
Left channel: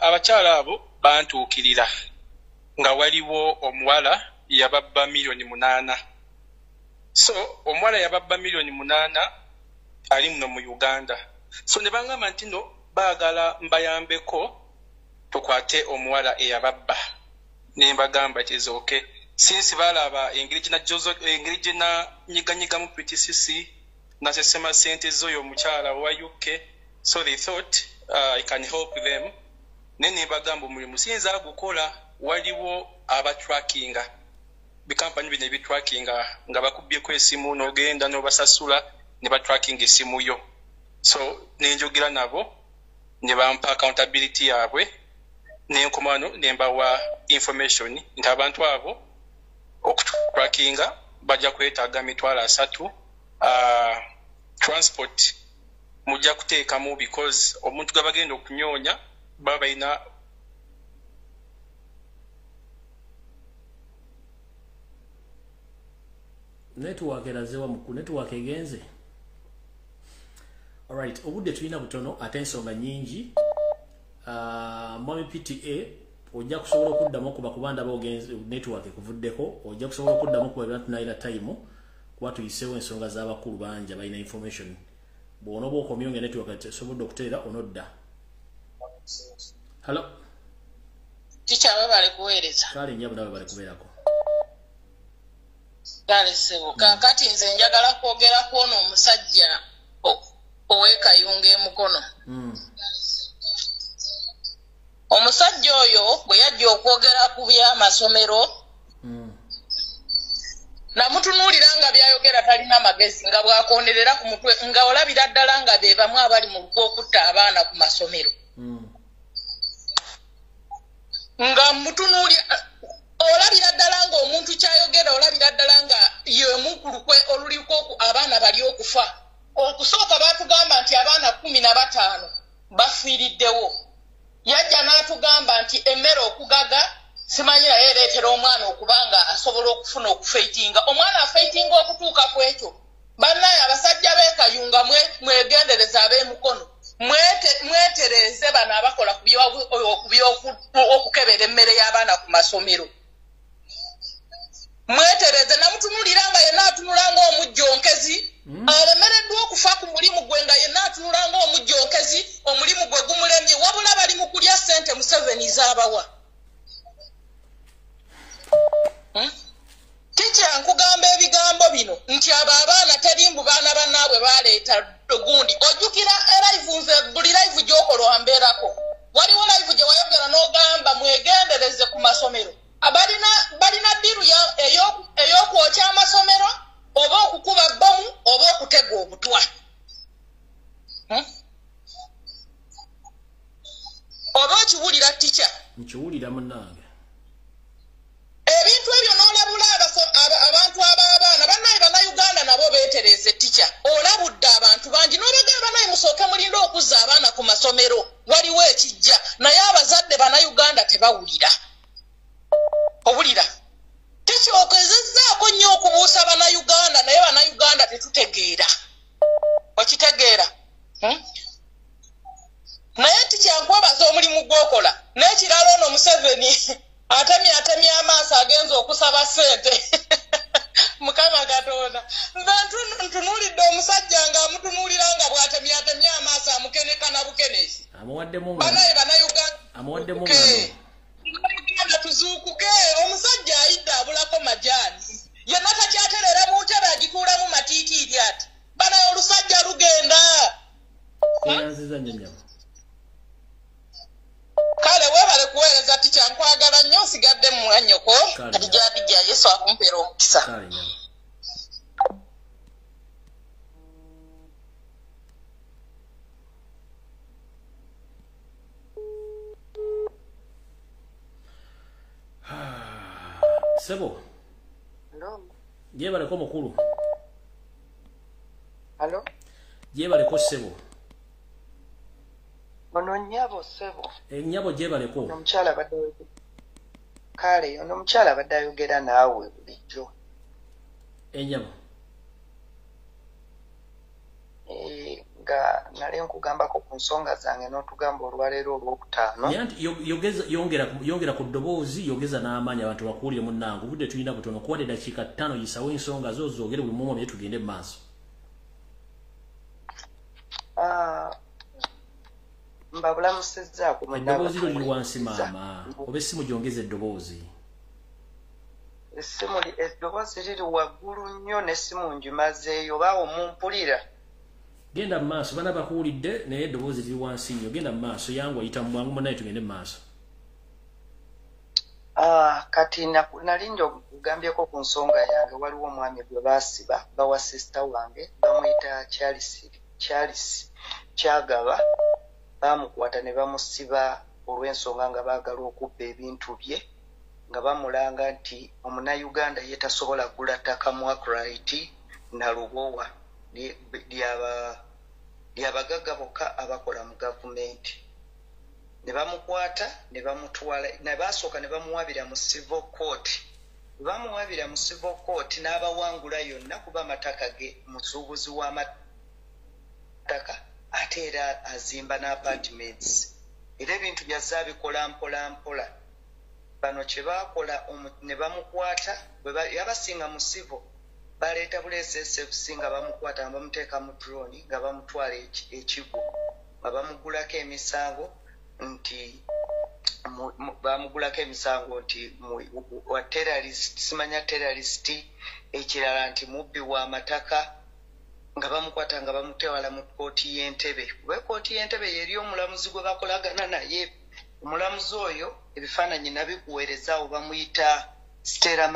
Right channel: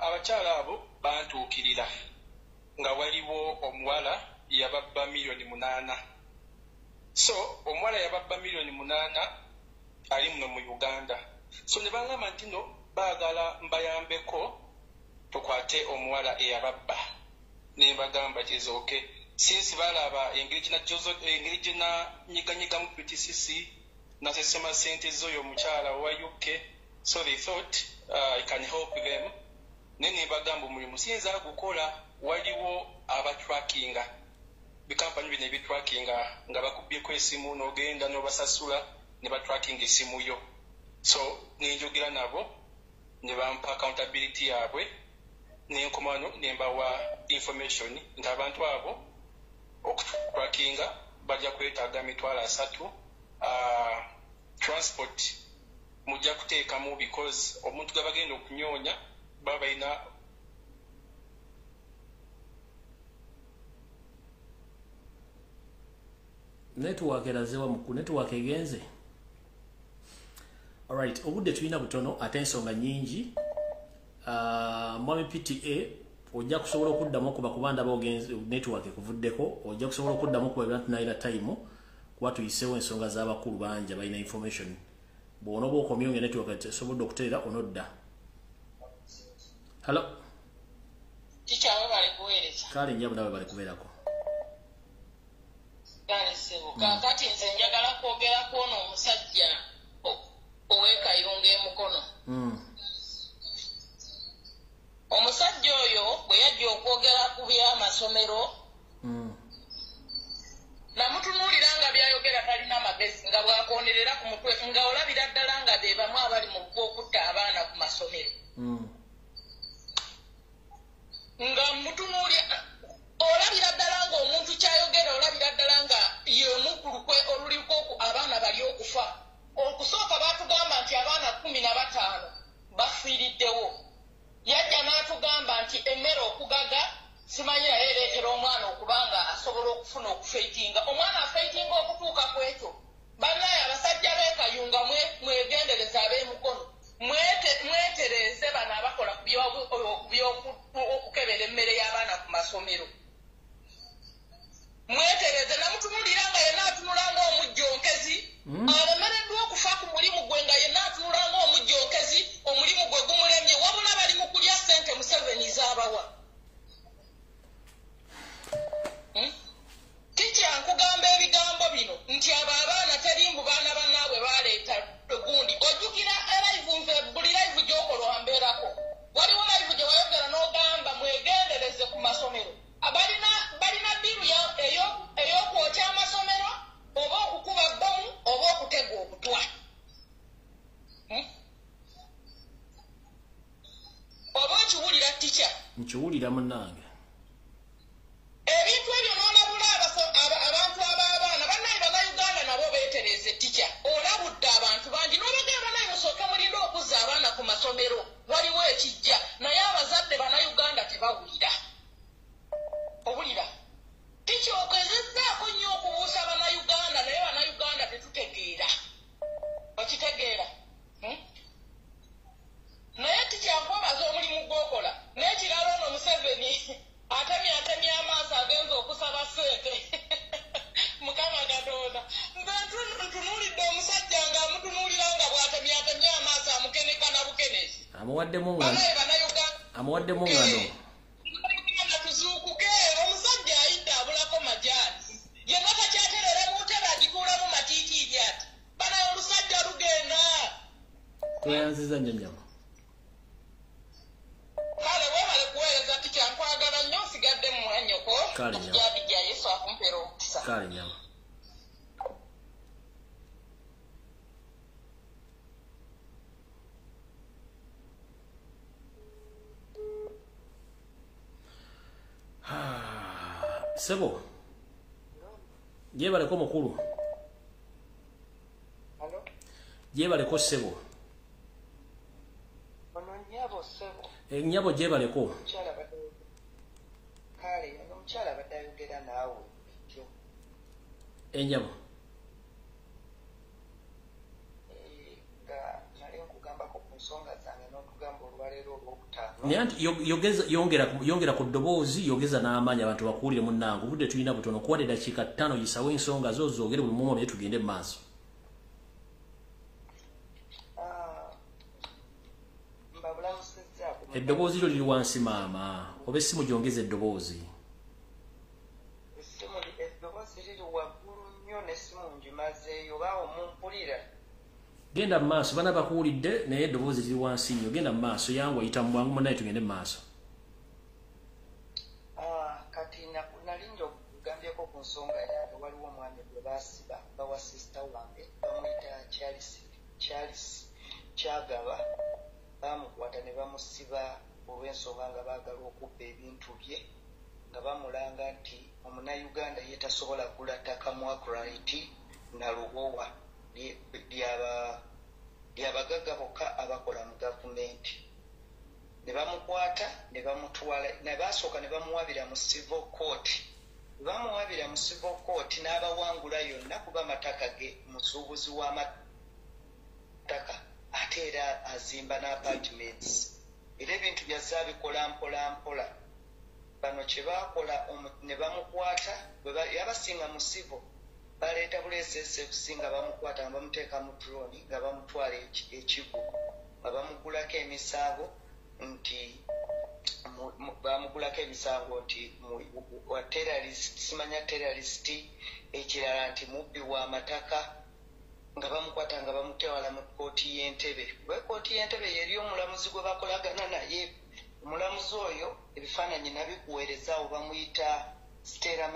Abakyala abo bantuukirira nga waliwo omuwala yababba $8,000,000. So omuwala yababba $8,000,000 ali muno mu Uganda. So ne bangamba nti no baagala mbayambeko tukwate omuwala eyababba. Ne mbagamba it is okay. Since balaba engeri gye nyiganyiga mu PTCC nasesema sente z'oyo omukyala wa UK. So they thought I can help them. Ne mbagamba omulimu siyinza gukola waliwo abatrackinga bikampani bino ebitrackinga nga bakubyeko esimu n'ogenda n'obasasula ne batrackinga esimu yo. So nenjogera nabo ne bampa accountability yaabwe n'enkomano ne mbawa information nti abantu abo okutrackinga bajja kwetaaga $3 transport mujja kuteekamu because omuntu gwe bagenda okunyoonya baba balina Network erazewa mu network egenze. Alright, obudde tulina butono ate ensonga nnyingi. Mwami PTA ojja kusobola okuddamu okuba kubanda bogenze network ekuvuddeko, ojja kusobola okuddamu okuba ebintu naira time kuba tuyiseewo ensonga z'abakulu banja balina information. Bw'onoba okomyonge network esobodde okuteera onodda. Hello. Teacher bale kuweereza. Kale nnyabo nawe bale kubeerako. Kale sebo. Kakati nze njagala kwogera kw'ono omusajja ow'ekayunga emukono. Omusajja oyo bwe yajja okwogera ku by'amasomero namutunuulira nga byayogera talina magezi nga bw'akonderera ku mutwe nga olabira ddala nga be bamu abali mu lw'okutta abaana ku masomero. Nga mutunuulira olabira ddala nga omuntu kyayogera olabira ddala nga yemu ku lukwe oluliko abaana bali okufa. Okusooka baatugamba nti abaana 15 bafiiriddewo. Yajja n'atugamba nti emmere okugaga simanyi naye ereetera omwana okubanga asobola okufuna okufeitinga. Omwana afeitinga okutuuka ku ekyo. Bannaye abasajja b'ekayunga mwegendereza ab'emukono. Mwetereze bano abakola okukebera emmere y'abaana ku masomero. Mwetereze namutunulira nga yenna atunula ng'omujjonkezi. Alemereddwa okufa ku mulimu gwe nga yenna atunula ng'omujjonkezi, omulimu gwe gumulemye wabula bali mu kulya ssente Museveni z'abawa. Teacher nkugamba ebigambo bino nti abo abaana terimbu baana bannaabwe baleeta gundi. Ojjukira live nze buli live gy'okola wambeerako. Waliwo live gye wayogera n'ogamba mwegendereze ku masomero. Balina ddiru ey'okwokya amasomero oba okukuba bbomu oba okutega obutwa. Oba okiwulira teacher? Nkiwulira munnange. Ebintu ebyo n'olabula abantu ab'abaana bannaye bannayuganda nabo beetereze teacher. Olabudde abantu bangi n'obagamba naye musooke mulinde okuzza abaana ku masomero. Waliwo ekijja naye abazadde bannayuganda tebawulira. Owulira? Teacher okezezzaako nnyo okubuusa bannayuganda naye bannayuganda tetutegeera. Okitegeera? Naye teacher nkwebaza omulimu gw'okola. N'ekirala ono Museveni atemya amaaso agenza okusaba ssente. Mukama Katonda. Nze ntunuulidde omusajja ng'amutunuulira nga bw'atemya amaaso amukeneka na bukenezi. Amuwaddemu ngano. Tuzuukuke omusajja ayidde abulako majaani. Yenna takyaterera mu ntebe agikuulamu matiitiiri ati. Bana olusajja lugenda. Eranziza nnyonnyama. Kale weebale kuweereza teacher nkwagala nnyo osigadde mu mwanyoko. Adijja Yesu akumpeera omukisa. Kale nyama. Sebo. Hello. Jebaleko mukulu. Hello. Jebaleko Sebo. Ono nnyabo Sebo. Nnyabo jebaleko. Omukyala badde kale ono omukyala badde ayogera naawe bulijjo. Ennyabo. Nga nali nkugambako ku nsonga zange n'otugamba olwaleero olwokutaano. Naye anti yongera ku ddoboozi yogeza n'amaanyi abantu bakuwulire munnange obudde tulina butono kuwadde eddakiika 5 yisawo ensonga zo zoogere buli mumu naye tugende mu maaso. Mbabulamusizzaako eddoboozi lyo liri wansi maama oba essimu gyongeza eddoboozi. Eddoboozi liri waggulu nnyo n'essimu ngimazeeyo baawo mumpulira. Genda mu maaso bana bakuwulidde naye eddoboozi liri wansi nnyo genda mu maaso yangu ayita mu bwangu munaye tugende mu maaso. Kati nali njogambyeko ku nsonga yange waliwo omwami gwe baasiba bawa sisita wange bamuyita Charles Kyagaba bamukwata ne bamusiba olw'ensonga nga baagala okubba ebintu bye nga bamulanga nti omunnayuganda ye tasobola kugula ttaka mu Akrite na Lubowa lyabagagga bokka abakola mu gavumenti. Ne bamukwata ne bamutwala ne basooka ne bamuwabira mu civil court bamuwabira mu civil court n'abawangula yonna kuba amataka ge musuubuzi w'amataka ate era azimba n'apartments era ebintu byazze abikola mpola bano kye baakola ne bamukwata yabasinga mu civil baleeta buleesesfc nga bamukwata nga bamuteeka mu drone nga bamutwala ekigo nga bamugulako emisango nti wa terrorist simanya terrorist ekirala nti mubbi wa mataka nga bamukwata nga bamutwala mu kooti y'Entebbe we kooti y'Entebbe yeri omulamuzi gwe bakolagana naye omulamuzi oyo ebifaananyi nabikuweereza awo bamuyita Stella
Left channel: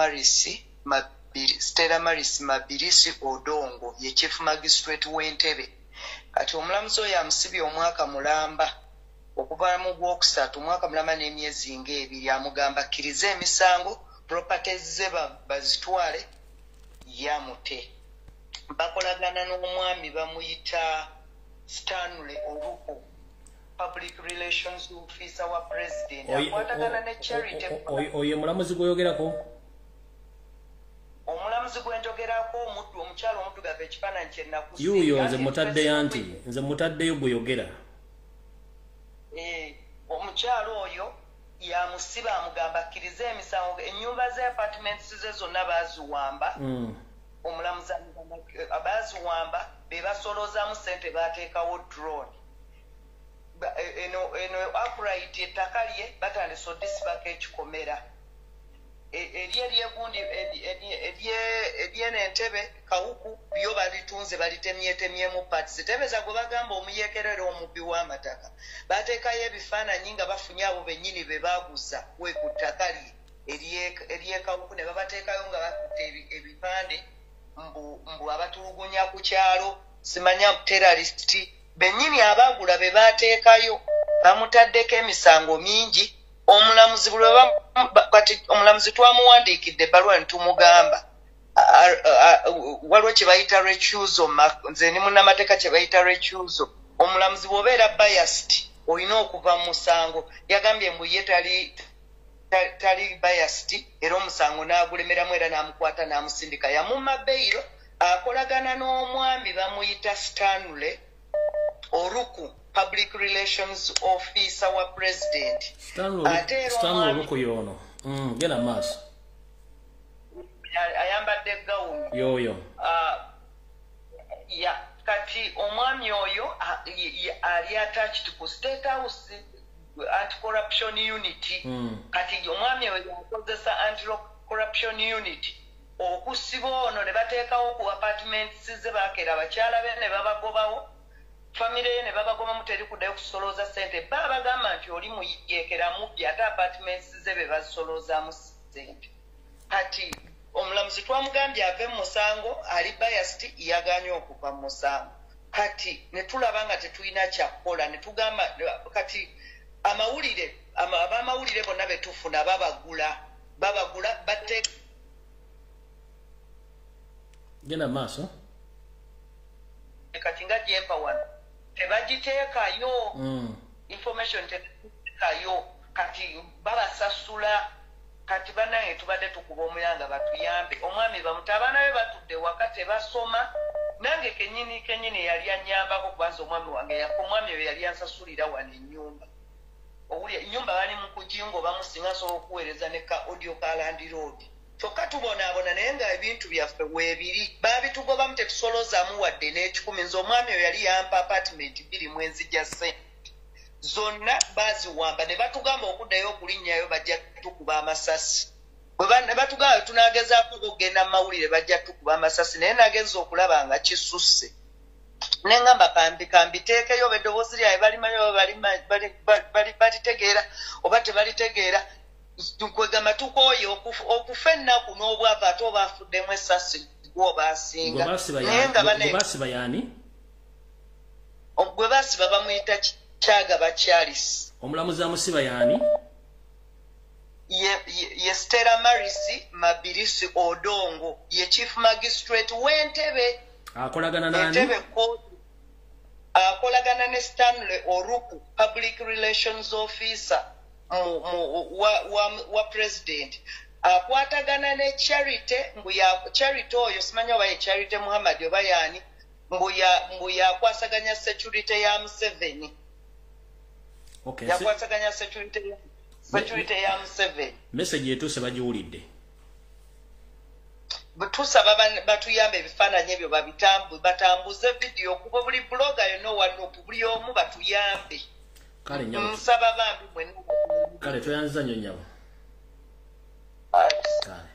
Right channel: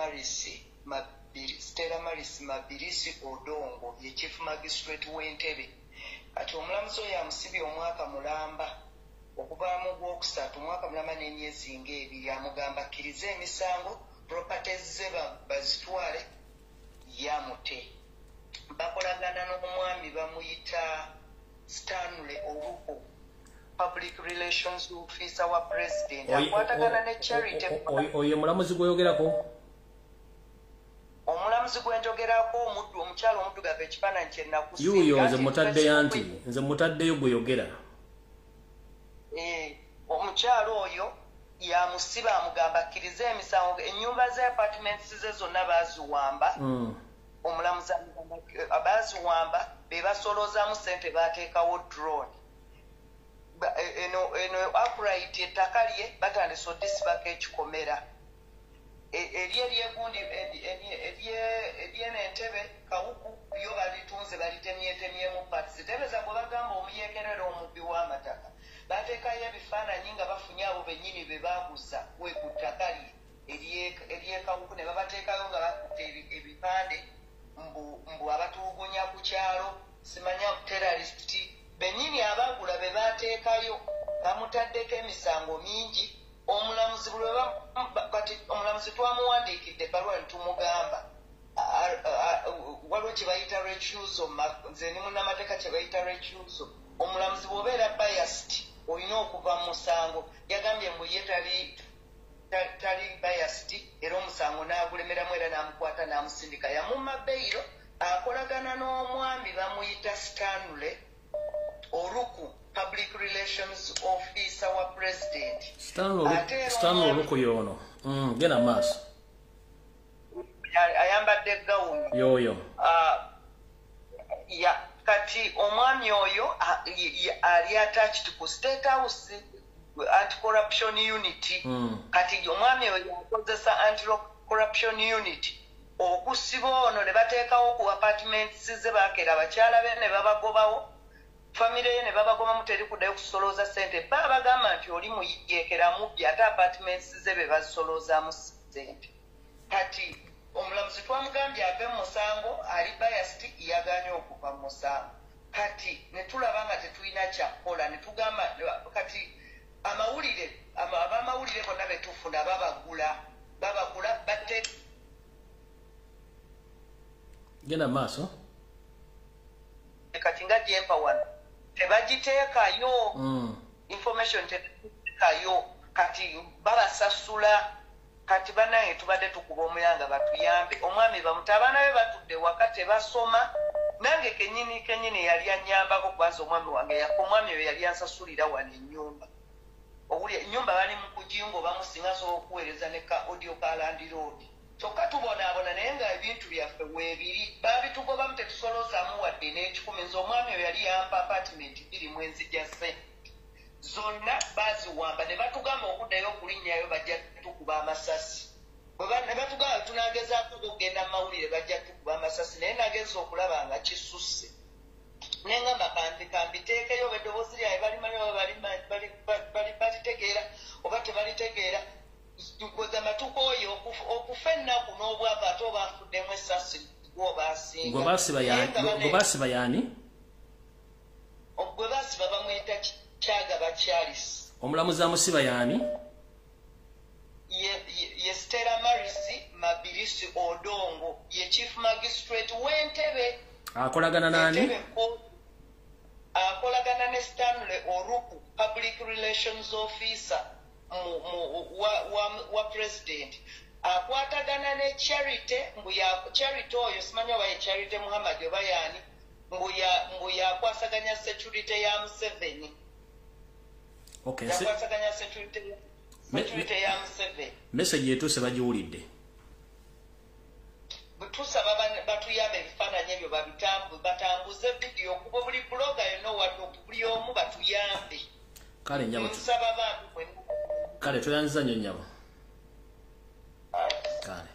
Maris Mabirisi Odongo ye chief magistrate w'Entebbe kati omulamuzi oyo amusibye omwaka mulamba okuva mu Gwokusatu omwaka mulamba n'emyezi ng'ebiri amugamba akkirize emisango properties ze bazitwale yamute bakolagana n'omwami bamuyita Stanley Oruko public relations officer wa president akwatagana ne charity oyo mulamuzi gwoyogerako omulamuzi gwenjogerako omukyalo omuddugavu ekifaananyi kyennakusi yuyo nze mutaddeyo nti nze mutaddeyo gweyogera omukyalo oyo yamusiba amugamba akkirize emisango ennyumba ze apartments ze zonna baziwamba omulamuzi abaziwamba be basoloozamu ssente bateekawo drone eno upright ettaka lye batandise odisibako ekikomera eri ebyegundi ery'Entebbe Kawuku byo balitunze balitemyetemyemu parts tebeza gwe bagamba omuyeekerera omubbi w'amataka bateekayo ebifaananyi nga bafunye abo bennyini be baaguza we ku ttaka lye ery'Ekawuku ne babateekayo nga bakutte ebipande mbu abatulugunya ku kyalo simanya terrorist bennyini abaagula be baateekayo bamutaddeko emisango mingi omulamuzi kati omulamuzi twamuwandiikidde ebbaluwa ne tumugamba waliwo kye bayita recusal nze ni munnamateeka kye bayita recusal omulamuzi bw'obeera biased olina okuva mu musango yagambye mbu ye tali biased era omusango n'agulemeramu era n'amukwata n'amusindika yamumma beyiro akolagana n'omwami bamuyita Stanley Oruku public relations officer wa president Stanley Oruku yono gena maaso ayambadde gawuni yoyo kati omwami oyo ali attached ku state house anti-corruption unity kati omwami oyo yakozesa anti-corruption unity okusiba ono ne bateekawo ku apartments ze baakera abakyala be ne babagobawo famire ye ne babagobamu teri kuddayo kusolooza ssente bagamba nti oli muyeekera mubbi ate apartments ze be bazisoloozaamu ssente kati omulamuzi twamugambye ave mu musango ali biased yaganye okuva mu musango kati ne tulaba nga tetulina kyakukola ne tugamba kati abamawulire bonna betufuna babagula bateeka genda maaso kati nga jempa wano tebagiteekayo information tebagiteekayo kati babasasula kati banaye tubadde tukuba omuyanga batuyambe omwami bamutabana be batudde waka tebasoma nange kenyini yali anyambako kubanza omwami wange omwami oyo yali ansasulira wano ennyumba owulya ennyumba bali mu kujingo bamusinga asobola okuweereza ne ka audio ka landiroodi kyokka tubonaabona naye nga ebintu byaffe weebiri baabitugobamu tetusolozaamu wadde n'ekikumi nze omwami oyo yali yampa apartment 2 mwezi gya ssente zonna baziwamba ne batugamba okuddayo okulinnyayo bajja tukuba amasasi ne batugamba tunagezaako okugenda mu mawulire bajja tukuba amasasi naye nagenza okulaba nga kisusse ne ngamba kambiteekeyo oba eddoboozi lyawe balimayo balitegeera oba tebalitegeera kwegamba tukooye okufa ennaku n'obwava ate oba afuddemu essasi gwobasinga gwe baasiba yaani gwe baasiba bamuyita Kyagaba Charles omulamuzi amusiba yaani ye Stella Marisi Mabirisi Odongo ye chief magistrate w'Entebbe akolagana nani akolagana ne Stanley Oruku public relations officer wa president akwatagana ne Charity mbuya Charity oyo simanya wa Charity Muhammad oba yani mbuya akwasaganya security ya Museveni. Okay. Yakwasaganya security ya Museveni. Message yetu se bajiwulidde. Tusaba batuyambe ebifaananyi ebyo batambuze video kuba buli blogger yonna wadde buli omu batuyambe. Kale nyabo. Nsaba bantu mwenna. Kale toyanza nnyo nyabo. Kale.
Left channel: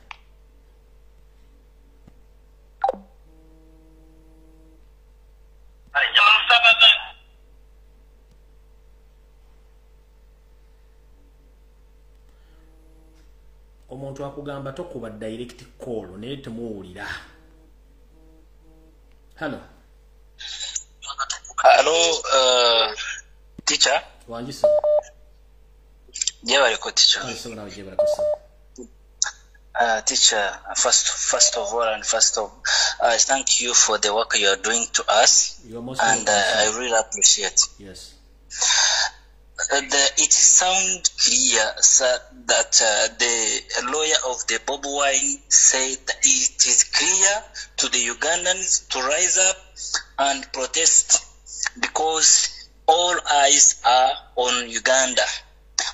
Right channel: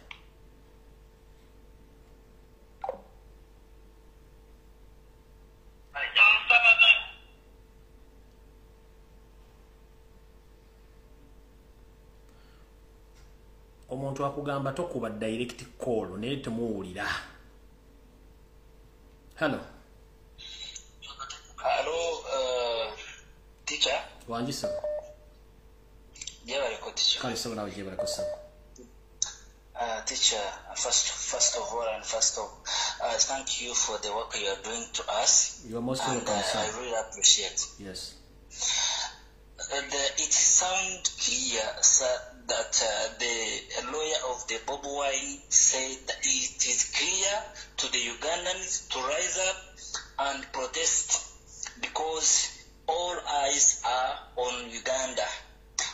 Omuntu akugamba tokuba direct call naye temuwulira. Hello. Hello, teacher. Wanjisa. Jebale ko teacher. Kale sogala jebale ko sa. Teacher, first of all and first of I thank you for the work you are doing to us. You are most and welcome. I really appreciate. Yes. It sounds clear, sir, that the lawyer of the Bobi Wine said that it is clear to the Ugandans to rise up and protest because all eyes are on Uganda.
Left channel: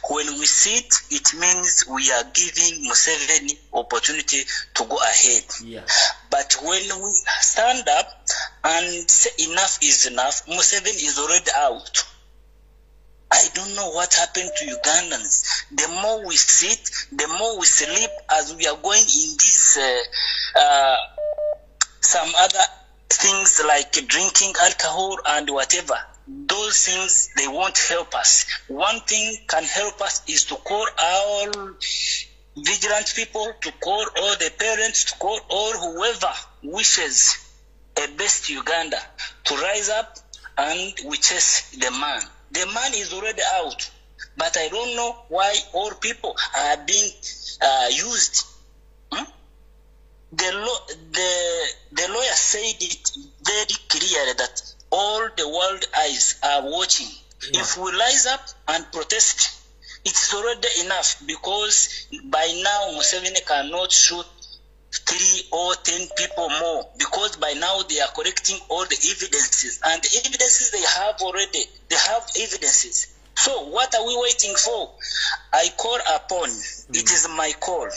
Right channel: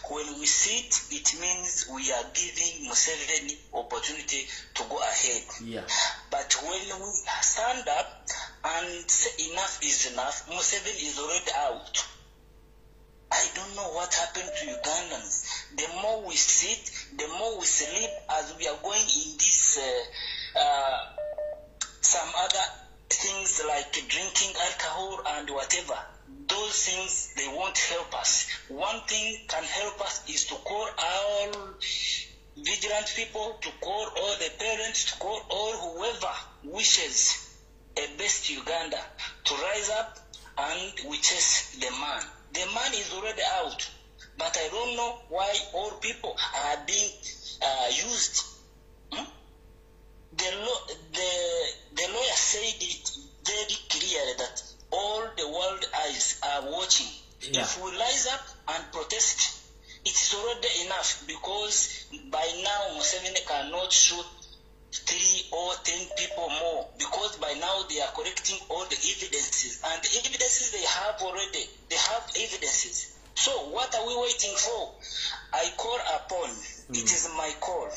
When we sit, it means we are giving Museveni opportunity to go ahead. Yeah. But when we stand up and say enough is enough, Museveni is already out. I don't know what happened to Ugandans. The more we sit, the more we sleep as we are going in this some other things like drinking alcohol and whatever. Those things, they won't help us. One thing can help us is to call all vigilant people, to call all the parents, to call all whoever wishes a best Uganda to rise up and we chase the man. The man is already out, but I don't know why all people are being used. The lawyer said it very clearly that all the world eyes are watching. Yeah. If we rise up and protest, it's already enough because by now Museveni cannot shoot 3 or 10 people more because by now they are collecting all the evidences, and the evidences they have already, they have evidences. So what are we waiting for? I call upon, it is my call.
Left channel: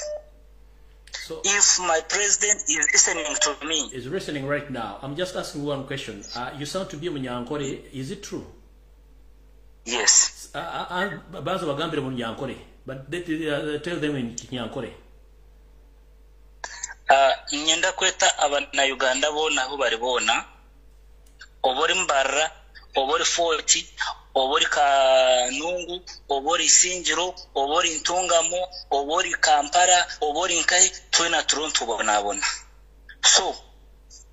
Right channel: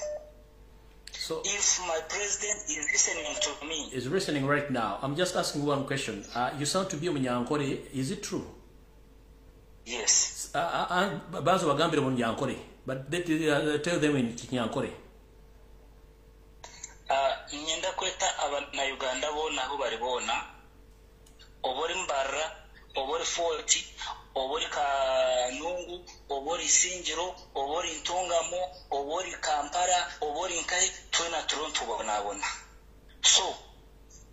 So if my president is listening to me. Is listening right now. I'm just asking one question. You sound to be Munyankore. Is it true? Yes. Bazo bagambire Munyankore, but tell them in Nyankore. Nyenda kweta abana Uganda bona aho bari bona obori mbarra obori foti obori kanungu obori sinjiro obori ntungamo obori kampara obori nkai twena turonto bona. So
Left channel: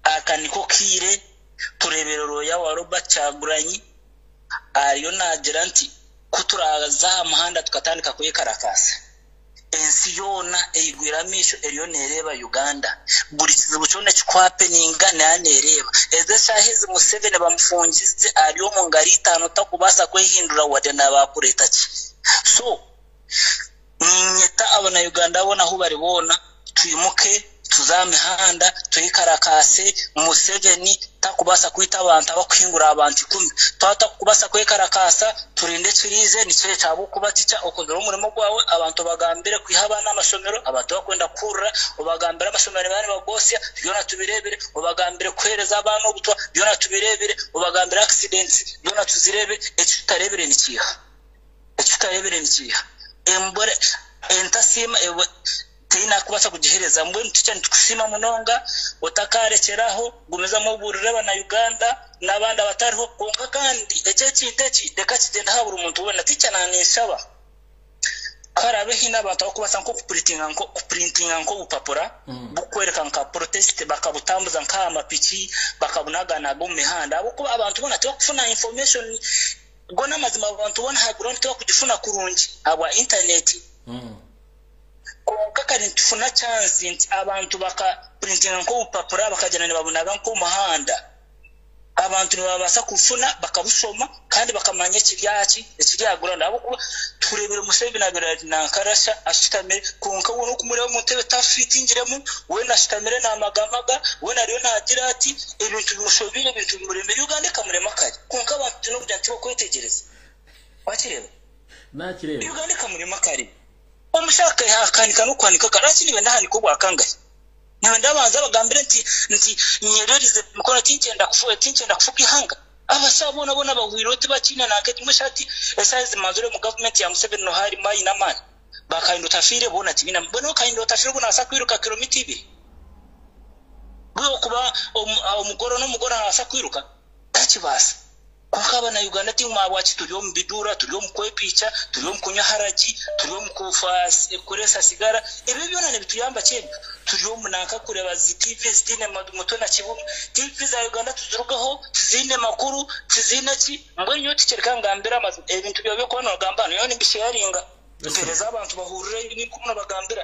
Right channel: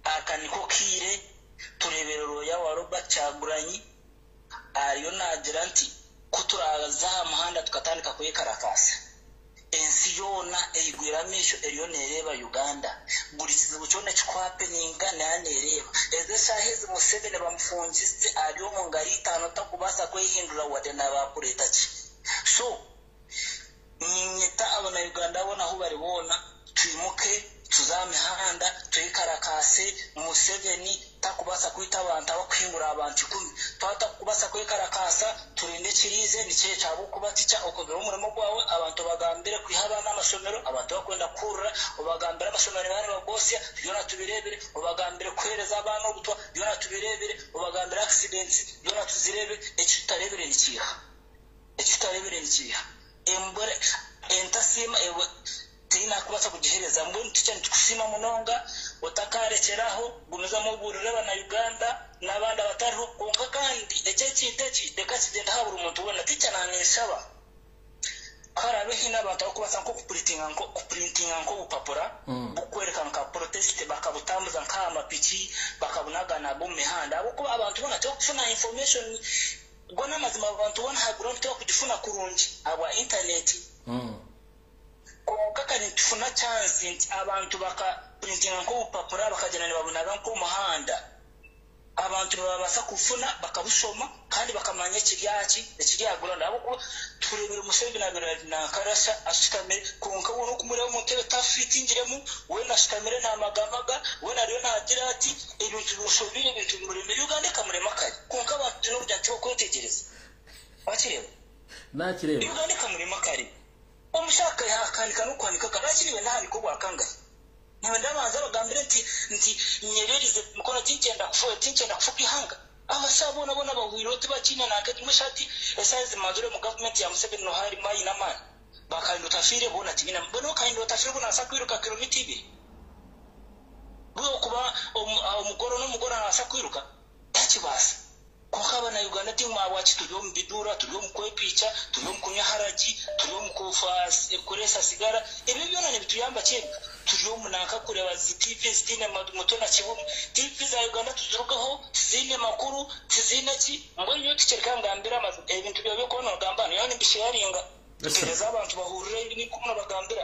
akaniko kire tureberero ya waroba Kyagulanyi ariyo nagira nti kuturaza amahanda tukatandika kuyekarakasa ensi yona eyigwiramisho eriyo nereba Uganda buri kizibu cyone kikwapeninga nanereba eze shahizi Museveni bamufungize ariyo mu ngari 5 takubasa kwehindura wade nabakureta ki. So nyeta abana Uganda bona aho bari bona tuyimuke tuzamihanda tuyikarakase Museveni takubasa kwita abantu abakwingura abantu 10 twata kubasa kwekarakasa turinde turize nicyo cyabo kubatica okozero umurimo gwawe abantu bagambire kwihabana amashomero abantu bakwenda kurra ubagambira amashomero bari bagosya byona tubirebere ubagambire kwereza abantu obutwa byona tubirebere ubagambira accidents byona tuzirebe ekitarebere nikiha embore entasima tina kubasha kujihereza mbwe ntucya ntukusima munonga otakarekeraho gumeza mu burire bana Uganda nabandi abatariho konka kandi ekekiteki deka kigenda habura umuntu wona ticya nanisaba karabe hina abantu kubasa nko kuprintinga nko upapura bukwereka nka protest bakabutambuza nka amapiki bakabunagana bo mihanda abo kuba abantu bona cyo kufuna information gona mazima abantu bona haguront cyo kugifuna kurungi aba internet kaka nitufuna chance nti abantu baka printing nko upapura bakajana ne babunaga nko muhanda abantu babasa kufuna bakabusoma kandi bakamanya kibyaki ekibyagura nabo kuba turebere Museveni nabiradi nankarasha ashitamire konka wono kumureba mu ntebe tafitingiremo we nashitamire namagamaga we nariyo nagira ati ibintu bisobire ibintu murembe Uganda kamurema kare konka abantu no kujya ntibo kwetegereza bakireba nakireba Uganda kamurema kare omushaka yakanika no kwanika karaki niwe ndahani ko bwakangaye niwe ndabanza bagambire nti nyererize mukora tinchenda kufuka ihanga abasabona bona bahwirote bakina nakati mushati esize mazure mu government ya Museveni no hari mai na man bakaindo tafire bona kibina bona kaindo tafire bona asakwiruka kilomita 2 bwo kuba omugoro no mugoro asakwiruka takibasa kunkaba na Uganda timu abachi tuliyo mbidura tuliyo mkwepicha tuliyo mkunya haraji tuliyo mkufasi kuresa sigara ibi byona ne bituyamba cyane tuliyo munanka kureba TV zitine moto na kibumu TV za Uganda tuzurugaho zine makuru zine ki ngwenyo ticereka ngambira amazu ibintu byo ko no gambano yoni bisharinga tereza abantu bahurire ni kumuna bagambira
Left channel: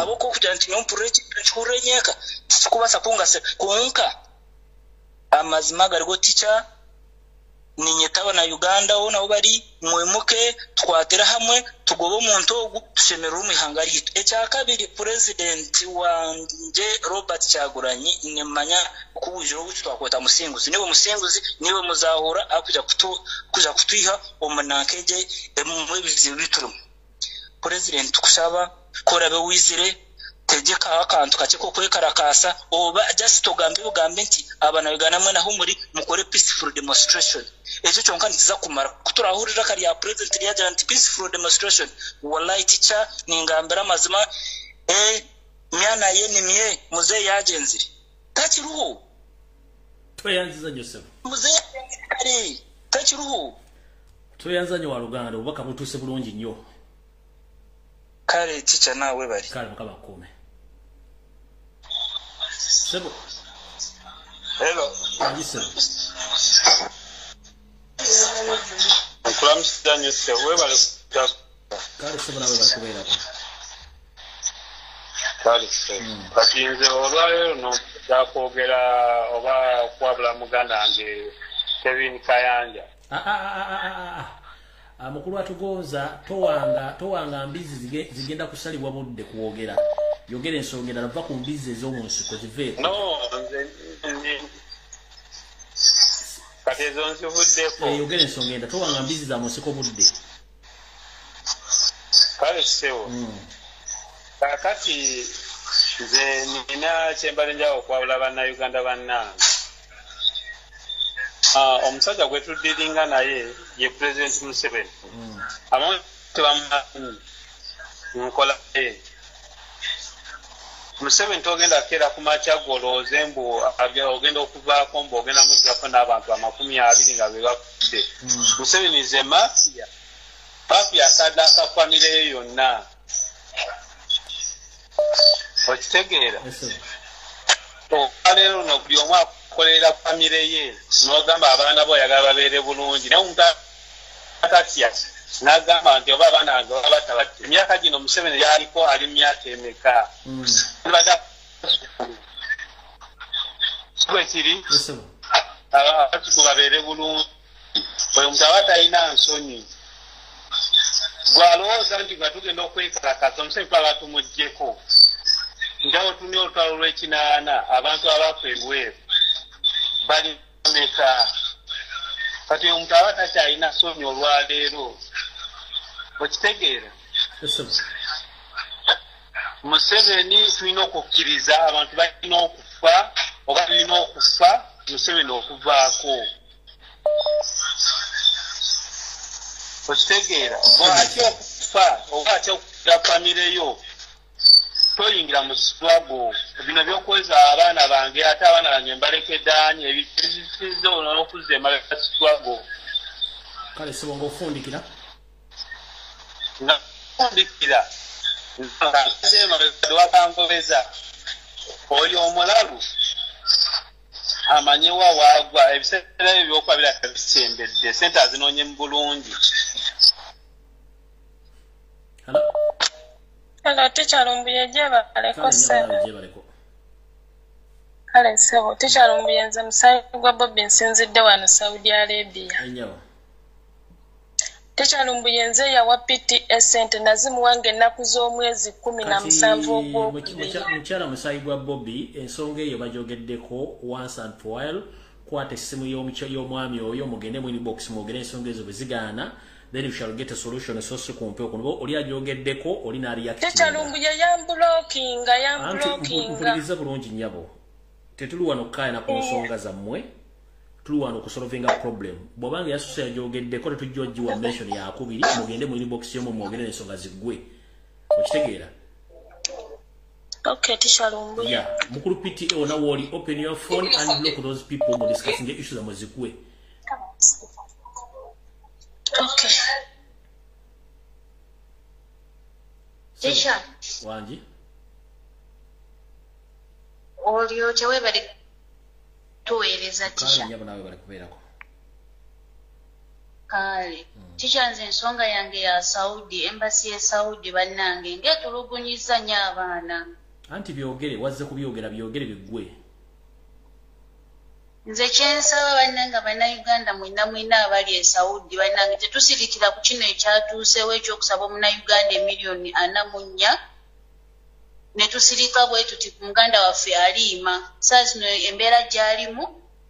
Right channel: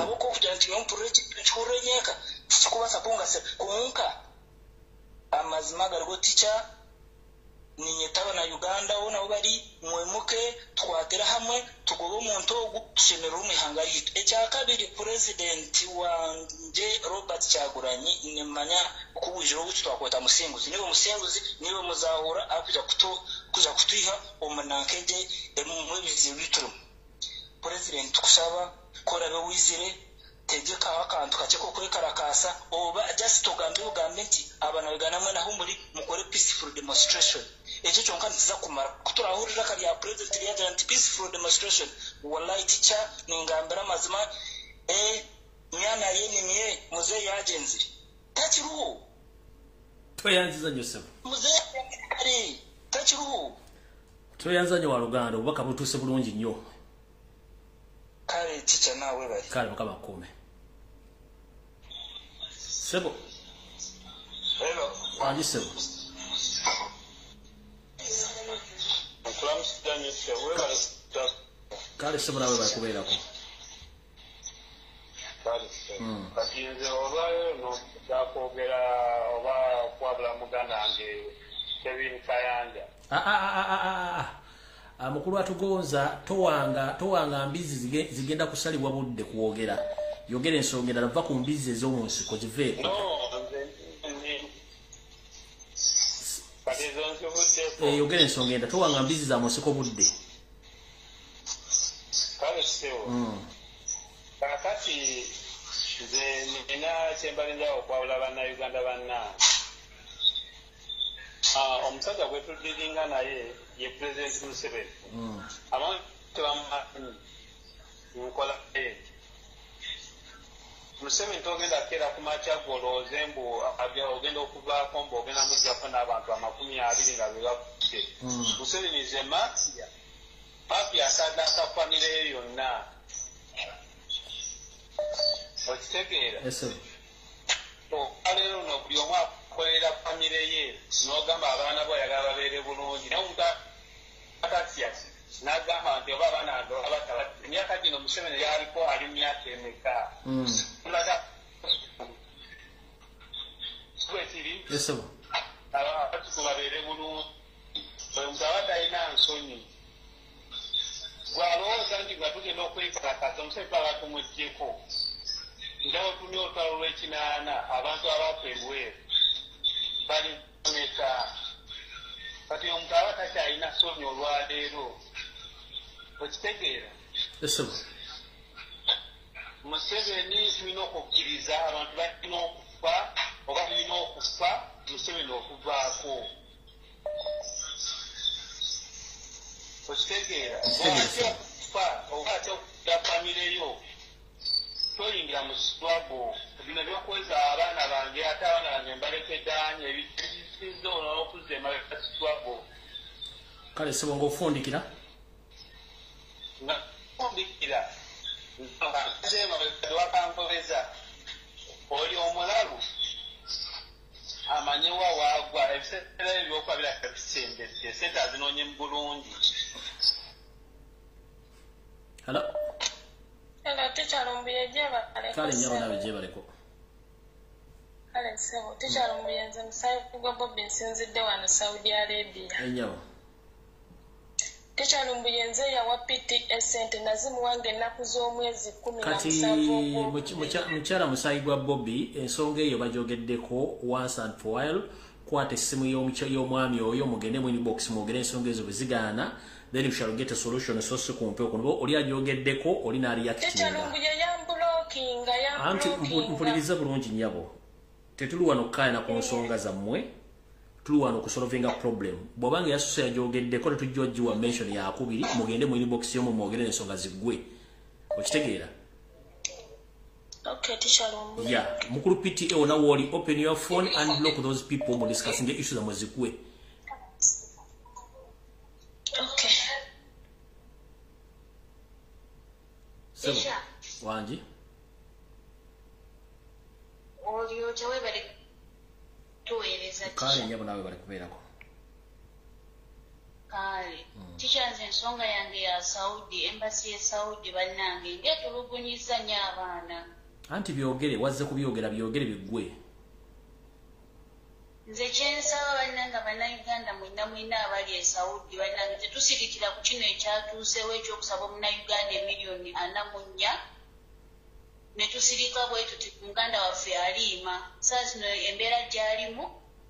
abo ko kujya nti mpureki churenyeka kubasa kungase kunka amazima garigo ticha ninyetaba na Uganda ona ubari mwemuke twatera hamwe tugobo umuntu ogu tushemera umihanga yitu ecyakabiri president wanje Robert Kyagulanyi nemanya kubujiro gutu twakweta musinguzi niwe muzahura akuja kutwiha omunankeje emwe bizibu bituru president kusaba korabe wizire tegeka akantu kache ko kwekarakasa oba just togambe ugambe nti abana Uganda mwe naho muri mukore peaceful demonstration ejo cyonka ntiza kumara kuturahurira kari ya president ya giant peaceful demonstration wallahi ticha ningambira mazima myana yeni miye muze yagenzi takiruhu toyanziza Joseph muze kari takiruhu toyanzanya wa Luganda ubaka butuse bulungi nnyo kare ticha nawe bari kale mukaba kome sebo hello Joseph Kulamsitanye se webale kale sebo nawe bakubera ko kale se katinze olwayo no yakogera oba kwabula muganda nge Kevin Kayanja mukulu atugonza towanga mbizi zigenda kusalibwa budde kuwogera yogera ensongera nava ku mbizi ez'omunsi ko ziveeko yogera ensongera towanga mbizi za musiko budde kale sewo kakati nze nina kyembale njawo kwabula bannayuganda bannange omusajja gwe tuddiringa naye ye President Museveni abamu tebamumanyi nkola Museveni togenda kera kumakya golooze mbu ogenda okuvaako mbu ogenda mujjako n'abantu 20 nga be bakudde Museveni ze mafia asaddaaka famire ye yonna okitegeera olwaleero no buli omu akolera famire ye n'ogamba abaana bo oyagala babeere bulungi naye omuntu atatya n'agamba nti oba abaana bange batabadde emyaka gino Museveni yaliko ali myaka emeka kwekiri abatuku babeere bulungi oyo omuntu aba talina nsonyi gwalowooza nti nga tugenda okwekalakasa Museveni twaba tumuggyeko njawo tunia olutalo lw'ekinaana abantu abafa ebweru bali meka kati omuntu aba takyalina nsonyi olwaleero okitegeera Museveni tulina okukkiriza abantu balina okufa oba tulina okufa Museveni okuvaako okitegeera atya okufa oba atya okukira famire yo toyingira mu struggle bino byokweza abaana bange ate abaana bange mbalekeddaanyi ebisize ono n'okuzza emabega struggle kale sebo ng'ofundikira fundikira wakangobeza oyo omulalu amanyiwa wagwa ebiseera ebyo byokwabira kabisembedde sente azinoonye mu bulungi Hello, teacher Lumbuye jebaleko se. Kale sebo teacher Lumbuye nze musayi gwa Bobi nsinzidde wano Saudi Arabia. Enyawo. Teacher Lumbuye nze yawa PTS sente nazimu wange ennaku z'omwezi 17 mukyala musayi gwa Bobi ensonga eyo bajogeddeko once and for while kwata essimu y'omwami oyo mugende mu inbox mwogere ensonga ezo bwe zigaana then we shall get a solution so kumpe okuno oli ajogeddeko oli na react. Teacher Lumbuye yamblocking. Mpuliriza bulungi nnyabo. Tetuli wano kukayana ku nsonga zammwe. Tuli wano kusolvinga problem. Bw'obanga yasusa yajogeddeko tetujja ogiwa mention yakubiri mugende mu inbox y'omwe mwogere ensonga ziggwe. Okitegeera? Okay, teacher Lumbuye. Yeah, mukulu PTA ona woli open your phone and block those people who discussing the issues zamwe ziggwe. Okay. Teacher. Wanji. Olio chewe bali tueleza teacher. Kale nyabo nawe bali kubeerako. Kale. Teacher nze ensonga yange ya Saudi, embassy ya Saudi bannange ngetulugunyiza nnyo abaana. Anti byogere wazze kubyogera byogere biggwe. Nze kyensaba bannanga bannayuganda mwina abali e Saudi bannange tetusirikira ku kino ekyatuusewo ekyokusaba omunnayuganda emiliyoni 44 ne tusirika bwe tuti muganda waffe aliima saa zino embeera gy'alimu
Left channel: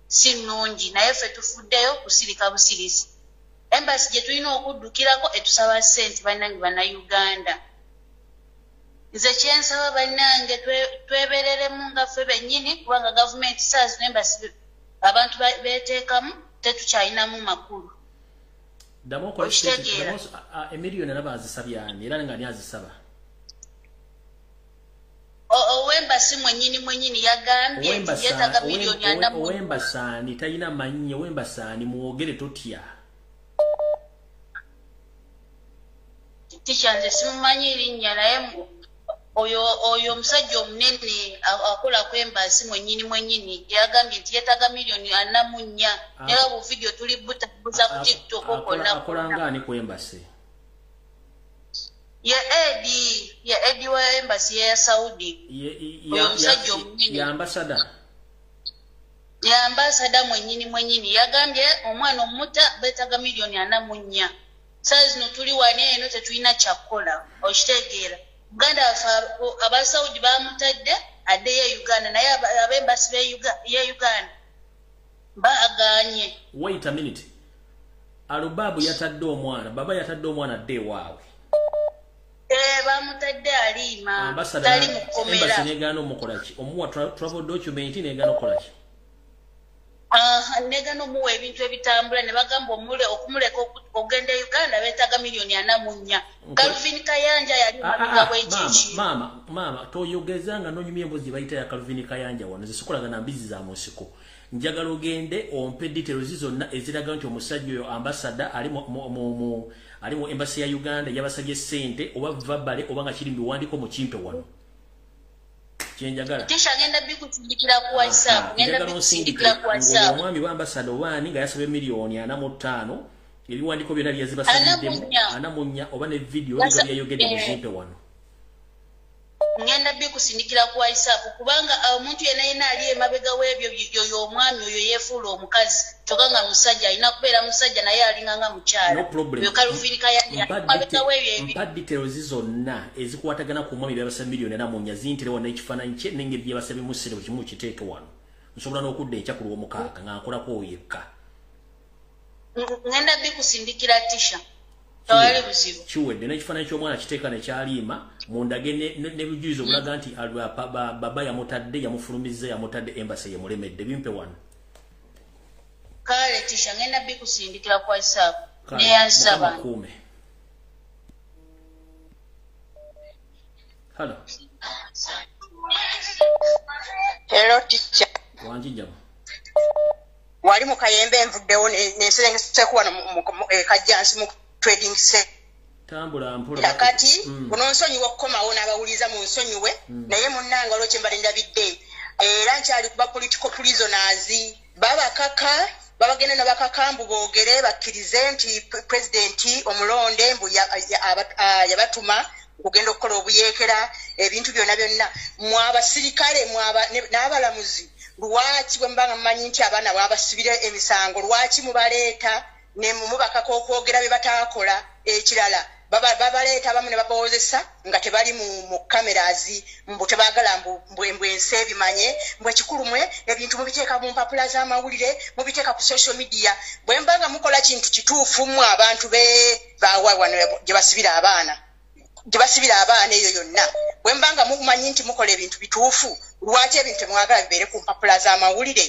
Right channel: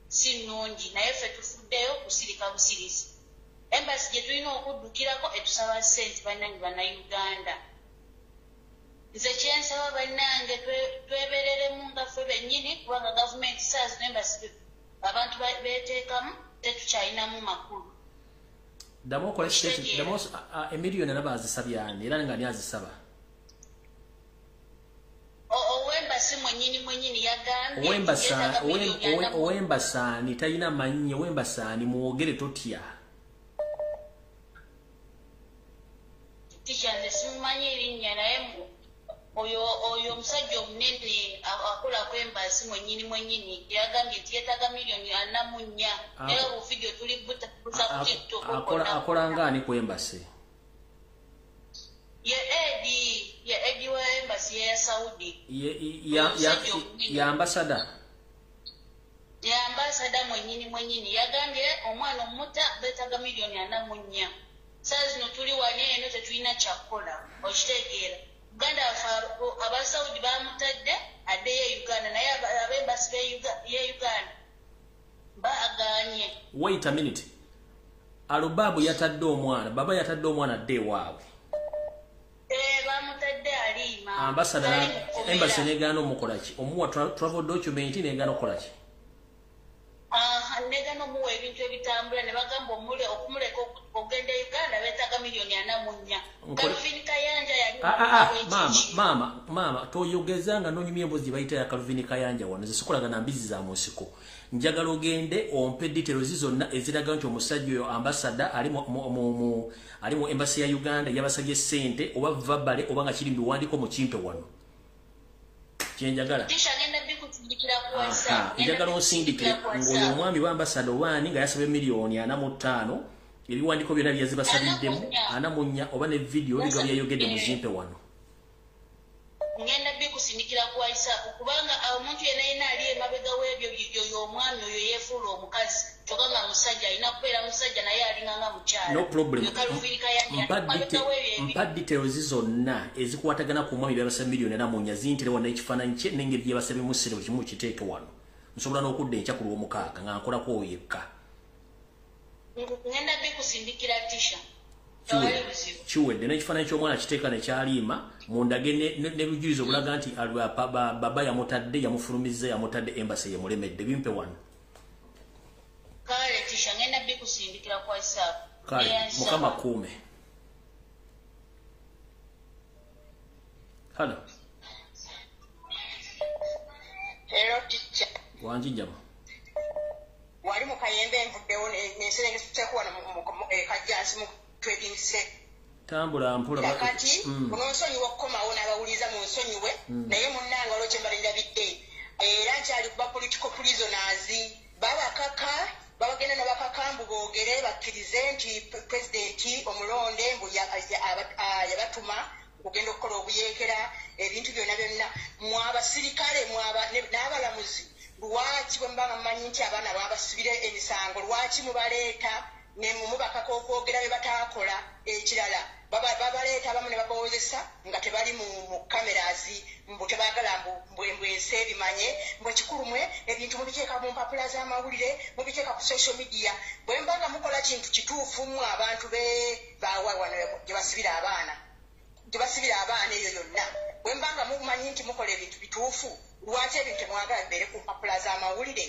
si nnungi naye ffe tufuddeyo kusirika busirisi embasi gye tulina okuddukirako etusaba ssente bannange bannayuganda. Nze kyensaba bannange twebereremu nga ffe bennyini kubanga gavumenti saa zino embasi abantu beteekamu tetukyalinamu makulu. Damo kola state damo emiliyoni naba azisabya ani era nga ni azisaba. Owembasi mwennyini yagambye yetaga miliyoni 4. Owembasani tayina mannye owembasani muwogere totya. Teacher nze simumanyi linnya naye oyo omusajja omunene akola kwembasi mwennyini yagambye nti yetaga miliyoni 44 era bu video tuli buza ku TikTok akola ngani kwembasi ya Edi wa embassy ya Saudi ya ambassador mwennyini yagambye omwana omuta betaga miliyoni 44 saa zino tuli wane eno tetulina kyakola okitegeera Uganda aba Saudi bamutadde addeyo Uganda naye abembasi ya Uganda baaganye. Wait a minute. Alubabu yatadde omwana baba yatadde omwana adde waawe. Bamutadde aliima. Ambassador embassy negano mukolaki omuwa travel document negano kolaki. Negano muwe ebintu ebitambula ne bagamba okumuleka ogenda Uganda betaga miliyoni 44. Calvin Kayanja yali mama toyogezanga nonyumye embozi bayita ya Calvin Kayanja wano zisukulaga na mbizi za musiko. Njagala ogende ompe details zonna eziraga nti omusajja oyo ambassador ali mu embassy ya Uganda yabasabye ssente oba verbal oba nga kiri mbiwandiko mu kimpe wano. Kyenjagala. Kisha ngenda bikutindikira ku WhatsApp. Njagala onsindikira ngoyo omwami wa ambassador wani nga yasabe miliyoni 45 ebiwandiko byonna byazibasaliddemu anamunya oba ne video liga byayogedde mu kimpe wano. Ngenda bikusindikira ku WhatsApp kubanga omuntu yena ali emabega webyo yoyo omwami oyo yefuula omukazi tokanga musajja alina kubeera musajja naye alinganga mukyala. No problem. Yo kalufirika ya mabega webyo mpad details zonna ezikwatagana ku mwami byabasa miliyoni namunya zintire wana ekifaananyi kye n'engeri gye basabye mu sire buli kimu kiteeke wano. Nsobola n'okudda enkya omukaaga nga nkolako yekka. Ngenda bikusindikira tisha. Chiwedde n'ekifaananyi ky'omwana kiteeka ne kyaliima mundage ne lujuizo bulaga nti baba yamutadde yamufulumizza yamutadde embassy yemulemedde bimpe wano. Kale tisha ngenda bikusindikira kwa WhatsApp. Mukama kuume. Hello. Hello teacher. Wanji njaba. Wali mu Kayembe nvuddewo n'enserengese kuwano mu Kajjansi mu trading set. Tambula mpula kati kunosonyiwa okukomawo n'abawuliza mu nsonyiwe naye munnanga olwekyo mbalinda bidde era nkyali kuba political prisoners babagenda nabakakambu boogere bakkirize nti president omulonde mbu yabatuma okugenda okukola obuyeekera ebintu byonna mwabasirikale n'abalamuzi lwaki bwe mbanga mmanyi nti abaana babasibira emisango lwaki mubaleeta ne mubakako okwogera bye bataakola ekirala babaleeta abamu ne babawozesa nga tebali mu cameras mbu tebaagala mbwe ensi ebimanye mbwe ekikulu mwe ebintu mubiteeka mu mpapula z'amawulire mubiteeka ku social media bwe mbanga mukola kintu kituufu mu abantu bawa wano gye basibira abaana eyo yonna bwe mbanga mumanyi nti mukola ebintu bituufu lwaki ebintu temwagala bibeere ku mpapula z'amawulire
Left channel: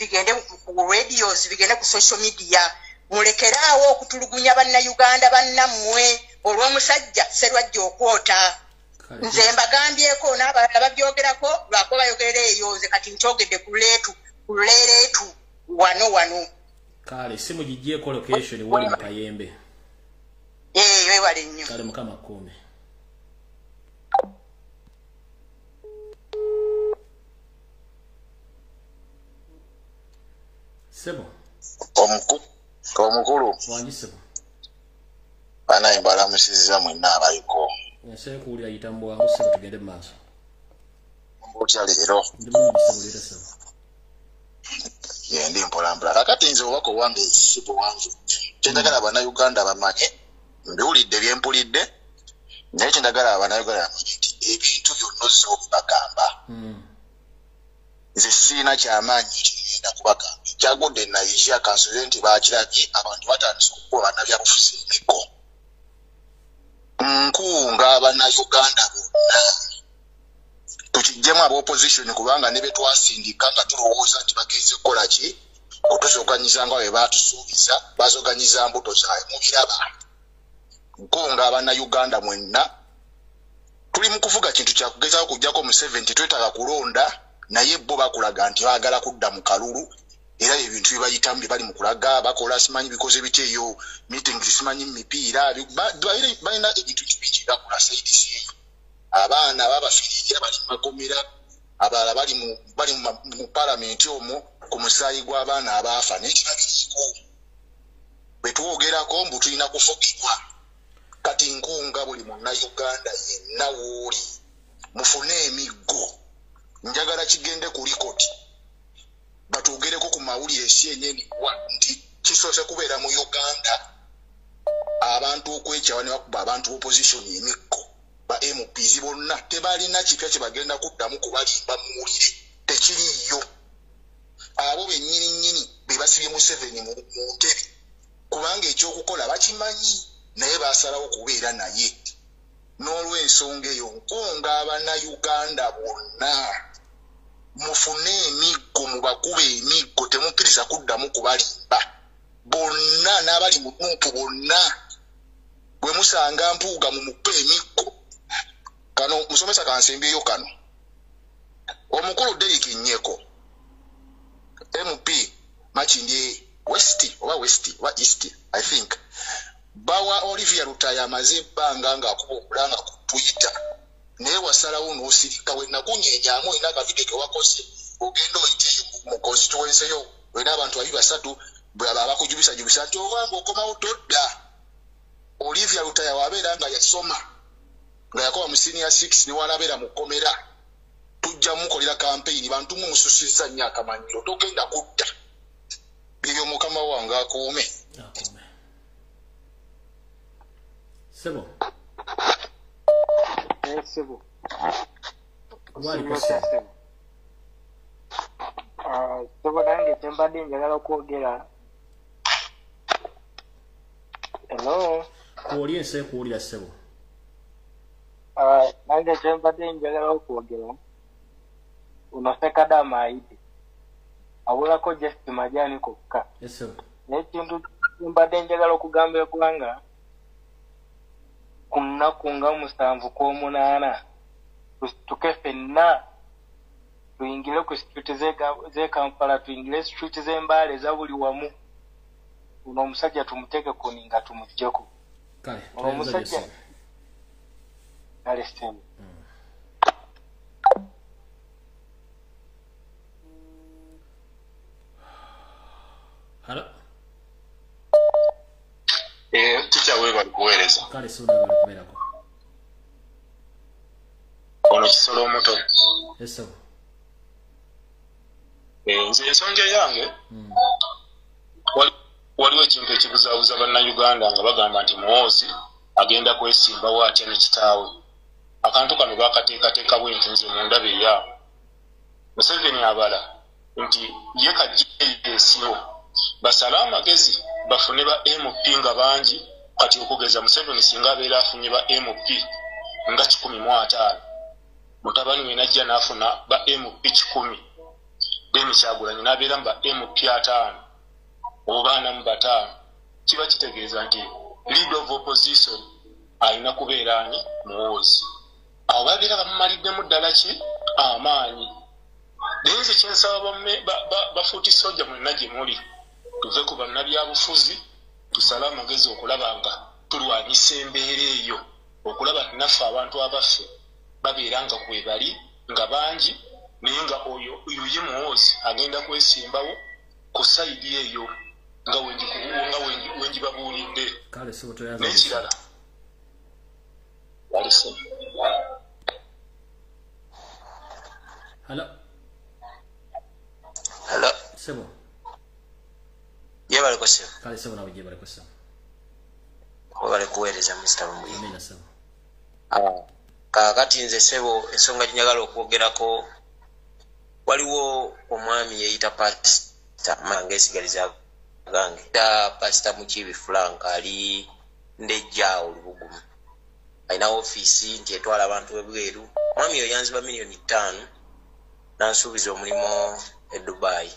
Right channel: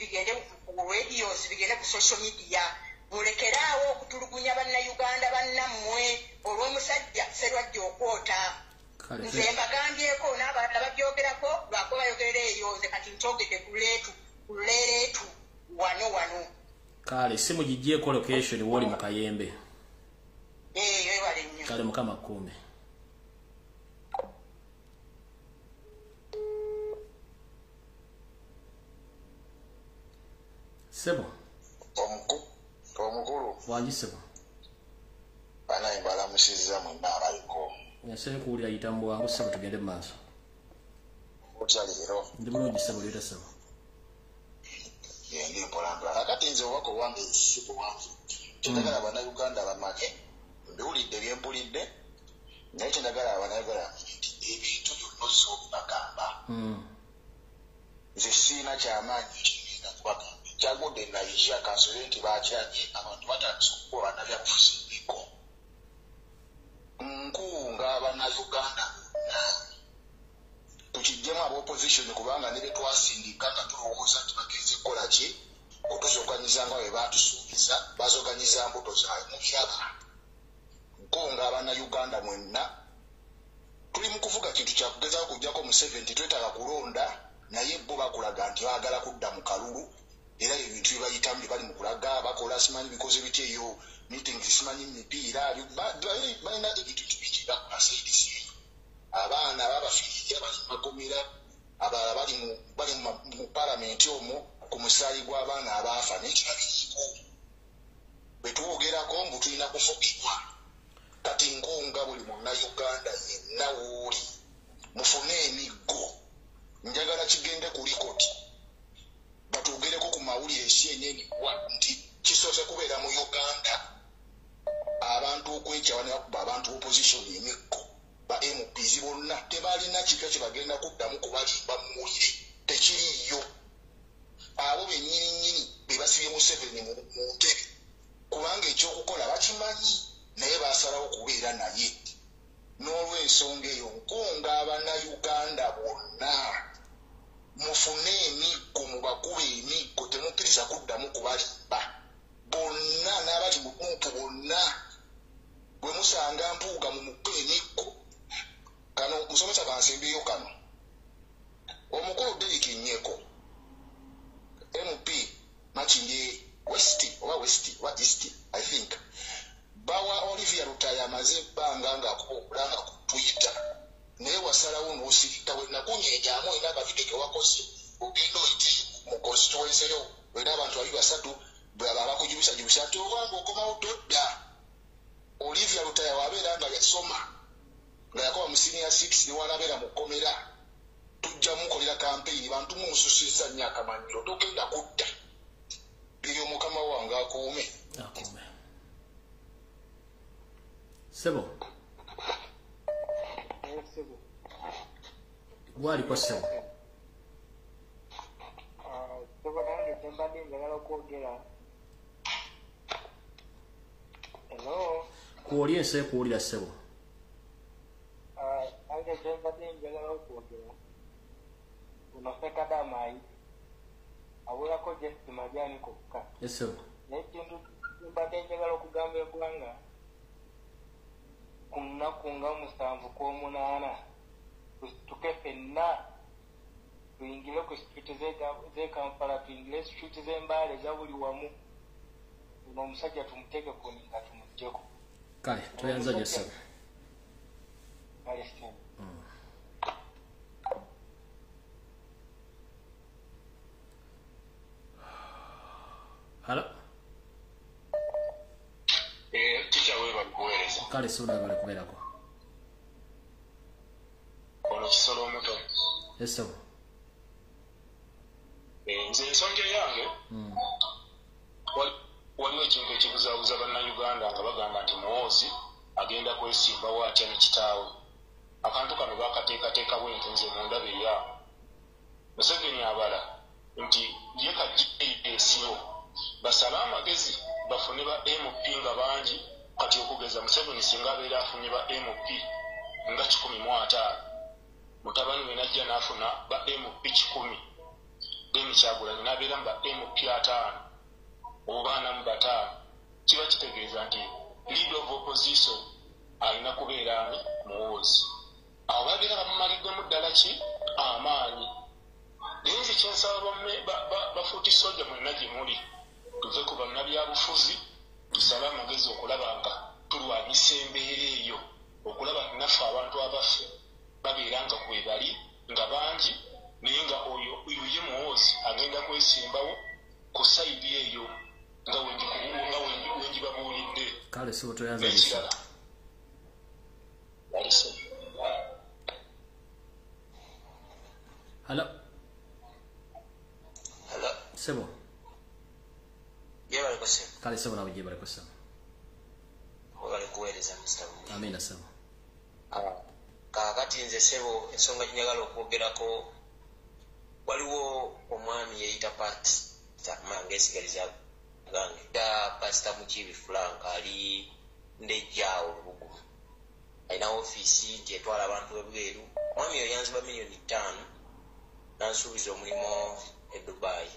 bigende ku radios bigende ku social media mulekeraawo okutulugunya bannayuganda bannammwe olw'omusajja serwajja okwota nze mbagambyeko n'abalala babyogerako lwako bayogerera eyo nze kati nkyogedde ku leereetu wano kale simu gigyeko location wali mu Kayembe wewale nnyo kale mukama kuume sebo omukulu wanjisebo banaye mbalamusiza mwenna abaliko yaseye kuwulira yitambo wangu sebo tugende mu maaso otya leero ndi mulungi sebo leero sebo ndi mpolampola kakati nze obubaka owange ekisibo wange kyendagala abannayuganda bamanye mbiwulidde byempulidde naye kyendagala abannayuganda bamanye nti ebintu byonna ozza obibagamba nze siina kyamaanyi kigenda kubagamba kyagudde nayisha kansule nti bakirabye abantu batandise okukuba bannabyabufuzi emiggo nkunga abannayuganda bonna tukijjemu ab'opposition kubanga ne betwasindika nga tulowooza nti bagenze kukola ki otuzoganyiza nga bwe baatusuubiza bazoganyiza mbuto zaabwe mubiraba nkunga abannayuganda mwenna tuli mu kuvuga kintu kyakugezaako kujjako mu 70 twetaaga kulonda naye bo bakulaga nti baagala kudda mu kalulu era ebintu byebayitamu bye bali mu kulaga bakola simanyi bikoze biki eyo meeting simanyi mipiira balina ebintu bingi bakola saidisi abaana babafiirira bali mu makomera abalala bali mu palamenti omwo ku musaayi gw'abaana abaafa n'ekirabiriko bwe twogerako mbu tulina kufugibwa kati nkunga buli munnayuganda yenna wooli mufune emiggo njagala kigende ku likoti batugereko ku mawulire CNN nti kisoose kubeera mu Uganda abantu okwekyawa ne bakuba abantu opposition emikko ba MPs bonna tebalina kipya kye bagenda kuddamu kubalimba muwulire tekiriyo abo bennyini be basibye mu 7 mu ntebe kubanga ekyokukola bakimanyi naye basalawo kubeera naye n'olw'ensonga eyo nkunga abannayuganda bonna mufune emiggo mubakube emiggo temukkiriza kuddamu kubalimba bonna n'abali mu nuupu bonna bwe musanga mpuuga mu muppe emiggo kano musomesa kansimbiyo kano omukulu Derek Nyeko MP Machinje West wa East I think bawa Olivia Rutaya amaze ebbanga ng'akuba okulanga ku Twitter naye wasalawo n'osirika we nakunyenyaamu olina akavide ke wakoze ogenda oyite mu constituency yo olina abantu 3 bwaba abakujubisa nti obanga okomawo todda Olivia Rutaya wabeera nga yasoma nga yakoba mu senior 6 niwanabeera mu kkomera tujja mukolera campaign bantu mumususizza nnyo akamanyiro togenda kudda ebyo mukama wange akuume sebo sebo waliko sebo sebo nange tembadde njagala okwogera hello kuwulira ensi kuwulira sebo nange tembadde njagala okwogera uno KADIMA ayite awulako just majani kokka n'ekintu mbadde njagala okugamba eggwanga ku nnaku nga 7 kw'omunaana tusituke ffenna tuyingire ku street z'e Kampala tuyingire street z'Embaale eza buli wamu uno omusajja tumuteeke ku ninga tumuggyeko kale tuyanza kale semu Hello? Teacher we bali kuweereza. Kale soda bali kubeerako. Ono kisolo omuto. Eso. nze ensonga yange waliwo ekintu ekibuzaabuza bannayuganda nga bagamba nti muwoozi agenda kwesimbawo atya ne kitaawe. Akantu kano bakateekateeka bwenti nze mu ndaba eyaabo. Museveni abala nti ye kajjeesiwo basale amagezi bafune ba MP nga bangi, kati okugeza Museveni singa abeera afunye ba MP nga 15, mutabani we najja n'afuna ba MP 10, then Kyagulanyi n'abeera mu ba MP 5 oba 5, kiba kitegeeza nti leader of opposition alina kubeera ani muwoozi. Awo babeera bamumaliddemu ddala ki amaanyi. Naye nze kyensaba bafuuti soja mwenna gye muli tuve ku bannabyabufuzi tusale amagezi okulaba nga tulwanyisa embeera eyo, okulaba naffe abantu abaffe babeera nga kwe bali nga bangi, naye nga oyo ye muwoozi agenda kwesimbawo ku sayidi eyo nga wengibabuulidde. Kale si otoyaza n'ekirala walise. Hello. Hello. Sebo. Yebale ko sebo. Kale sebo nawe yebale ko sebo. Obale kuweereza Mr. Lumbuye. Amina sebo. Kakati nze sebo ensonga njagala okwogerako, waliwo omwami yeyita pasita mange esigaliza gange da pasita Mukibi Frank ali ndejjaawo Lubugumu, alina ofiisi nti etwala abantu ebweru. Omwami oyo yanziba $5 million nansuubiza omulimu e Dubai.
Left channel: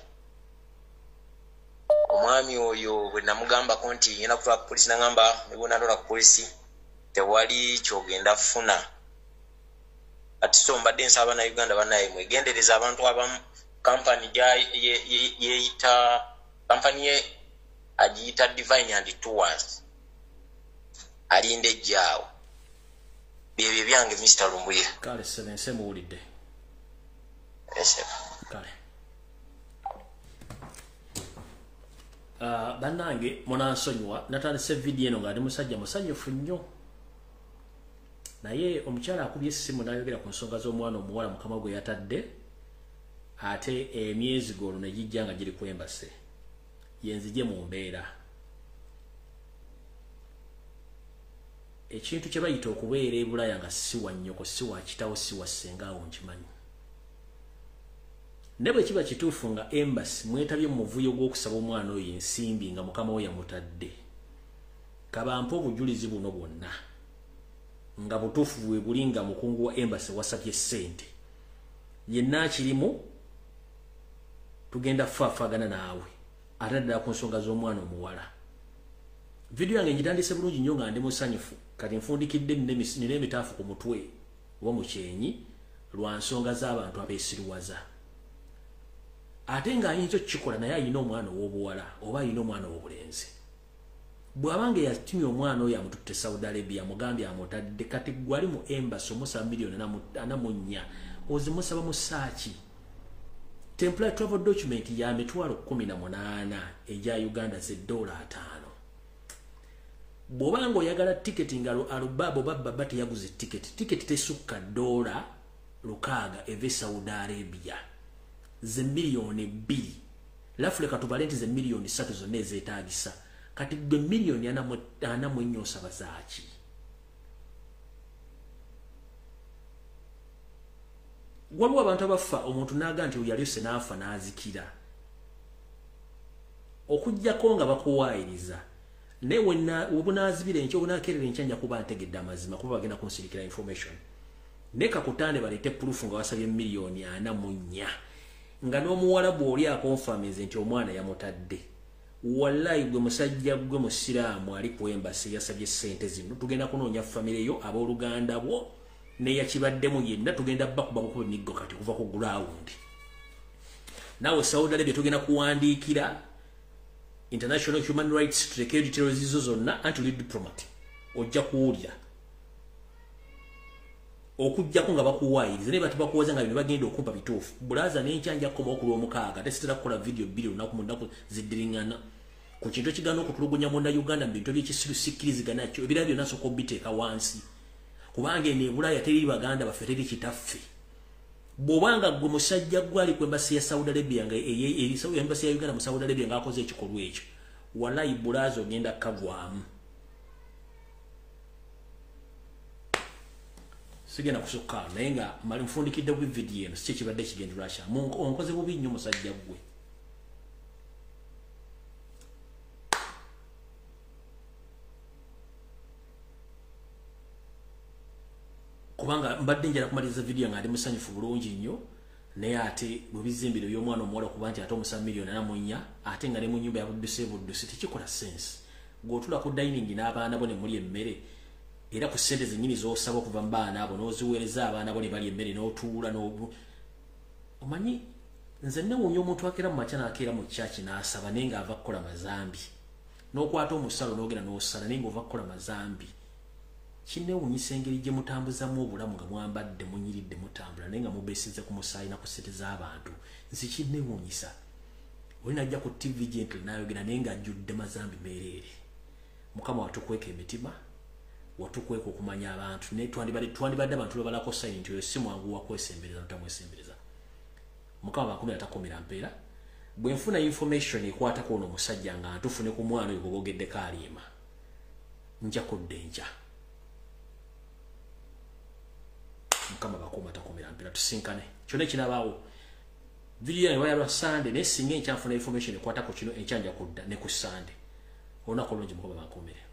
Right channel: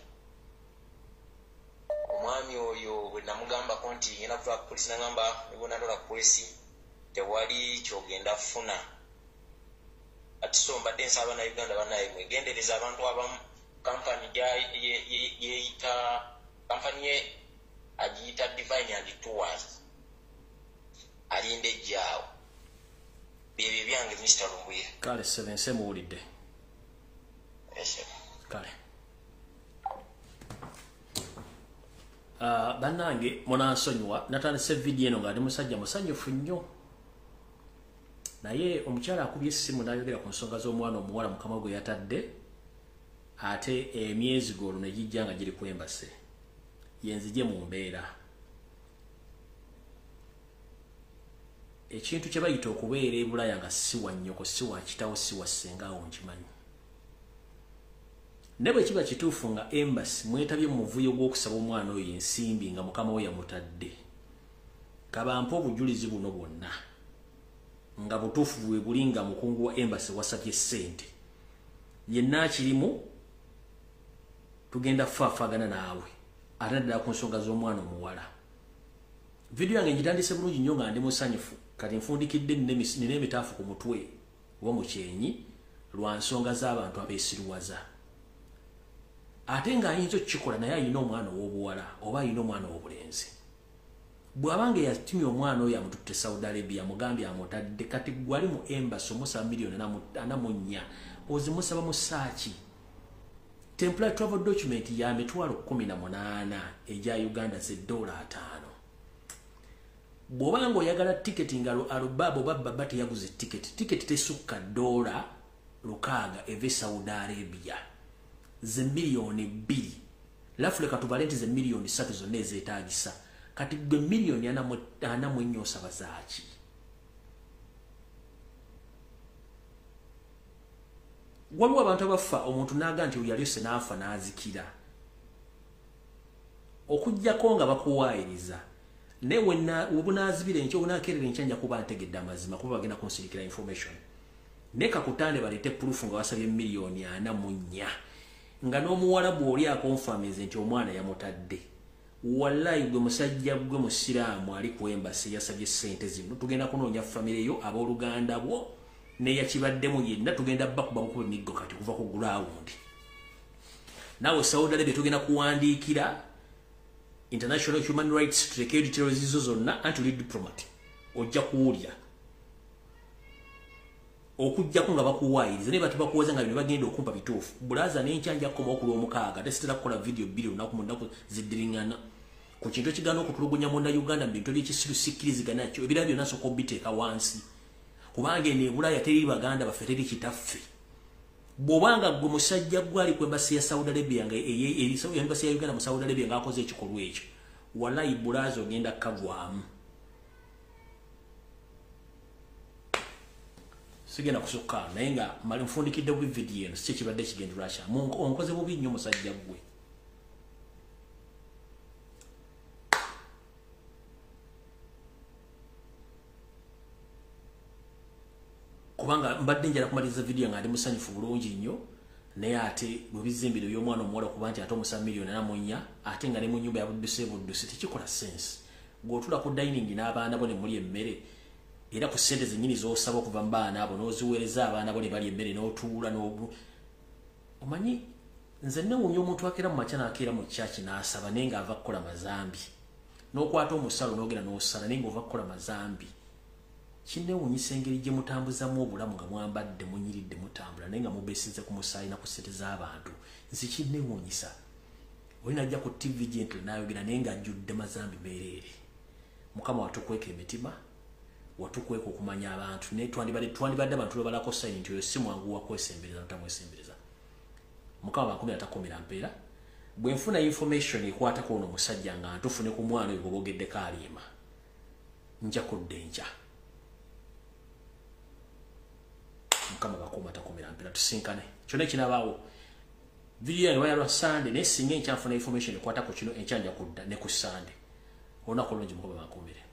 Omwami oyo bwe namugambako nti ngenda kutwala ku polisi, nagamba nebwe natola ku polisi tewali kyogenda funa. Ati so mbadde nsaba na Uganda banaye mwegendereza abantu abamu. Kampani yeeyita kampani ye agiyita Divine and Tours alinde ejjaawo. Byebyo byange Mr. Lumbuye. Kale 7 semuwulidde. Kale. Bannange munansonyiwa natandise video eno nga ndi musajja musanyufu nnyo. Naye omukyala akubye essimu n'ayogera ku nsonga z'omwana omuwala mukama gwe yatadde, ate emyezi golo ne gijja nga giri kwembase. Yenzije mu mbeera. Ekintu kye bayita okubeera e Bulaya nga si wa nnyoko, si wa kitawo, si wa ssengaawo nkimanyi. Ne bwe kiba kituufu nga embassy mwetabye mu muvuyo gw'okusaba omwana oyo ensimbi nga mukama we yamutadde, kabampa obujulizi buno bwonna nga butuufu bwe buli nga mukungu wa embassy wasabye ssente, yenna akirimu tugenda faafagana naawe ate ddala ku nsonga z'omwana omuwala. Video yange ngitandise bulungi nnyo nga ndi musanyufu, kati nfundikidde nina emitaafu ku mutwe oba mu kyenyi lwa nsonga z'abantu abeesiriwaza. Ate nga ayinza okukikola naye ayina omwana ow'obuwala oba ayina omwana ow'obulenzi. Bw'abanga yatimya omwana oyo amututte Saudi Arabia amugambye amutadde, kati gwali mu embassy omusaba $4.4 ozimusaba mu saaki. Temporary travel document ya $18 eja Uganda $5. Bw'obanga oyagala tiketi nga alubaba oba baba teyaguze tiketi tesukka $6 eve Saudi Arabia. Ze milioni 2. Lafule katubale nti ze milioni 3 zonna ezeetaagisa. Kati gwe milioni 4 osaba zaaki. Waliwo abantu abafa omuntu n'aga nti yalyose n'afa n'azikira. Okujjako nga bakuwaayiriza. Ne webunaazibira enkya obunaakerera enkya nja kuba ntegedde amazima kuba bagenda kunsirikira information. Ne kakutande balete proof nga wasabye milioni 4. Nga n'omuwala bw'oli akonfamize nti omwana yamutadde. Wallahi gwe musajja gwe musiraamu ali ku embassy yasabye ssente zino. Tugenda kunoonya famire yo abooluganda bwo ne yakibaddemu yenna tugenda bakuba bukuba emiggo kati kuva ku ground. Nawe Saudi Arabia tugenda kuwandiikira International Human Rights tutekeyo details zizo zonna anti diplomat. Ojja kuwulira. Okujjako nga bakuwaayiriza ne batubakuwaza nga bino bagenda okumpa bituufu. Bulaza n'enkyanja koma okuli omukaaga tesitera kukola video bbiri lunaku mu nnaku ziddiringana ku kintu ekigaana okutulugunya mu Uganda mu bintu by'ekisiru sikkirizigana nakyo ebirala byonna nsooka obiteeka wansi. Kubanga eno e Bulaya teri baganda baffe teri kitaffe. bwobanga gwe musajja gwali ku embassy ya Saudi Arabia nga embassy ya Uganda mu Saudi Arabia nga akoze ekikolwa ekyo wallahi bulazo ngenda kavwamu sigenda kusukka naye nga mali mfundikidde bu video eno si kibadde kigendera kya onkoze bubi nnyo musajja gwe kubanga mbadde njala kumaliza video nga ndi musanyufu bulungi nnyo naye ate bwe bizimbiro by'omwana omuwala kuba nti ate omusa milioni namunya ate nga ne mu nyumba ya buddusi tekikola sense ng'otula ku dining n'abaana bo ne muli emmere era ku ssente zennyini z'osaba okuva mu baana abo n'oziweereza abaana bo ne bali emmere n'otuula omanyi nze newuunya omuntu akeera mu makya n'akeera mu kyaki n'asaba naye ng'ava kukola mazambi n'okwata omusalo n'ogenda n'osala naye ng'ova kukola mazambi kinewuunyisa engeri gye mutambuzamu obulamu nga mwambadde munyiridde mutambula naye nga mubeesize ku musaayi na ku ssente z'abantu nsi kinewuunyisa oli najja ku TV gentle n'ayogera naye ng'ajjudde mazambi meereere mukama watukweka emitima watukweka okumanya abantu naye twandibadde abantu lwebalako sayini nti oyo si mwangu wa kwesembereza notamwesembereza mukama bankumi atakomera mpeera bwe nfuna information ekwatako ono musajja nga ntufune ku mwana oyo gwobogeddeko aliima nja kudde nja mukama bakuma atakomera mpeera tusinkane kyonna ekinabaawo video yange bayalwa Sunday naye singa enkyanfuna information ekwatako kino enkyanja kudda ne ku Sunday olunaku olungi mukama bankumire